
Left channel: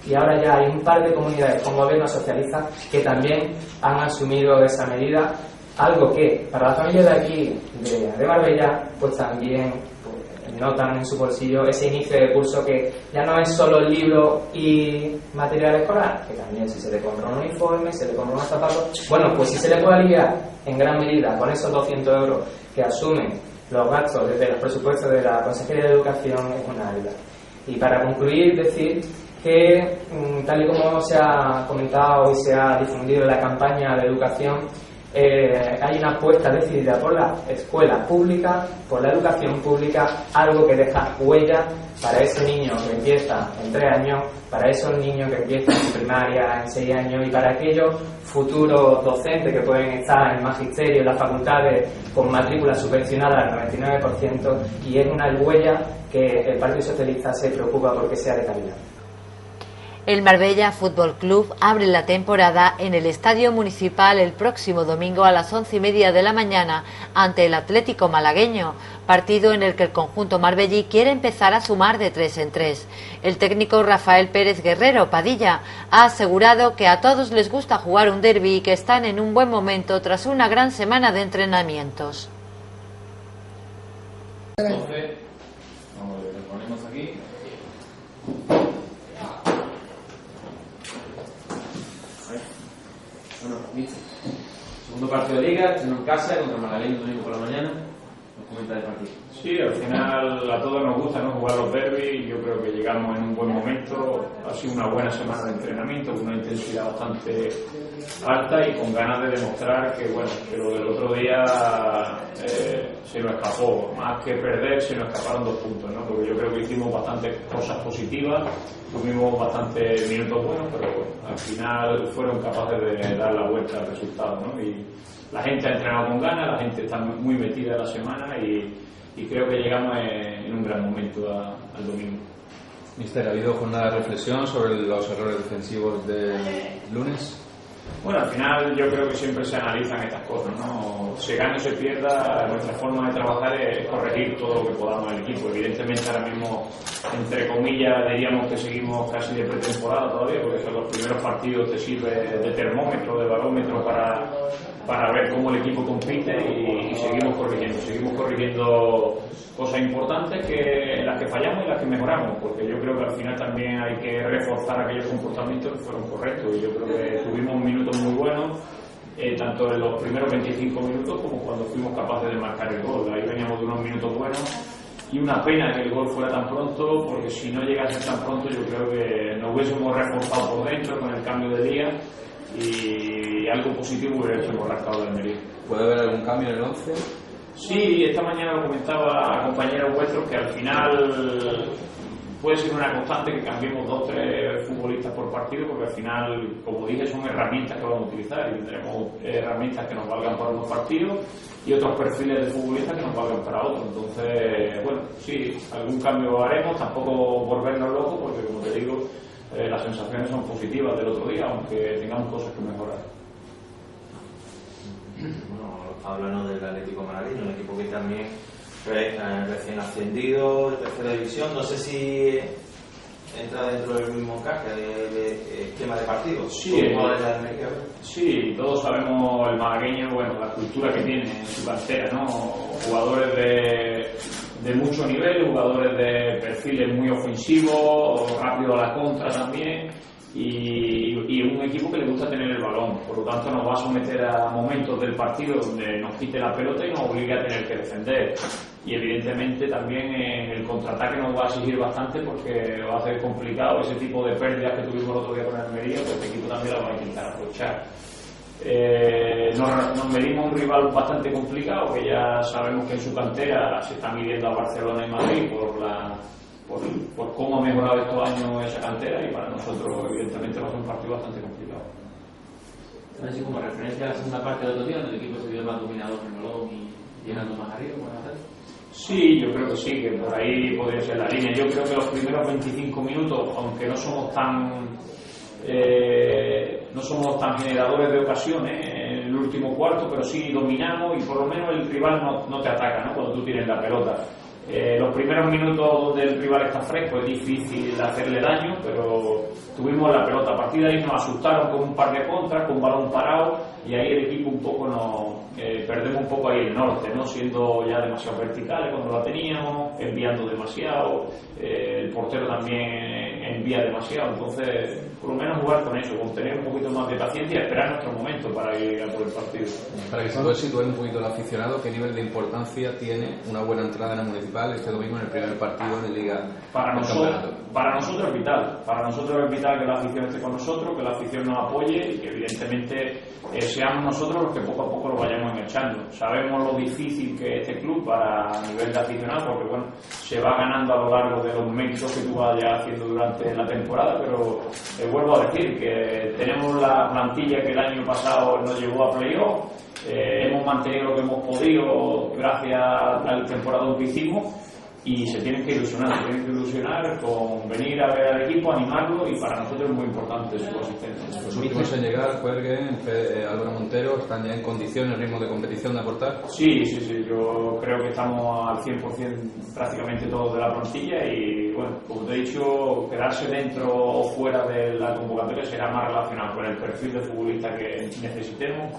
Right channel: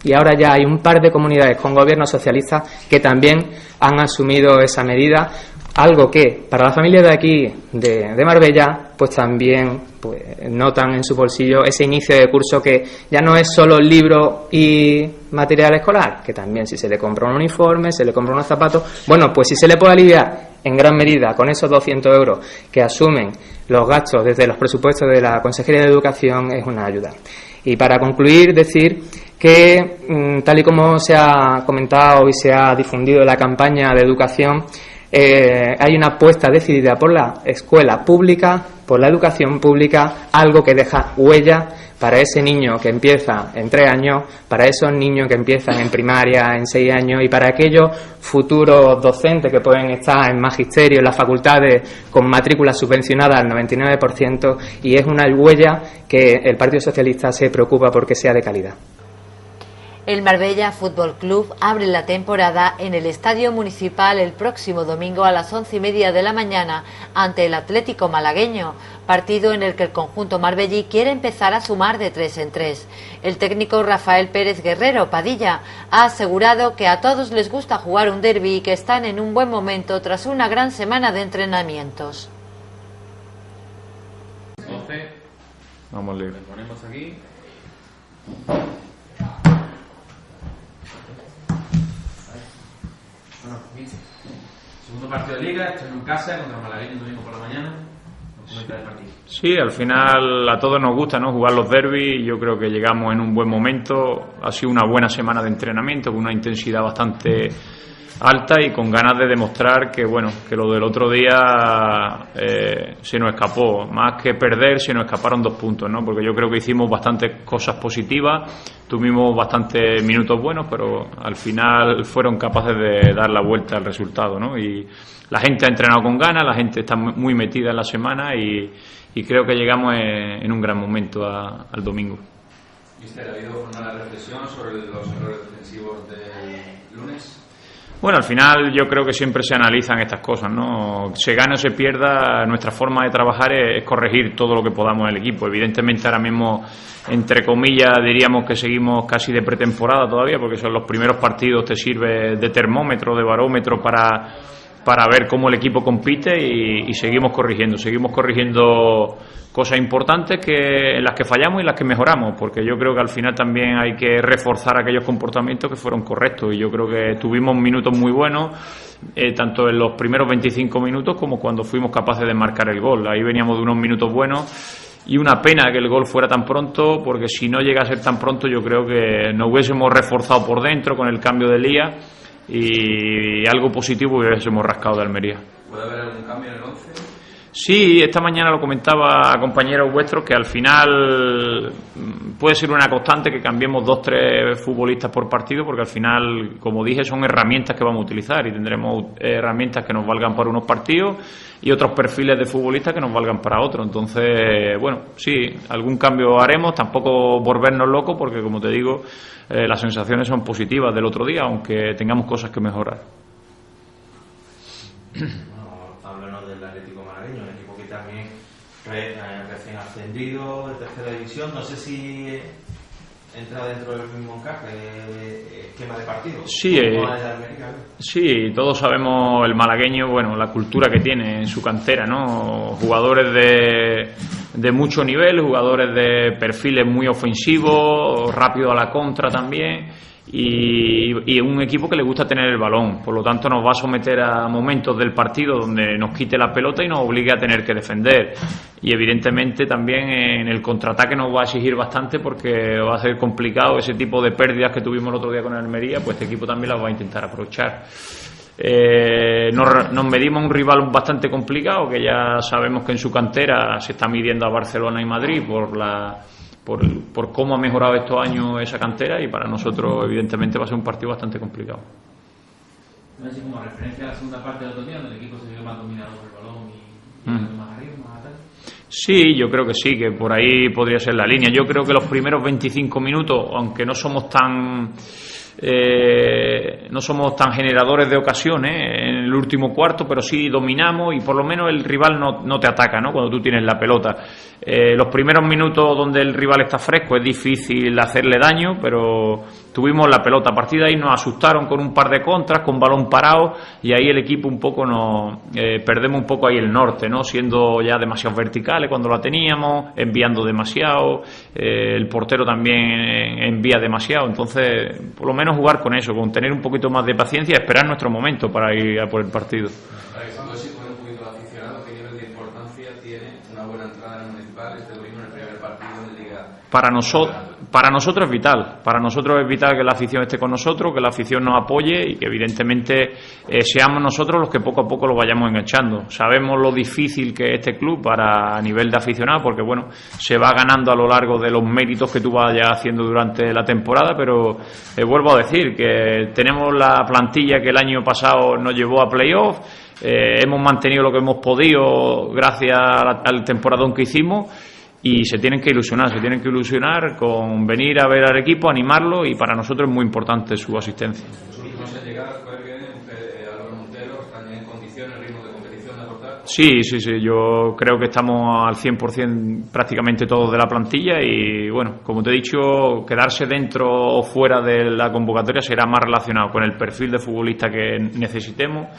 y ahora ya hay un par de comunidades con gobiernos socialistas que también han asumido esa medida, algo que para las familias de aquí, de Marbella, pues también pues, notan en su bolsillo ese inicio de curso, que ya no es solo libro y material escolar, que también si se le compra un uniforme, se le compra unos zapatos, bueno, pues si se le puede aliviar en gran medida con esos 200 euros que asumen los gastos desde los presupuestos de la Consejería de Educación, es una ayuda. Y para concluir, decir que tal y como se ha comentado y se ha difundido la campaña de educación, hay una apuesta decidida por la escuela pública, por la educación pública, algo que deja huella para ese niño que empieza en 3 años, para esos niños que empiezan en primaria en 6 años y para aquellos futuros docentes que pueden estar en magisterio, en las facultades con matrícula subvencionada al 99%, y es una huella que el Partido Socialista se preocupa porque sea de calidad. El Marbella Fútbol Club abre la temporada en el Estadio Municipal el próximo domingo a las 11:30 de la mañana ante el Atlético Malagueño, partido en el que el conjunto marbellí quiere empezar a sumar de 3 en 3. El técnico Rafael Pérez Guerrero Padilla ha asegurado que a todos les gusta jugar un derbi y que están en un buen momento tras una gran semana de entrenamientos. Vamos a leer. Ponemos aquí. Segundo partido de Liga, estreno en casa contra Malagueño domingo por la mañana. Sí, al final a todos nos gusta, ¿no?, jugar los derbis. Yo creo que llegamos en un buen momento. Ha sido una buena semana de entrenamiento con una intensidad bastante alta y con ganas de demostrar que, bueno, que lo del otro día se nos escapó. Más que perder, se nos escaparon 2 puntos, ¿no? Porque yo creo que hicimos bastantes cosas positivas, tuvimos bastantes minutos buenos, pero al final fueron capaces de dar la vuelta al resultado, ¿no? Y la gente ha entrenado con ganas, la gente está muy metida en la semana y creo que llegamos en un gran momento al domingo. Mister, ¿ha habido jornada de reflexión sobre los errores defensivos del lunes? Bueno, al final yo creo que siempre se analizan estas cosas, ¿no? Se gane o se pierda, nuestra forma de trabajar es corregir todo lo que podamos en el equipo. Evidentemente ahora mismo, entre comillas, diríamos que seguimos casi de pretemporada todavía, porque son los primeros partidos, te sirve de termómetro, de barómetro para ver cómo el equipo compite y seguimos corrigiendo cosas importantes en las que fallamos y en las que mejoramos, porque yo creo que al final también hay que reforzar aquellos comportamientos que fueron correctos, y yo creo que tuvimos minutos muy buenos, tanto en los primeros 25 minutos como cuando fuimos capaces de marcar el gol. Ahí veníamos de unos minutos buenos y una pena que el gol fuera tan pronto, porque si no llega a ser tan pronto yo creo que nos hubiésemos reforzado por dentro con el cambio de Lía y algo positivo hubiésemos rascado de Almería. ¿Puede haber algún cambio en el 11? Sí, esta mañana lo comentaba a compañeros vuestros que al final puede ser una constante que cambiemos 2-3 futbolistas por partido, porque al final, como dije, son herramientas que vamos a utilizar y tendremos herramientas que nos valgan para unos partidos y otros perfiles de futbolistas que nos valgan para otros. Entonces, bueno, sí, algún cambio haremos, tampoco volvernos locos, porque como te digo, las sensaciones son positivas del otro día, aunque tengamos cosas que mejorar. Hablando del Atlético Malagueño, un equipo que también recién ascendido de tercera división. No sé si entra dentro del mismo esquema de partido. Sí, todos sabemos el malagueño, bueno, la cultura que tiene en su cantera, ¿no? Jugadores de mucho nivel, jugadores de perfiles muy ofensivos, rápido a la contra también. Y un equipo que le gusta tener el balón, por lo tanto nos va a someter a momentos del partido donde nos quite la pelota y nos obligue a tener que defender, y evidentemente también en el contraataque nos va a exigir bastante, porque va a ser complicado ese tipo de pérdidas que tuvimos el otro día con el Almería, pues este equipo también las va a intentar aprovechar. Nos medimos a un rival bastante complicado, que ya sabemos que en su cantera se está midiendo a Barcelona y Madrid por cómo ha mejorado estos años esa cantera, y para nosotros evidentemente va a ser un partido bastante complicado. Así como referencia a la segunda parte del otro día, donde el equipo se vio más dominador en el balón y llegando más arriba, más atrás. Sí, yo creo que sí, que por ahí podría ser la línea. Yo creo que los primeros 25 minutos, aunque no somos tan generadores de ocasiones en el último cuarto, pero sí dominamos y por lo menos el rival no te ataca, ¿no?, cuando tú tienes la pelota. Los primeros minutos donde el rival está fresco es difícil hacerle daño, pero tuvimos la pelota. A partir de ahí nos asustaron con un par de contras, con balón parado, y ahí el equipo un poco perdemos un poco ahí el norte, ¿no?, siendo ya demasiado verticales cuando la teníamos, enviando demasiado, el portero también envía demasiado. Entonces, por lo menos jugar con eso, con tener un poquito más de paciencia y esperar nuestro momento para ir a por el partido. Para que se pueda situar un poquito el aficionado, ¿qué nivel de importancia tiene una buena entrada en el Municipal este domingo en el primer partido de Liga? Para nosotros es vital. Para nosotros es vital fundamental que la afición esté con nosotros, que la afición nos apoye y que evidentemente seamos nosotros los que poco a poco lo vayamos enganchando. Sabemos lo difícil que es este club a nivel de aficionado, porque bueno, se va ganando a lo largo de los méritos que tú vayas haciendo durante la temporada, pero vuelvo a decir que tenemos la plantilla que el año pasado nos llevó a playoff, hemos mantenido lo que hemos podido gracias al temporadón que hicimos. Y se tienen que ilusionar con venir a ver al equipo, animarlo, y para nosotros es muy importante su asistencia. Los últimos en llegar, Juergen, Álvaro Montero, ¿están ya en condiciones, ritmo de competición de aportar? Sí, yo creo que estamos al 100% prácticamente todos de la plantilla y bueno, como te he dicho, quedarse dentro o fuera de la convocatoria será más relacionado con el perfil de futbolista que necesitemos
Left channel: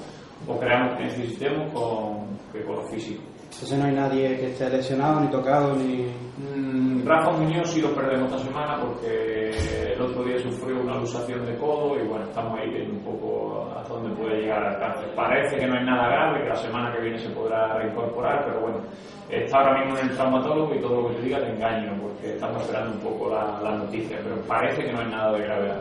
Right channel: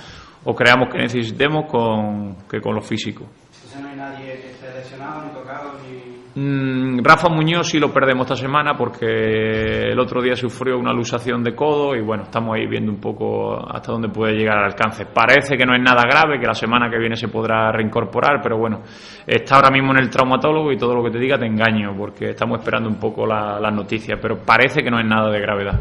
o creamos que necesitemos que con lo físico. Entonces no hay nadie que esté lesionado, ni tocado, ni... Rafa Muñoz sí lo perdemos esta semana porque el otro día sufrió una luxación de codo y bueno, estamos ahí viendo un poco hasta dónde puede llegar al alcance. Parece que no es nada grave, que la semana que viene se podrá reincorporar, pero bueno, está ahora mismo en el traumatólogo y todo lo que te diga te engaño porque estamos esperando un poco las noticias, pero parece que no es nada de gravedad.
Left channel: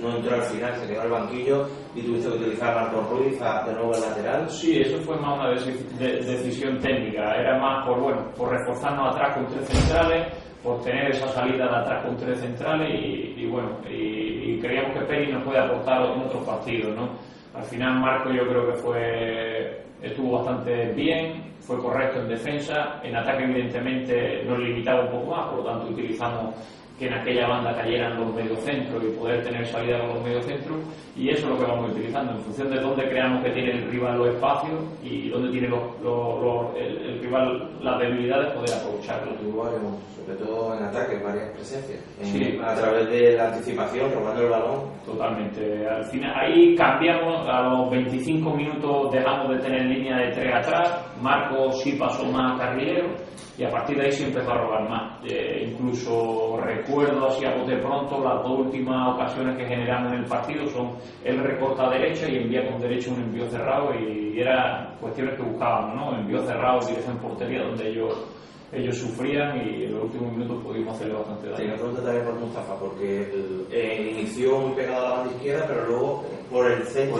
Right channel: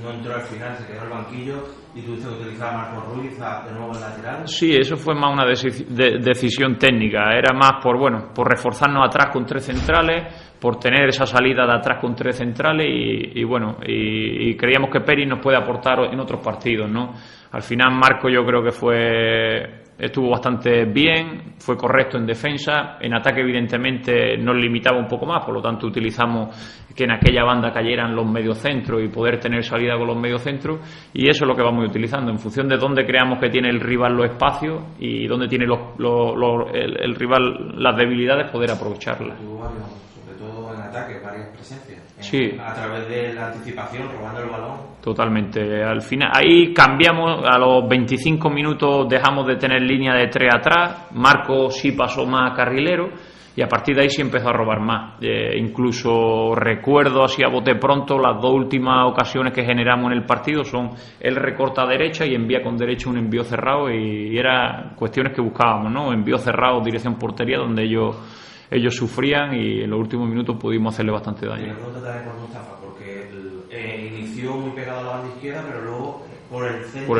No entró al final, se quedó en el banquillo y tuviste que utilizar a Marcos Ruiz de nuevo el lateral. Sí, eso fue más una decisión técnica, era más por reforzarnos atrás con 3 centrales, por tener esa salida de atrás con 3 centrales y creíamos que Peri nos puede aportar en otros partidos, ¿no? Al final Marco yo creo que estuvo bastante bien, fue correcto en defensa, en ataque evidentemente nos limitaba un poco más, por lo tanto utilizamos que en aquella banda cayeran los mediocentros y poder tener salida con los mediocentros, y eso es lo que vamos utilizando en función de dónde creamos que tiene el rival los espacios y dónde tiene el rival las debilidades, poder aprovecharlas. Sobre todo en ataque, varias presencias. Sí. A través de la anticipación, robando el balón. Totalmente. Al final, ahí cambiamos, a los 25 minutos dejamos de tener línea de 3 atrás, Marco sí pasó más a carrilero, y a partir de ahí sí empezó a robar más. Incluso recuerdo así a bote pronto las 2 últimas ocasiones que generamos en el partido son él recorta a derecha y envía con derecha un envío cerrado y eran cuestiones que buscábamos, ¿no? Envío cerrado, dirección portería, donde ellos sufrían y en los últimos minutos pudimos hacerle bastante daño. Sí, pregunta también por Mustafa, porque inició muy pegado a la banda izquierda, pero luego por el centro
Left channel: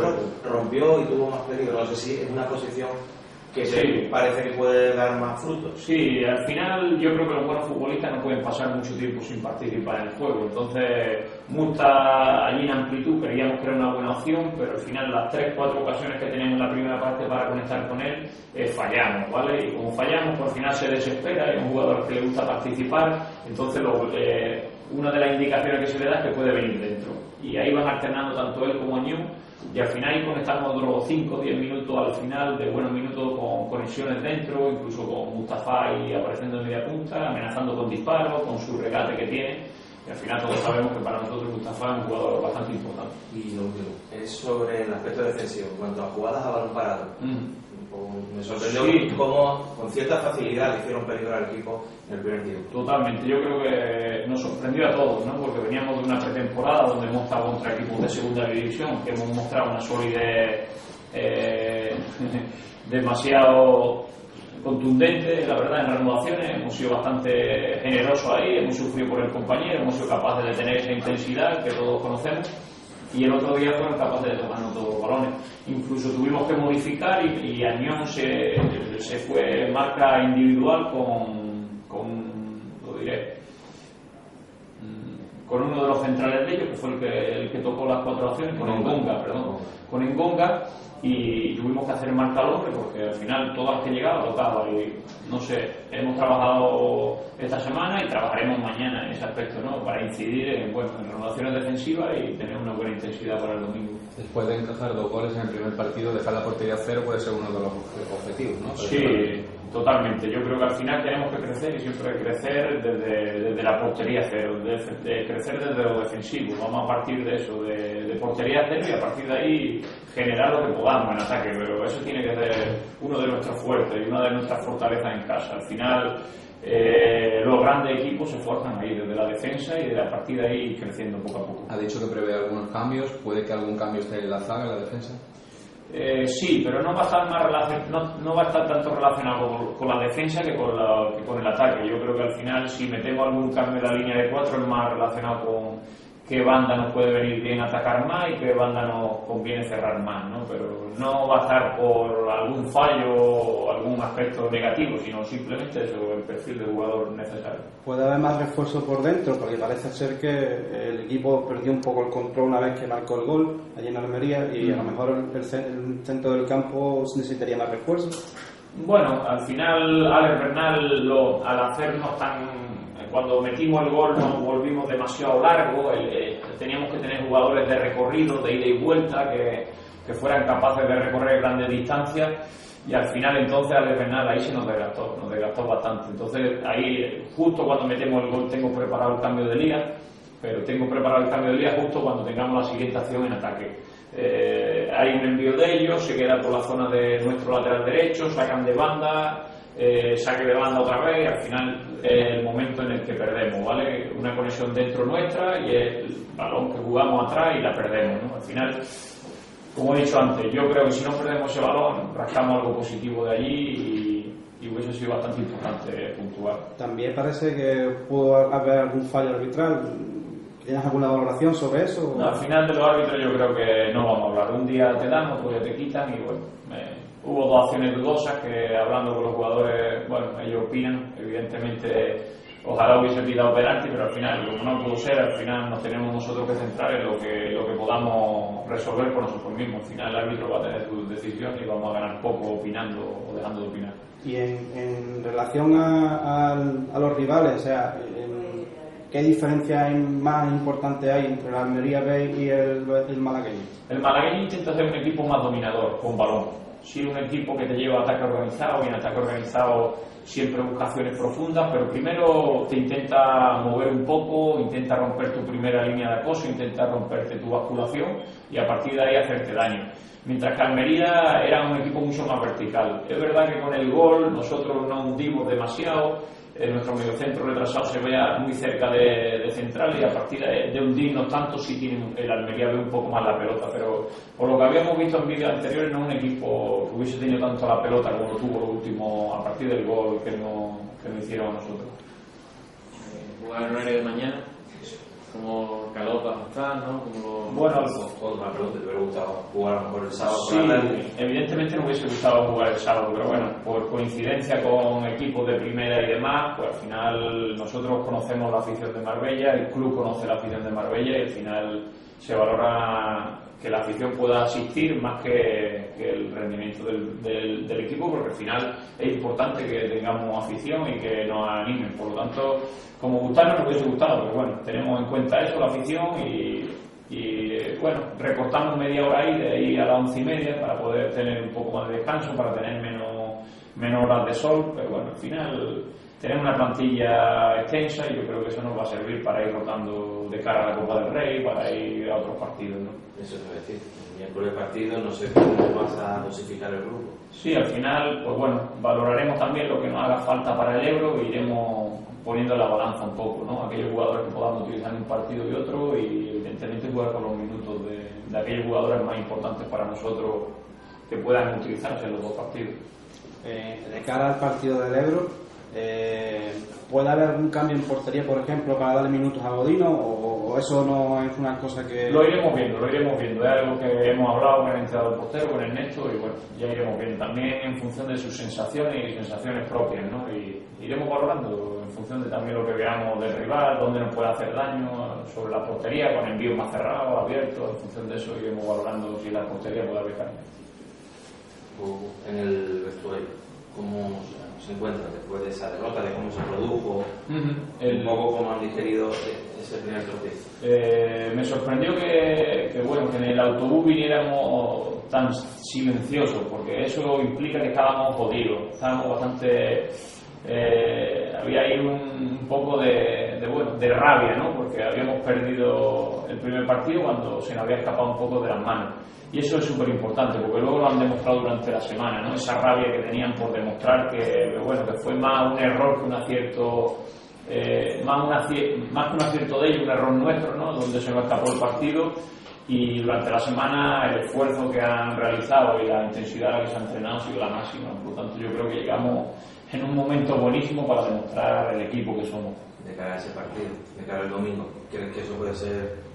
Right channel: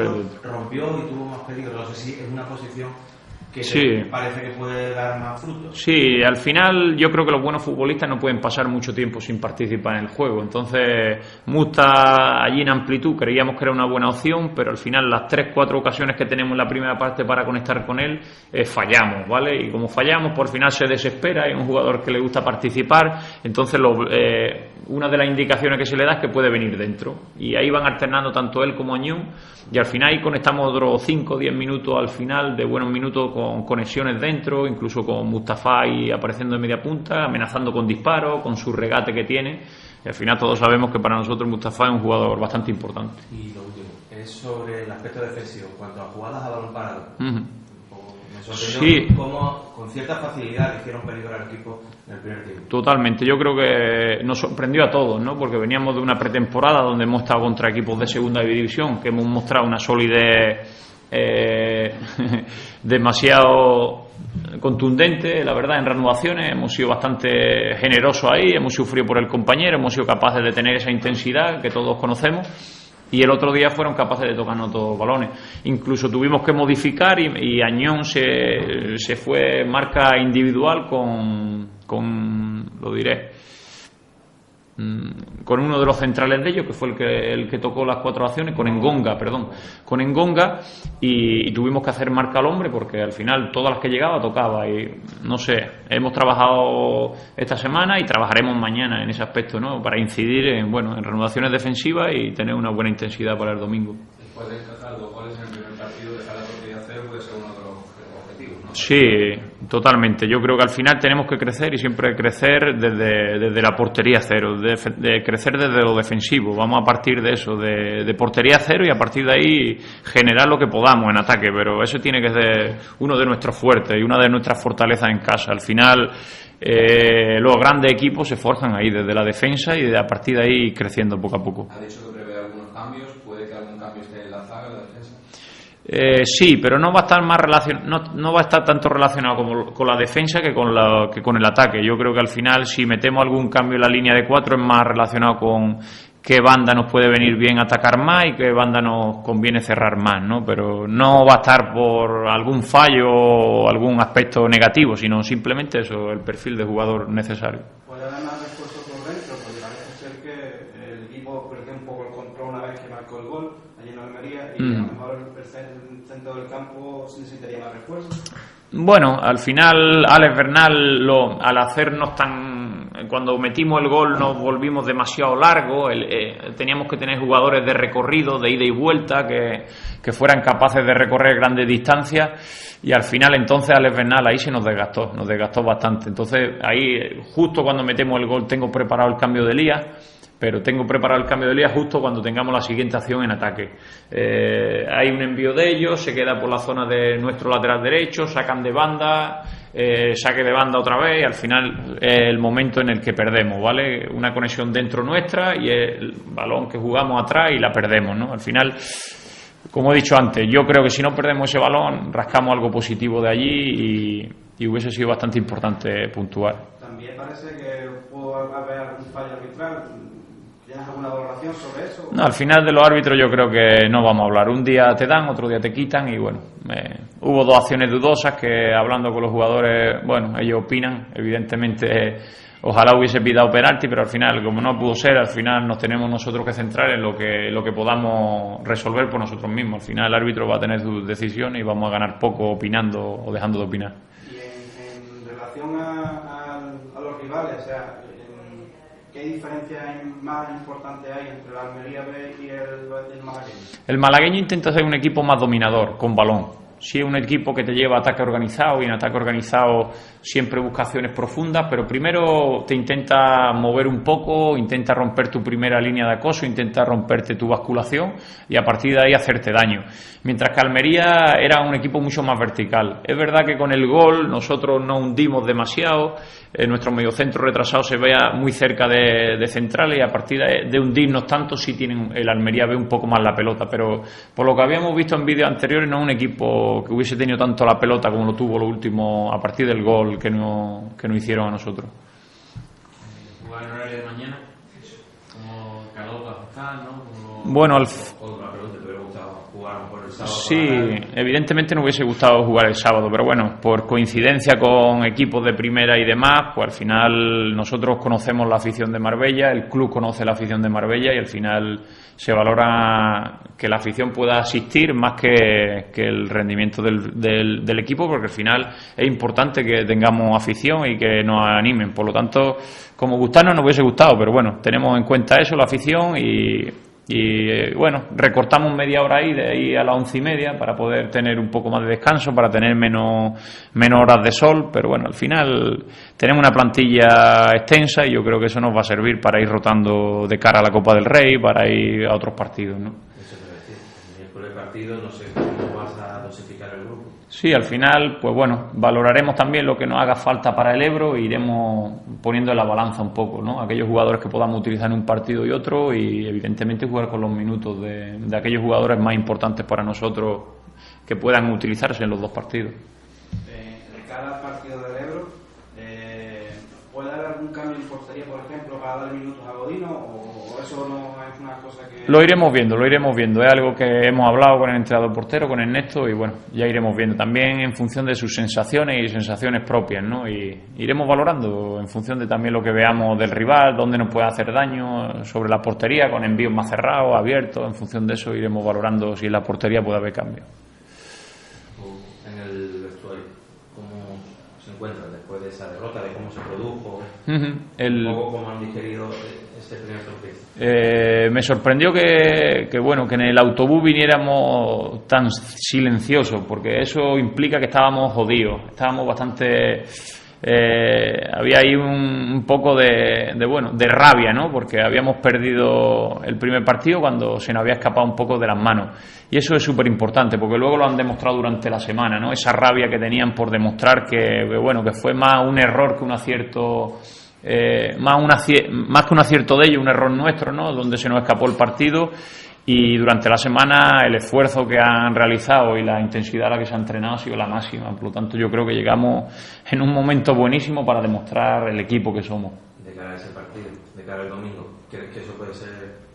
rompió y tuvo más peligro. No sé si es una posición que sí, parece que puede dar más frutos. Sí, al final yo creo que los buenos futbolistas no pueden pasar mucho tiempo sin participar en el juego. Entonces, Musta allí en amplitud creíamos que era una buena opción, pero al final las 3-4 ocasiones que tenemos en la primera parte para conectar con él, fallamos, ¿vale? Y como fallamos, por final se desespera, es un jugador que le gusta participar, entonces una de las indicaciones que se le da es que puede venir dentro. Y ahí van alternando tanto él como Añón, y al final ahí conectamos otros 5 o 10 minutos al final, de buenos minutos con conexiones dentro, incluso con Mustafa y apareciendo en media punta, amenazando con disparos, con su regate que tiene. Y al final todos sabemos que para nosotros Mustafa es un jugador bastante importante. Y lo último, es sobre el aspecto defensivo, en cuanto a jugadas a balón parado. Me sorprendió cómo con cierta facilidad hicieron peligro al equipo en el primer tiempo. Totalmente, yo creo que nos sorprendió a todos, ¿no? Porque veníamos de una pretemporada donde hemos estado contra equipos de segunda división, que hemos mostrado una solidez demasiado contundente, la verdad, en renovaciones. Hemos sido bastante generosos ahí, hemos sufrido por el compañero, hemos sido capaces de tener esa intensidad que todos conocemos. Y el otro día fueron capaces de tocarnos todos los balones. Incluso tuvimos que modificar y Añón se fue marca individual con lo diré, con uno de los centrales de ellos, que fue el que tocó las 4 acciones, con Engonga, y tuvimos que hacer marca al hombre, porque al final todas las que llegaba tocaba, y no sé, hemos trabajado esta semana y trabajaremos mañana en ese aspecto, ¿no? Para incidir en renovaciones defensivas y tener una buena intensidad para el domingo. Después de encajar 2 goles en el primer partido, dejar la portería a 0 puede ser uno de los objetivos, ¿no? Sí, totalmente. Yo creo que al final tenemos que crecer, y siempre crecer desde la portería 0, de crecer desde lo defensivo. Vamos a partir de eso, de portería 0, y a partir de ahí generar lo que podamos en ataque, pero eso tiene que ser uno de nuestros fuertes y una de nuestras fortalezas en casa. Al final los grandes equipos se forjan ahí desde la defensa y a partir de ahí creciendo poco a poco. Ha dicho que prevé algunos cambios, ¿puede que algún cambio esté en la zaga, en la defensa? Sí, pero no va a estar no va a estar tanto relacionado con la defensa que con el ataque. Yo creo que al final, si metemos algún cambio en la línea de 4, es más relacionado con qué banda nos puede venir bien atacar más y qué banda nos conviene cerrar más, ¿no? Pero no va a estar por algún fallo o algún aspecto negativo, sino simplemente eso, el perfil de jugador necesario. ¿Puede haber más refuerzo por dentro? Porque parece ser que el equipo perdió un poco el control una vez que marcó el gol allí en Almería y a lo mejor el centro del campo necesitaría más refuerzo. Bueno, al final Alex Bernal, al hacernos cuando metimos el gol nos volvimos demasiado largos, teníamos que tener jugadores de recorrido, de ida y vuelta, que fueran capaces de recorrer grandes distancias, y al final entonces Alex Bernal ahí se nos desgastó bastante. Entonces ahí, justo cuando metemos el gol, tengo preparado el cambio de Elías, pero tengo preparado el cambio de Elías justo cuando tengamos la siguiente acción en ataque. Hay un envío de ellos, se queda por la zona de nuestro lateral derecho, sacan de banda, saque de banda otra vez, y al final es el momento en el que perdemos, ¿vale? Una conexión dentro nuestra y el balón que jugamos atrás y la perdemos, ¿no? Al final, como he dicho antes, yo creo que si no perdemos ese balón, rascamos algo positivo de allí y hubiese sido bastante importante puntuar. También parece que pudo haber algún fallo arbitral. ¿Tienes alguna valoración sobre eso? No, al final de los árbitros yo creo que no vamos a hablar. Un día te dan, otro día te quitan y bueno, hubo 2 acciones dudosas que, hablando con los jugadores, bueno, ellos opinan. Evidentemente ojalá hubiese pitado penalti, pero al final, como no pudo ser, al final nos tenemos nosotros que centrar en lo que podamos resolver por nosotros mismos. Al final el árbitro va a tener sus decisiones y vamos a ganar poco opinando o dejando de opinar. Y en relación a los rivales, o sea, ¿qué diferencia más importante hay entre la Almería B y el malagueño? El malagueño intenta ser un equipo más dominador, con balón. Sí, un equipo que te lleva a ataque organizado, y en ataque organizado siempre busca acciones profundas, pero primero te intenta mover un poco, intenta romper tu primera línea de acoso, intenta romperte tu basculación y a partir de ahí hacerte daño. Mientras que Almería era un equipo mucho más vertical. Es verdad que con el gol nosotros no hundimos demasiado, nuestro mediocentro retrasado se vea muy cerca de centrales, y a partir de hundirnos tanto sí tienen, el Almería ve un poco más la pelota, pero por lo que habíamos visto en vídeos anteriores no es un equipo que hubiese tenido tanto la pelota como lo tuvo lo último a partir del gol que nos hicieron a nosotros. ¿Jugar el horario de mañana? Como Calota, ¿no? Bueno, la pelota te hubiera gustado jugar a lo mejor el sábado. Sí, evidentemente no hubiese gustado jugar el sábado, pero bueno, por coincidencia con equipos de primera y demás, pues al final nosotros conocemos la afición de Marbella, el club conoce la afición de Marbella y al final se valora que la afición pueda asistir más que el rendimiento del equipo, porque al final es importante que tengamos afición y que nos animen. Por lo tanto, como gustarnos nos hubiese gustado, pero bueno, tenemos en cuenta eso, la afición, y bueno, recortamos media hora ahí, de ahí a las 11:30, para poder tener un poco más de descanso, para tener menos horas de sol, pero bueno, al final tenemos una plantilla extensa y yo creo que eso nos va a servir para ir rotando de cara a la Copa del Rey, para ir a otros partidos, ¿no? Eso es decir, el miércoles partido, no sé cómo vas a dosificar el grupo. Sí, al final, pues bueno, valoraremos también lo que nos haga falta para el Ebro e iremos poniendo en la balanza un poco, ¿no? Aquellos jugadores que podamos utilizar en un partido y otro, y evidentemente jugar con los minutos de aquellos jugadores más importantes para nosotros que puedan utilizarse en los 2 partidos. De cara al partido del Ebro, ¿puede haber algún cambio en portería, por ejemplo, para darle minutos a Godino, o eso no es una cosa que...? Lo iremos viendo, es algo que hemos hablado con el entrenador portero, con Ernesto, y bueno, ya iremos viendo también en función de sus sensaciones y sensaciones propias, ¿no? Y iremos valorando en función de también lo que veamos del rival, dónde nos puede hacer daño sobre la portería, con envíos más cerrados, abiertos. En función de eso iremos valorando si en la portería puede haber cambio. En el vestuario, ¿cómo se encuentra después de esa derrota, de cómo se produjo? Un poco cómo han digerido ese primer tropiezo. Me sorprendió que en el autobús viniéramos tan silenciosos, porque eso implica que estábamos jodidos, estábamos bastante... había ahí un poco de rabia, ¿no? Porque habíamos perdido el primer partido cuando se nos había escapado un poco de las manos, y eso es súper importante porque luego lo han demostrado durante la semana, ¿no? Esa rabia que tenían por demostrar que fue más un error que un acierto, más que un acierto de ellos, un error nuestro, ¿no? Donde se nos escapó el partido. y durante la semana el esfuerzo que han realizado y la intensidad a la que se ha entrenado ha sido la máxima. Por lo tanto, yo creo que llegamos en un momento buenísimo para demostrar el equipo que somos. De cara a ese partido, de cara al domingo, ¿crees que eso puede ser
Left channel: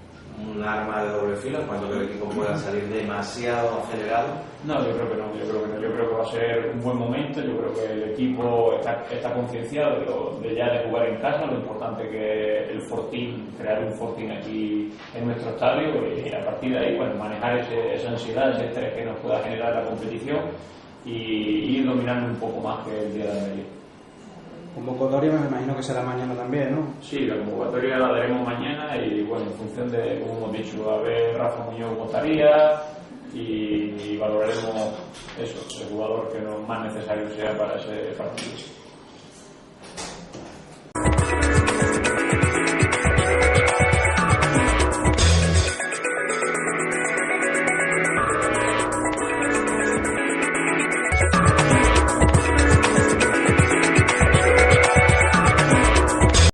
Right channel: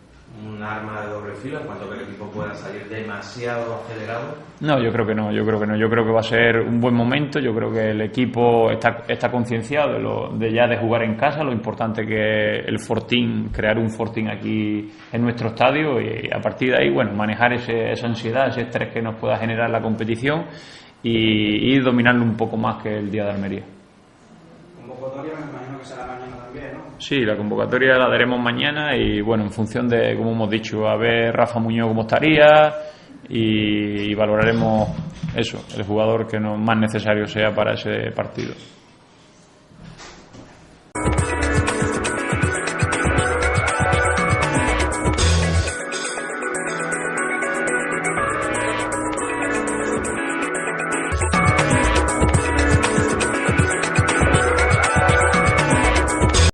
un arma de doble filo en cuanto que el equipo pueda salir demasiado acelerado? No, yo creo que no. Yo creo que va a ser un buen momento. Yo creo que el equipo está concienciado de ya de jugar en casa, lo importante que el fortín, crear un fortín aquí en nuestro estadio, y a partir de ahí, bueno, manejar esa ansiedad, ese estrés que nos pueda generar la competición y ir dominando un poco más que el día de Almería. Convocatoria me imagino que será mañana también, ¿no? Sí, la convocatoria la daremos mañana y bueno, en función de, como hemos dicho, a ver Rafa Muñoz cómo estaría y valoraremos eso, el jugador que más necesario sea para ese partido.